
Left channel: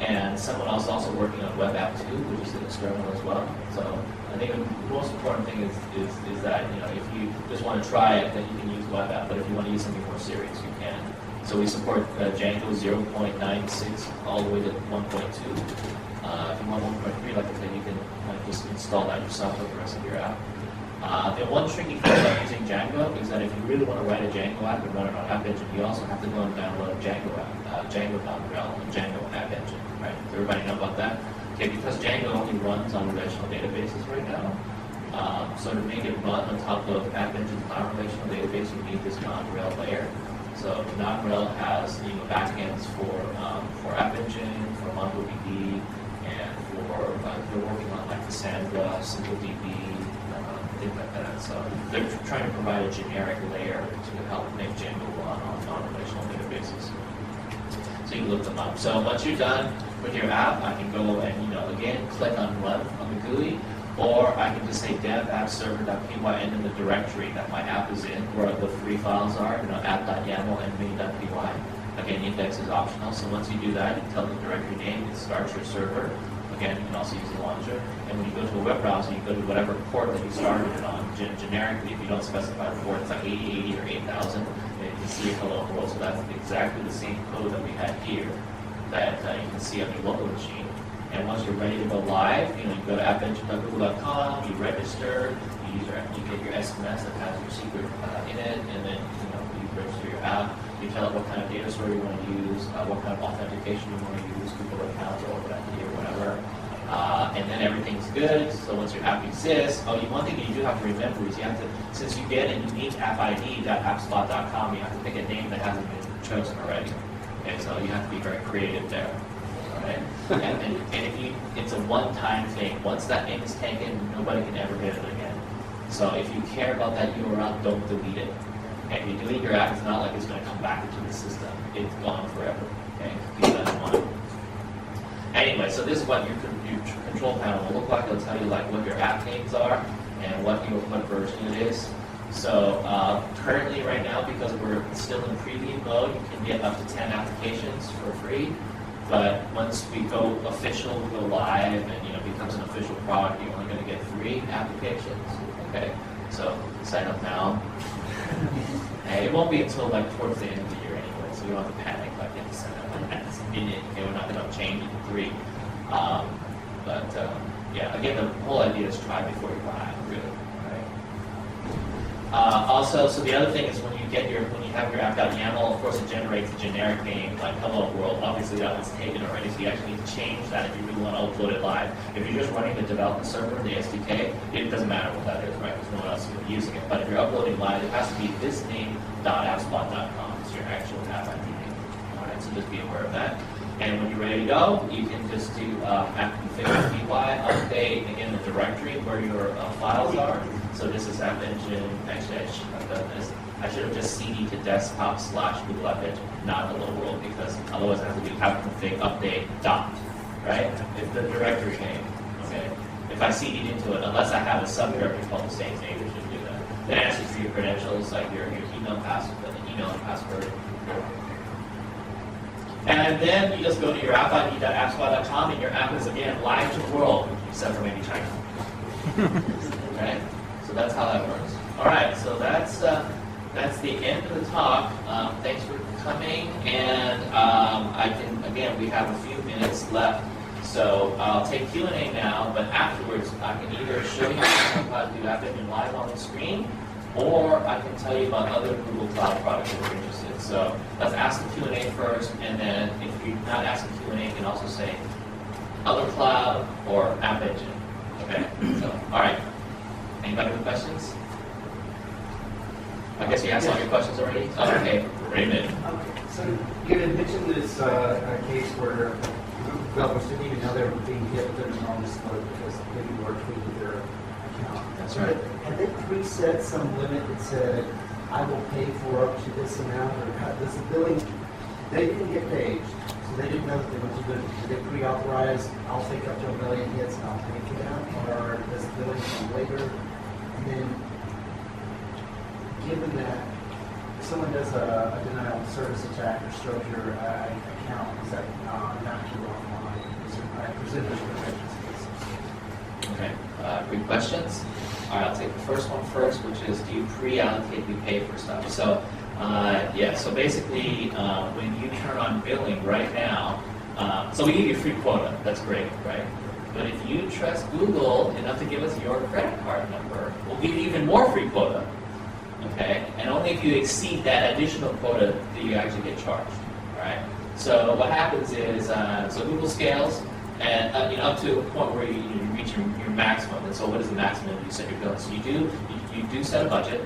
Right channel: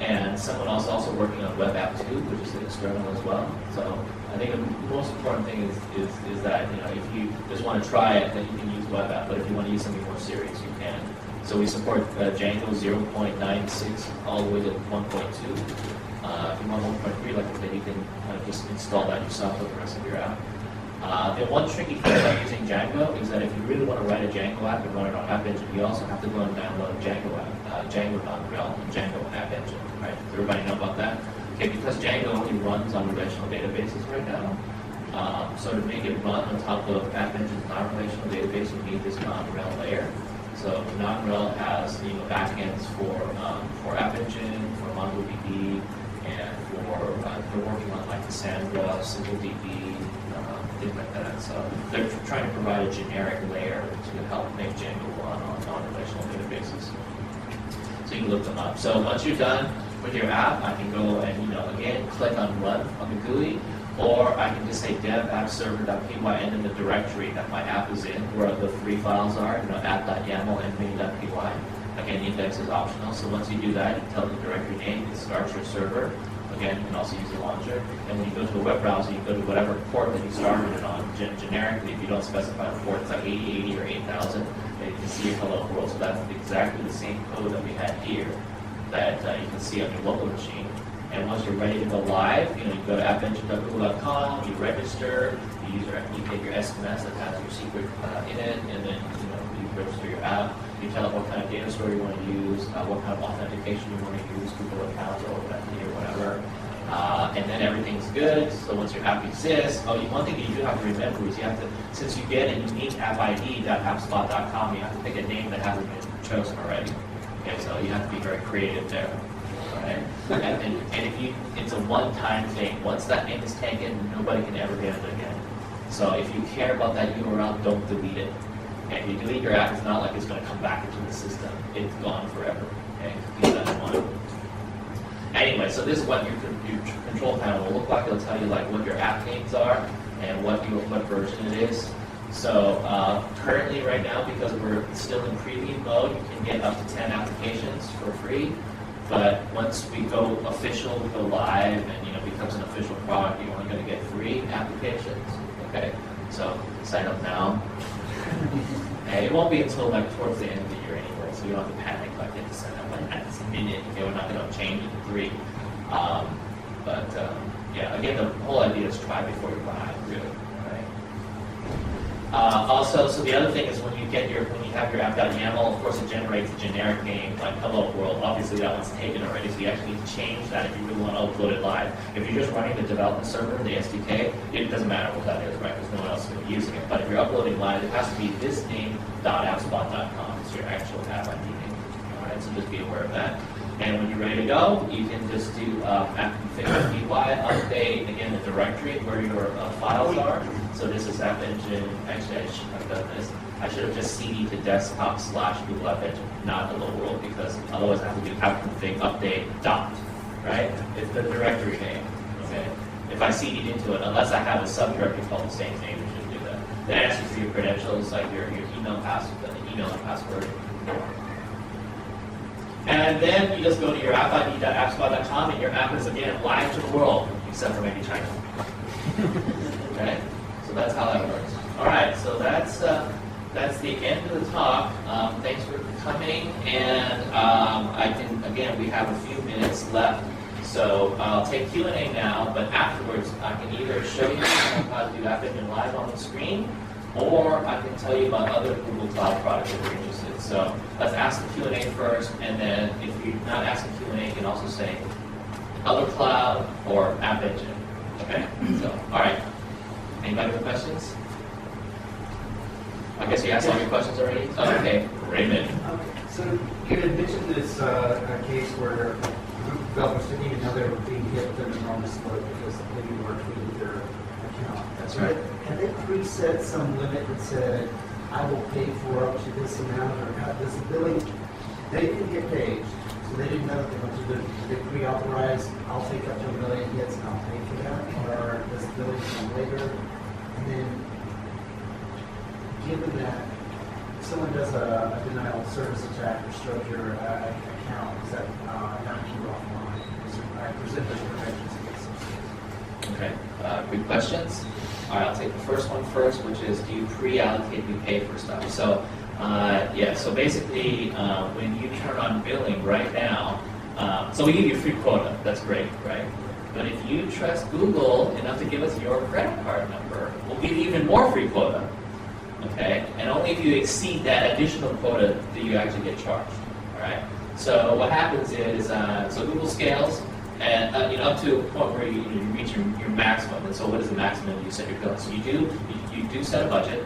And someone else also working on web app 2, which is external as well. So I think the most important thing is that if you just want to try it, then you can use web app. But if you want to use something more serious, you can. So we support Django 0.96 all the way to 1.2. If you want 1.3, like I said, you can kind of just install that yourself with the rest of your app. And one tricky thing about using Django is that if you really want to write a Django app and run it on App Engine, you also have to go and download Django app, Django.rel and Django App Engine. Right? Does everybody know about that? Okay, because Django only runs on relational databases right now. So to make it run on top of App Engine's non-relational database, you need this non-rel layer. So non-rel has backends for App Engine, for MongoDB, and they're working on like Cassandra, SimpleDB, things like that. So they're trying to provide a generic layer to help make Django run on non-relational databases. So you can look them up. So once you're done with your app, I can go and again click on Run on the GUI, or I can just say dev app server.py and in the directory that my app is in, where the three files are, app.yaml and main.py. Again, index is optional. So once you do that, you tell the directory name, it starts your server. Again, you can also use the launcher. And when you go to a web browser, you go to whatever port that you started it on. Generically, if you don't specify a port, it's like 8080 or 8000. You can see your hello world. So that's exactly the same code that we had here. that you can see on your local machine. And once you're ready to go live, you go to appengine.google.com, you register, you get your SMS that has your secret in it, and then you register your app. You tell it what kind of data store you want to use, what kind of authentication you want to use, Google accounts or whatever. And then everything's good. So once your app exists, one thing you do have to remember is you have to, since you get a unique app ID.appspot.com, you have to pick a name that hasn't been chosen already. Okay, so you have to be very creative there. Right? And it's a one-time thing. Once that name is taken, nobody can ever get it again. So if you care about that URL, don't delete it. Okay, if you delete your app, it's not like it's going to come back into the system. It's gone forever. Okay, keep that in mind. Anyway, so this is what your control panel will look like. It'll tell you like what your app names are and what version it is. So currently, right now, because we're still in preview mode, you can get up to 10 applications for free. But once we go official, we go live, and it becomes an official product, you're only going to get 3 applications. Okay, so sign up now. And it won't be until like towards the end of the year anyway, so you don't have to panic like you have to sign up like that. Okay, we're not going to change it to 3. Yeah, again, the whole idea is try before you buy, really. Also, so the other thing is when you have your app.yaml, of course it generates a generic name like hello world. Obviously that one's taken already, so you actually need to change that if you really want to upload it live. If you're just running the development server, the SDK, it doesn't matter what that is, right? Because no one else is going to be using it. But if you're uploading live, it has to be this name.appspot.com. It's your actual app ID name. All right, so just be aware of that. And when you're ready to go, you can just do app configure py, update, again, the directory where your files are. So this is App Engine, actually I should have done this. I should have just cd to desktop / Google App Engine, not hello world, because otherwise I have to do app config update dot, right? It's the directory name, okay? If I cd'd into it, unless I have a subdirectory called the same name, it should do that. Then it asks you for your credentials, like your email password, the email and password. And then you just go to your appid.appspot.com and your app is again live to the world, except for maybe China. Okay? So that's how that works. All right, so that's the end of the talk. Thanks for coming, and we have a few minutes left. So I'll take Q&A now, but afterwards I can either show you how to do App Engine live on the screen, or I can tell you about other Google Cloud products that we're interested in. So let's ask the Q&A first, and then if you're not asking Q&A, you can also say other cloud or App Engine. Okay? So, all right. Anybody with questions? I guess you asked all your questions already? Oh, okay, Raymond. Okay, so you had mentioned this case where developers didn't even know they were being hit with an enormous load because they were tweeting their account. That's right. And they preset some limit that said, I will pay for up to this amount, or this billing. They didn't get paid, so they didn't know that they went to do. They pre-authorize, I'll take up to 1 million hits and I'll pay for that, or does the billing come later? And then, given that if someone does a denial of service attack or strokes your account, is that not you offline? I presume there's protections against those. Okay, good questions. All right, I'll take the first one first, which is, do you pre-allocate, we pay for stuff? So, so basically, when you turn on billing right now, so we give you a free quota, that's great, right? But if you trust Google enough to give us your credit card number, we'll give you even more free quota, okay? And only if you exceed that additional quota do you actually get charged, all right? So what happens is, so Google scales, and up to a point where you reach your maximum. And so what is the maximum you set your bill? So you do set a budget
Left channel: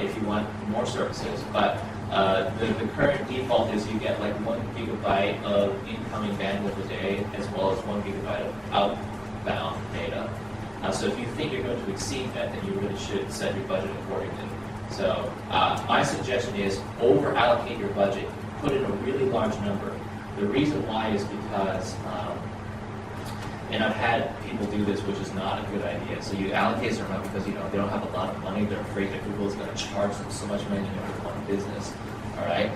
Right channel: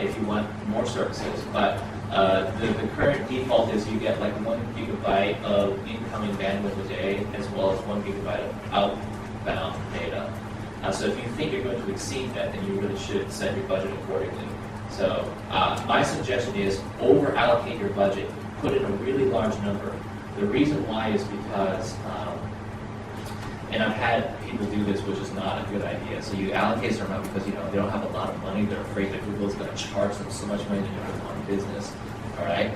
if you want more services, but the current default is you get like 1 gigabyte of incoming bandwidth a day, as well as 1 gigabyte of outbound data. So if you think you're going to exceed that, then you really should set your budget accordingly. So my suggestion is over-allocate your budget, put in a really large number. The reason why is because, and I've had people do this, which is not a good idea. So you allocate a certain amount because they don't have a lot of money. They're afraid that Google is going to charge them so much money to run a business. All right,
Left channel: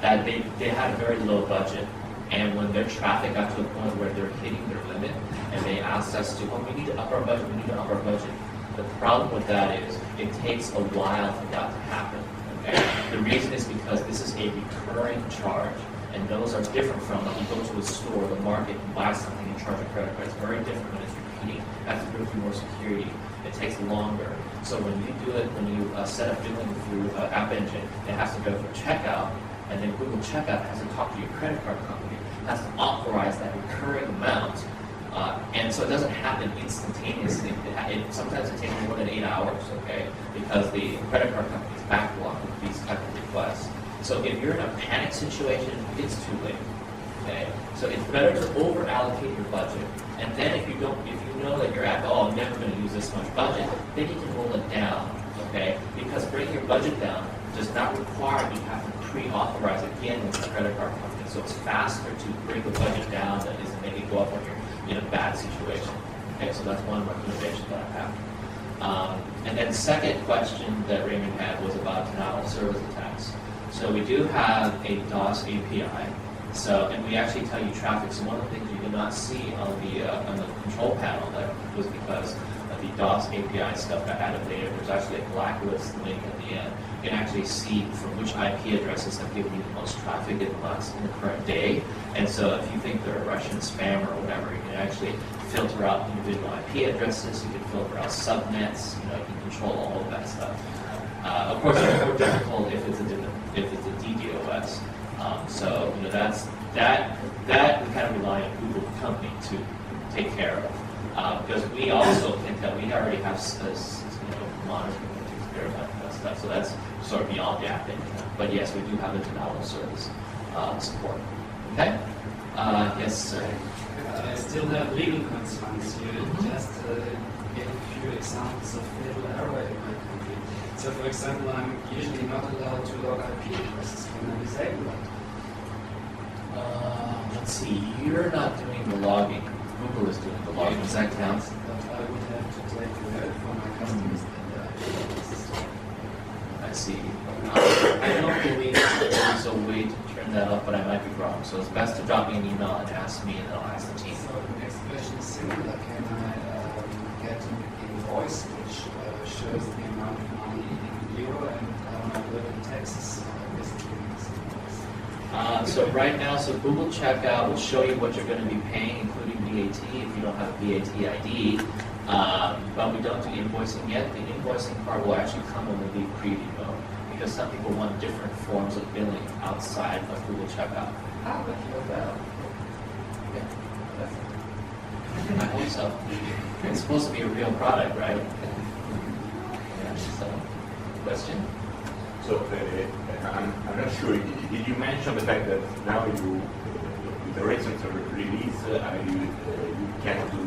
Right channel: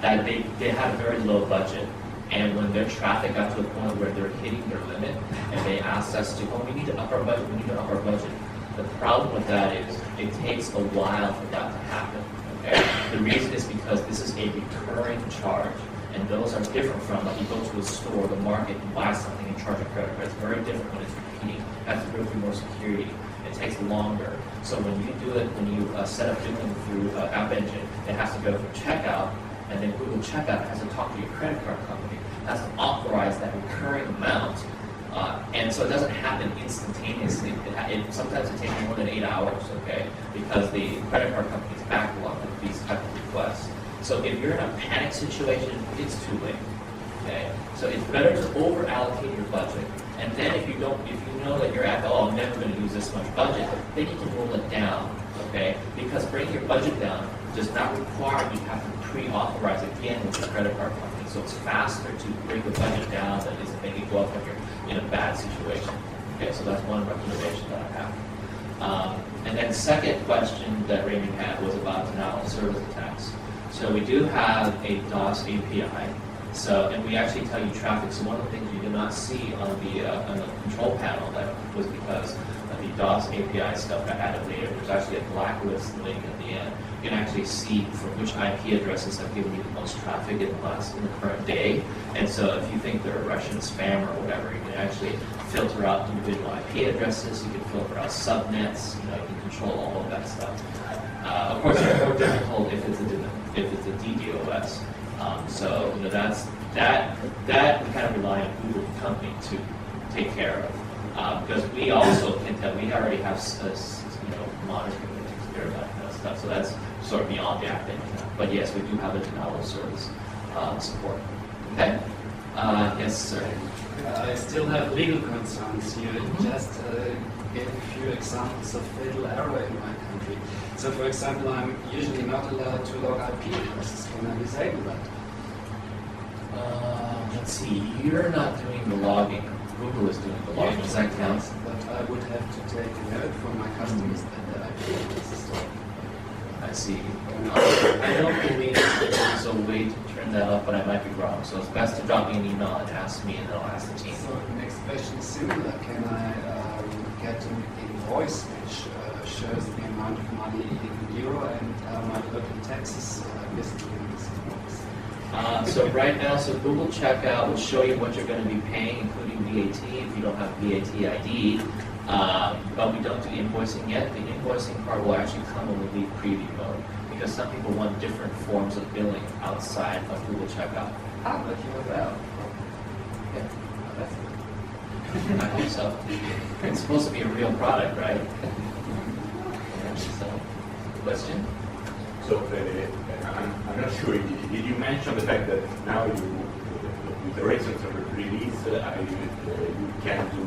that they had a very low budget, and when their traffic got to a point where they're hitting their limit, and they asked us to, we need to up our budget. We need to up our budget. The problem with that is it takes a while for that to happen. Okay, the reason is because this is a recurring charge. And those are different from like you go to a store, the market, and buy something and charge a credit card. It's very different when it's repeating. It has to go through more security. It takes longer. So when you do it, when you set up doing it through App Engine, it has to go through checkout, and then Google Checkout has to talk to your credit card company, has to authorize that recurring amount. And so it doesn't happen instantaneously. Sometimes it takes more than 8 hours, okay, because the credit card company is backlogged with these type of requests. So if you're in a panic situation, it's too late. Okay, so it's better to over allocate your budget, and then if you know that you're at, oh, I'm never going to use this much budget, then you can roll it down. Okay, because bringing your budget down does not require you have to pre-authorize again with the credit card company. So it's faster to bring the budget down than it is to make it go up when you're in a bad situation. Okay, so that's one recommendation that I have. And then second question that Raymond had was about denial of service attacks. So we do have a DOS API. So, and we actually tell you traffic. So one of the things you did not see on the control panel that was because of the DOS API stuff got added later. There's actually a blacklist link at the end. You can actually see from which IP addresses have given you the most traffic in the current day. And so if you think they're Russian spam or whatever, you can actually filter out individual IP addresses. You can filter out subnets. You can control all of that stuff. Of course, it's more difficult if it's a DDoS. So that we kind of rely on Google the company to take care of because we also think that we already have monitoring that takes care of that kind of stuff. So that's sort of beyond the app engine. But yes, we do have a denial of service support. Okay. Yes, sir. I still have legal concerns here. Just gave a few examples of fatal error in my country. So, for example, I'm usually not allowed to log IP addresses when I disable that. Let's see. You're not doing the logging. Google is doing the logging. Does that count? But I would have to take a note for my customers and the IP addresses. I see. I don't believe there's a way to turn that up, but I might be wrong. So it's best to drop me an email and ask me, and then I'll ask the team. So the next question is similar. Can I get an invoice which shows the amount of money in euro and my local taxes visiting this invoice? So right now, Google Checkout will show you what you're going to be paying, including VAT if you don't have VAT ID. But we don't do invoicing yet. The invoicing part will actually come when we leave preview mode because some people want different forms of billing outside of Google Checkout. I'll let you know that. Yeah, I hope so. It's supposed to be a real product, right? Yeah, so, question? So I'm not sure. Did you mention the fact that now with the recent release, you can do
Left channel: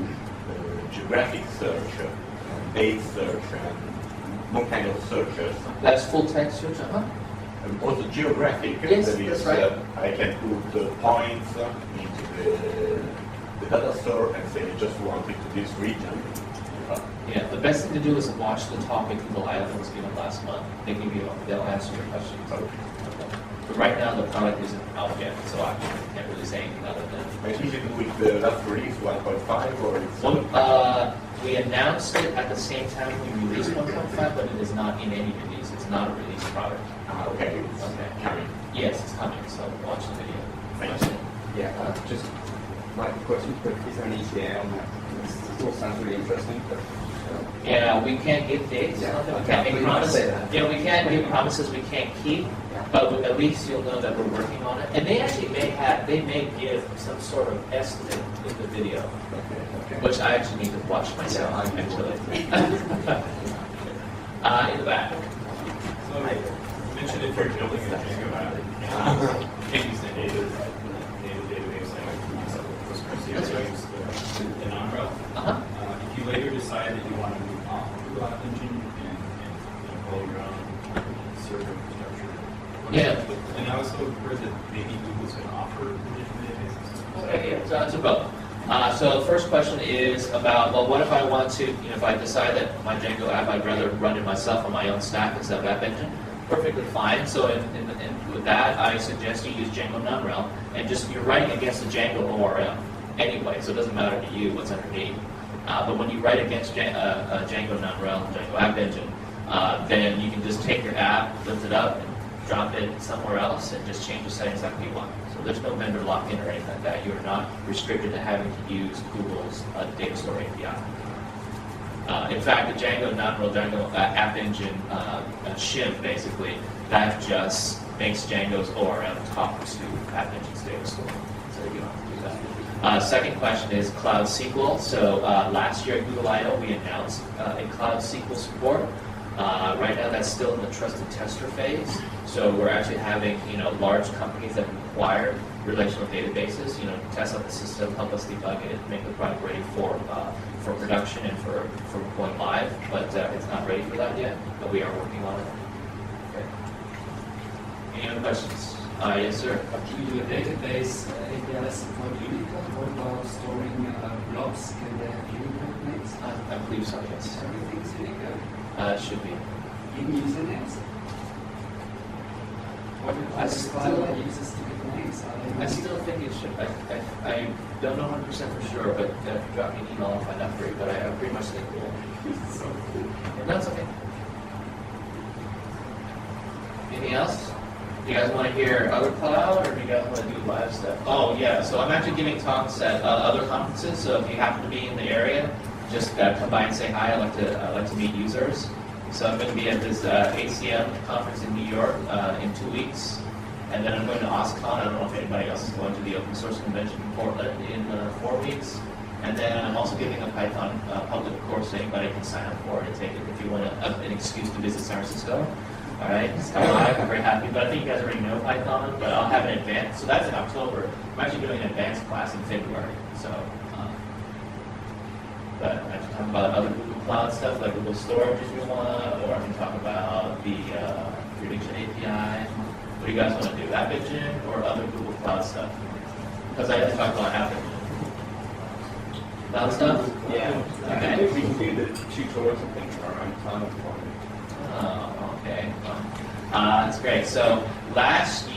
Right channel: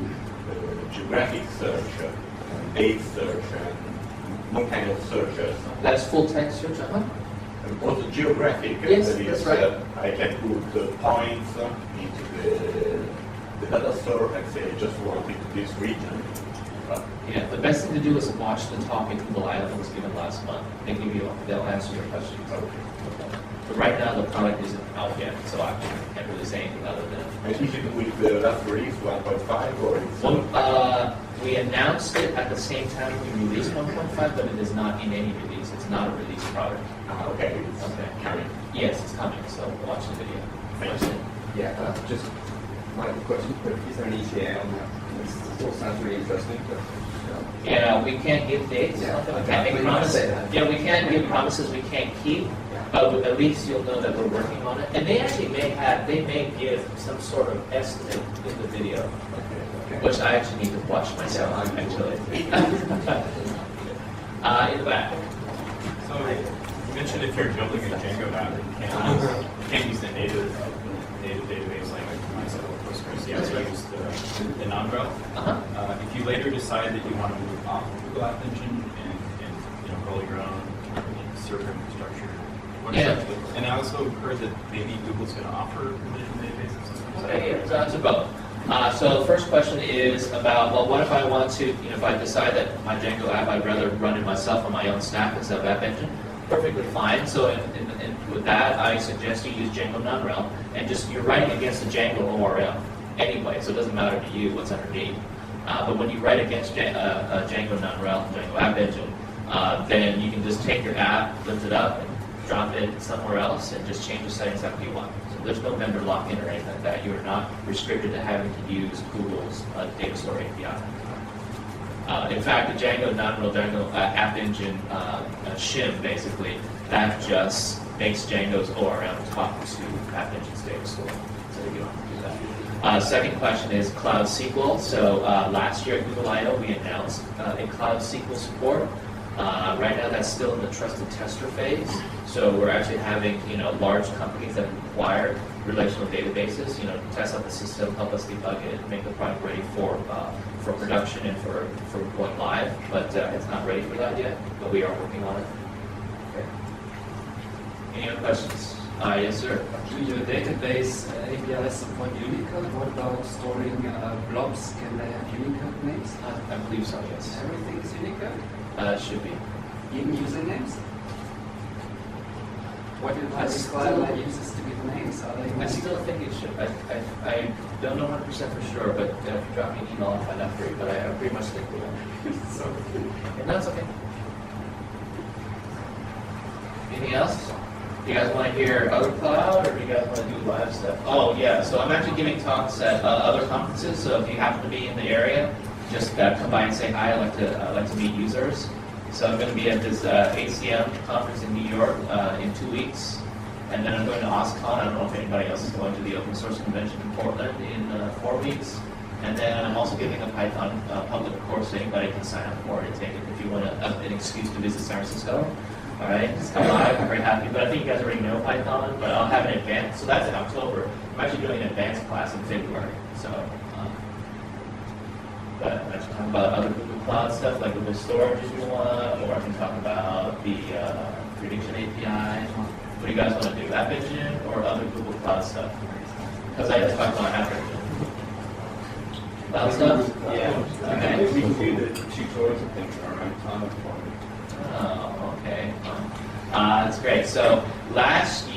geographic search, date search, and one kind of searches? That's full text search, And also geographic. Yes, that is, that's right. I can put points into the data store and say I just want it to this region. Yeah, the best thing to do is watch the topic Google I/O was given last month. They'll answer your questions. But right now the product isn't out yet, so I can't really say anything other than. Maybe with the last release 1.5 or it's we announced it at the same time we released 1.5, but it is not in any release. It's not a release product. okay. It's Okay. coming. Yes, it's coming. So watch the video. Thank you. Yeah, just my question, but is there an ETA on that? This all sounds really interesting, but Yeah, we can't give dates. Yeah, We okay. can't make We promises. say that. Yeah, we can't give promises we can't keep. But at least you'll know that we're working on it. And they actually may give some sort of estimate in the video, which I actually need to watch myself, actually. In the back. So you mentioned if you're building a Django app, you can't use the native database like Postgres. You have to use the non-rel. If you later decide that you want to move off of Google App Engine and build your own server infrastructure, Yeah. And I also heard that maybe Google's going to offer relational databases. Okay, yeah, so both. So the first question is about, well, what if I want to, if I decide that my Django app, I'd rather run it myself on my own stack instead of App Engine? Perfectly fine. So with that, I suggest you use Django non-rel, and you're writing against the Django ORM anyway, so it doesn't matter to you what's underneath. But when you write against Django non-rel, Django App Engine, then you can just take your app, lift it up, and drop it somewhere else, and just change the settings that you want. So there's no vendor lock-in or anything like that. You are not restricted to having to use Google's data store API. In fact, the Django, non-real Django App Engine shim, basically, that just makes Django's ORM talk to App Engine's data store. So you don't have to do that. Second question is Cloud SQL. So last year at Google I/O, we announced a Cloud SQL support. Right now, that's still in the trusted tester phase. So we're actually having large companies that require relational databases, test out the system, help us debug it, make the product ready for production and for going live. But it's not ready for that yet. But we are working on it. Okay. Any other questions? Yes, sir. Do your database API support Unicode? What about storing blobs? Can they have Unicode names? I believe so. Yes. Everything is Unicode. Should be. Even usernames? What do cloud uses to get names? I still think it should. I don't know 100% for sure, but if you drop me an email, I'll find out for you. But I pretty much think they will. So And that's okay. Anything else? Do you guys want to hear other cloud, or do you guys want to do live stuff? Oh yeah, so I'm actually giving talks at other conferences. So if you happen to be in the area, just come by and say hi. I like to meet users. So I'm going to be at this ACM conference in New York in 2 weeks, and then I'm going to OSCON. I don't know if anybody else is going to the Open Source Convention in Portland in 4 weeks. And then I'm also giving a Python public course, so anybody can sign up for it and take it if you want an excuse to visit San Francisco. All right, just come by. I'm very happy. But I think you guys already know Python, but I'll have an advanced. So that's in October. I'm actually doing an advanced class in February. So, but I can talk about other Google Cloud stuff like Google Storage if you want, or I can talk about the prediction API. What do you guys want to do? App Engine or other Google Cloud stuff? Because I have to talk about App Engine. Cloud stuff? Yeah. Okay. I think we can do the tutorials and things in our own time. Oh, okay. That's great. So last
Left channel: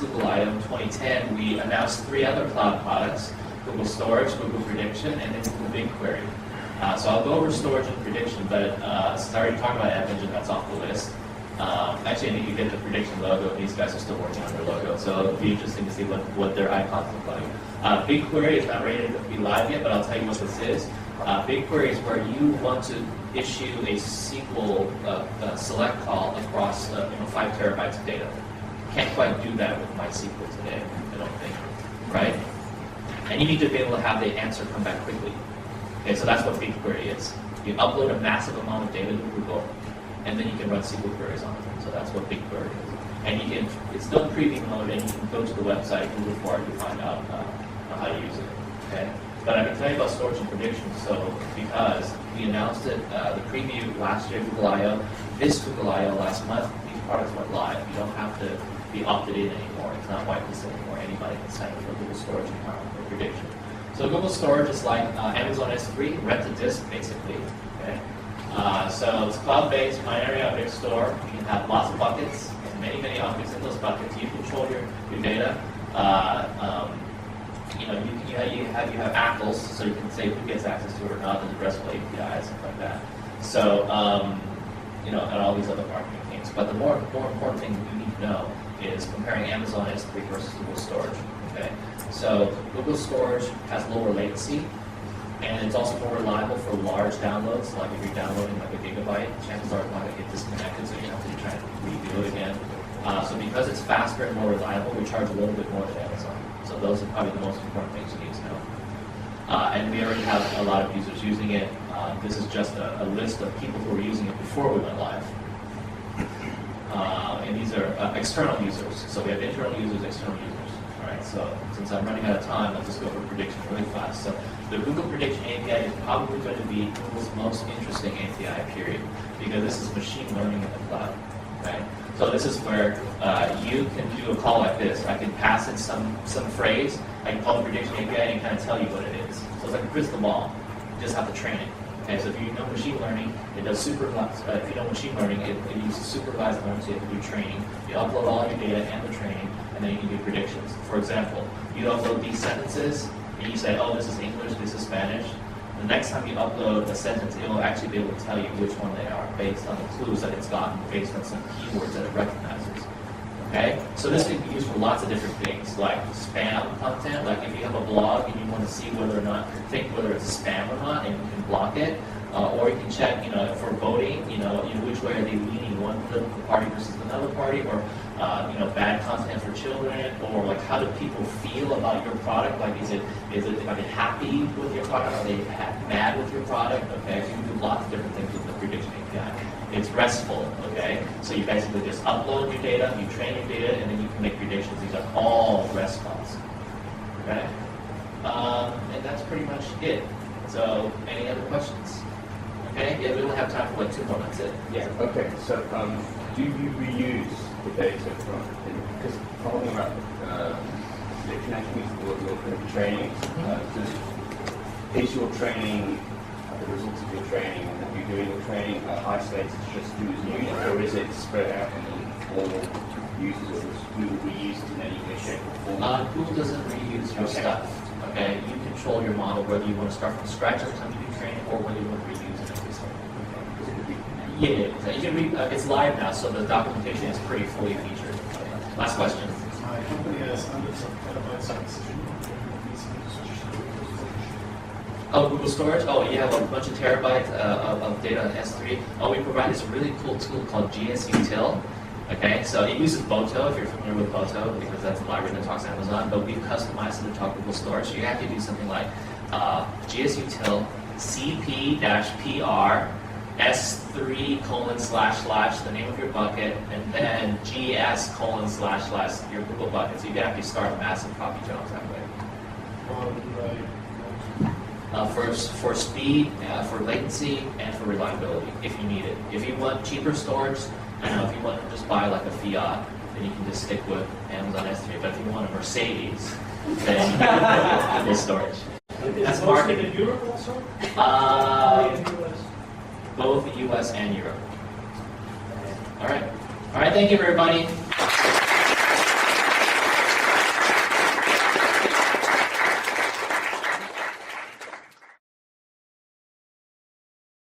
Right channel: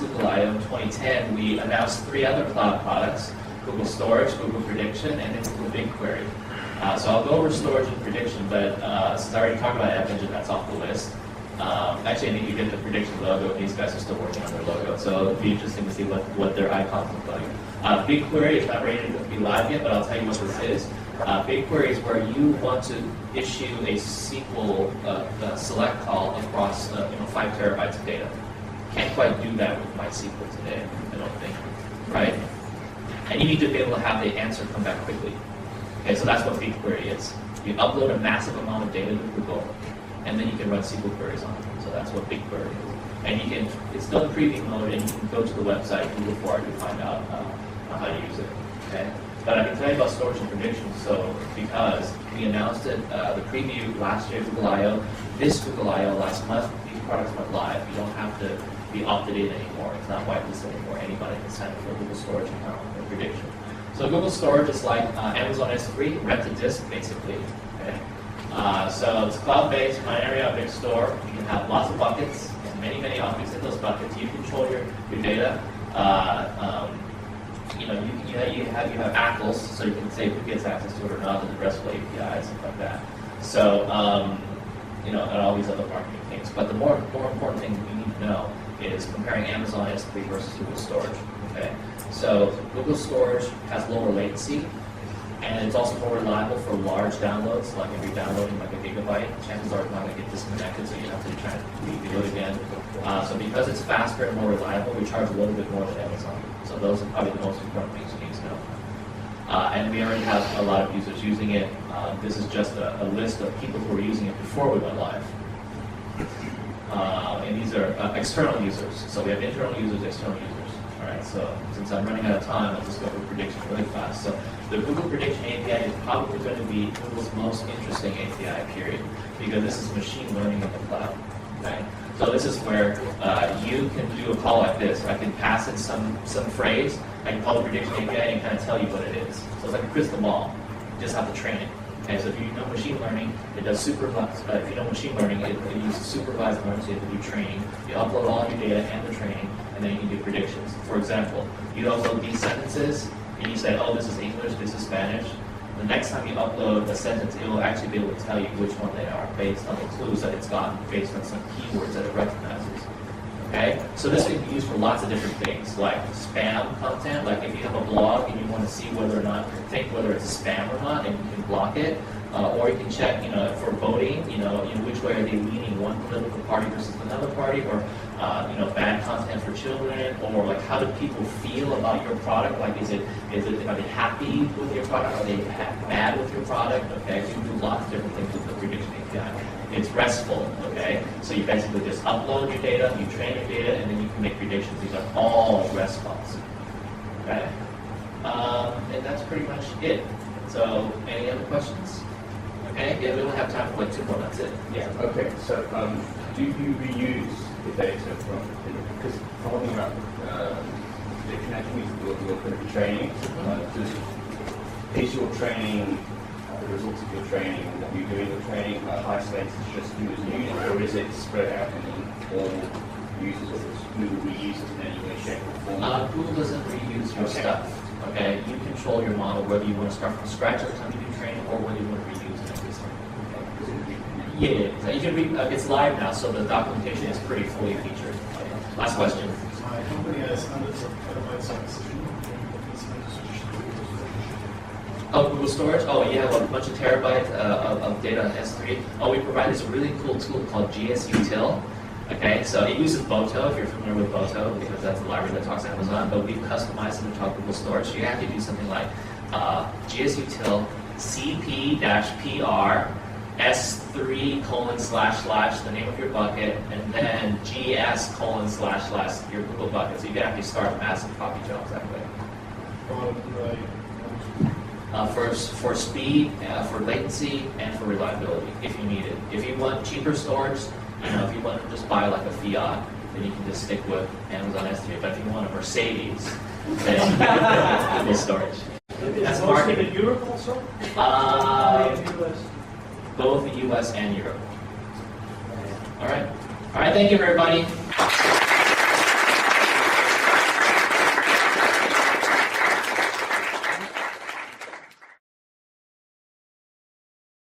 Google I/O in 2010, we announced 3 other cloud products: Google Storage, Google Prediction, and then Google BigQuery. So I'll go over storage and prediction, but since I already talked about App Engine, that's off the list. Actually, I need to get the prediction logo. These guys are still working on their logo, so it'll be interesting to see what their icons look like. BigQuery is not ready to be live yet, but I'll tell you what this is. BigQuery is where you want to issue a SQL select call across 5 terabytes of data. Can't quite do that with MySQL today, I don't think, right? And you need to be able to have the answer come back quickly. Okay, so that's what BigQuery is. You upload a massive amount of data to Google, and then you can run SQL queries on it. So that's what BigQuery is. And you can, it's still in preview mode, and you can go to the website, Google for it, to find out how to use it. Okay. But I can tell you about storage and prediction. So because we announced it, the preview last year, Google I/O, this Google I/O last month, these products went live. You don't have to be opted in anymore. It's not whitelisted anymore. Anybody can sign up for a Google Storage account for prediction. So Google Storage is like Amazon S3, rent a disk basically. Okay. So it's cloud-based, binary object store. You can have lots of buckets and many objects in those buckets. You control your data. You have ACLs, so you can say who gets access to it or not, there's RESTful APIs, stuff like that. So, and all these other marketing things. But the more important thing that you need to know is comparing Amazon S3 versus Google Storage. Okay, so Google Storage has lower latency, and it's also more reliable for large downloads. Like if you're downloading like a gigabyte, chances are it's not going to get disconnected, so you have to try to redo it again. So because it's faster and more reliable, we charge a little bit more than Amazon. So those are probably the most important things you need to know. And we already have a lot of users using it. This is just a list of people who were using it before we went live. And these are external users. So we have internal users, external users. All right. So since I'm running out of time, I'll just go over prediction really fast. So the Google Prediction API is probably going to be Google's most interesting API, period, because this is machine learning in the cloud. Okay. So this is where you can do a call like this. I can pass in some phrase. I can call the prediction API and kind of tell you what it is. So it's like a crystal ball. You just have to train it. Okay, so if you know machine learning, it does supervised. If you know machine learning, it uses supervised learning, so you have to do training. You upload all your data and the training, and then you can do predictions. For example, you upload these sentences, and you say, oh, this is English, this is Spanish. The next time you upload a sentence, it will actually be able to tell you which one they are based on the clues that it's gotten, based on some keywords that it recognizes. Okay, so this can be used for lots of different things, like spam content. Like if you have a blog and you want to see whether or not, think whether it's spam or not, and you can block it. Or you can check, for voting, which way are they leaning, one political party versus another party, or bad content for children, or like how do people feel about your product? Like, are they happy with your product? Are they mad with your product? Okay, so you can do lots of different things with the prediction API. It's RESTful, okay? So you basically just upload your data, you train your data, and then you can make predictions. These are all REST calls, okay? And that's pretty much it. So, any other questions? Okay, yeah, we only have time for like 2 more, that's it. Yeah, okay, so do you reuse the data from, because following up the connection with your kind of training, is your training, the results of your training, that you're doing your training isolated to just who's using it, or is it spread out and all users, or does Google reuse it in any way, shape, or form? Google doesn't reuse your stuff, okay? You control your model, whether you want to start from scratch every time you do training, or whether you want to reuse it every time. Yeah, so you can it's live now, so the documentation is pretty fully featured. Last question. My company has hundreds of petabytes of decision. Oh, Google Storage? Oh, yeah, a bunch of terabytes of data S3. Oh, we provide this really cool tool called GSUtil. Okay, so it uses Boto, if you're familiar with Boto, because that's the library that talks to Amazon, but we've customized it to talk Google Storage. So you have to do something like GSUtil CP-PR S3:/ the name of your bucket, and then GS:/ your Google bucket. So you can actually start massive copy jobs that way. For speed, for latency, and for reliability, if you need it. If you want cheaper storage, if you want to just buy like a Fiat, then you can just stick with Amazon S3. But if you want a Mercedes, then Google Storage. That's marketing. In Europe also? Both the US and Europe. All right. Thank you, everybody.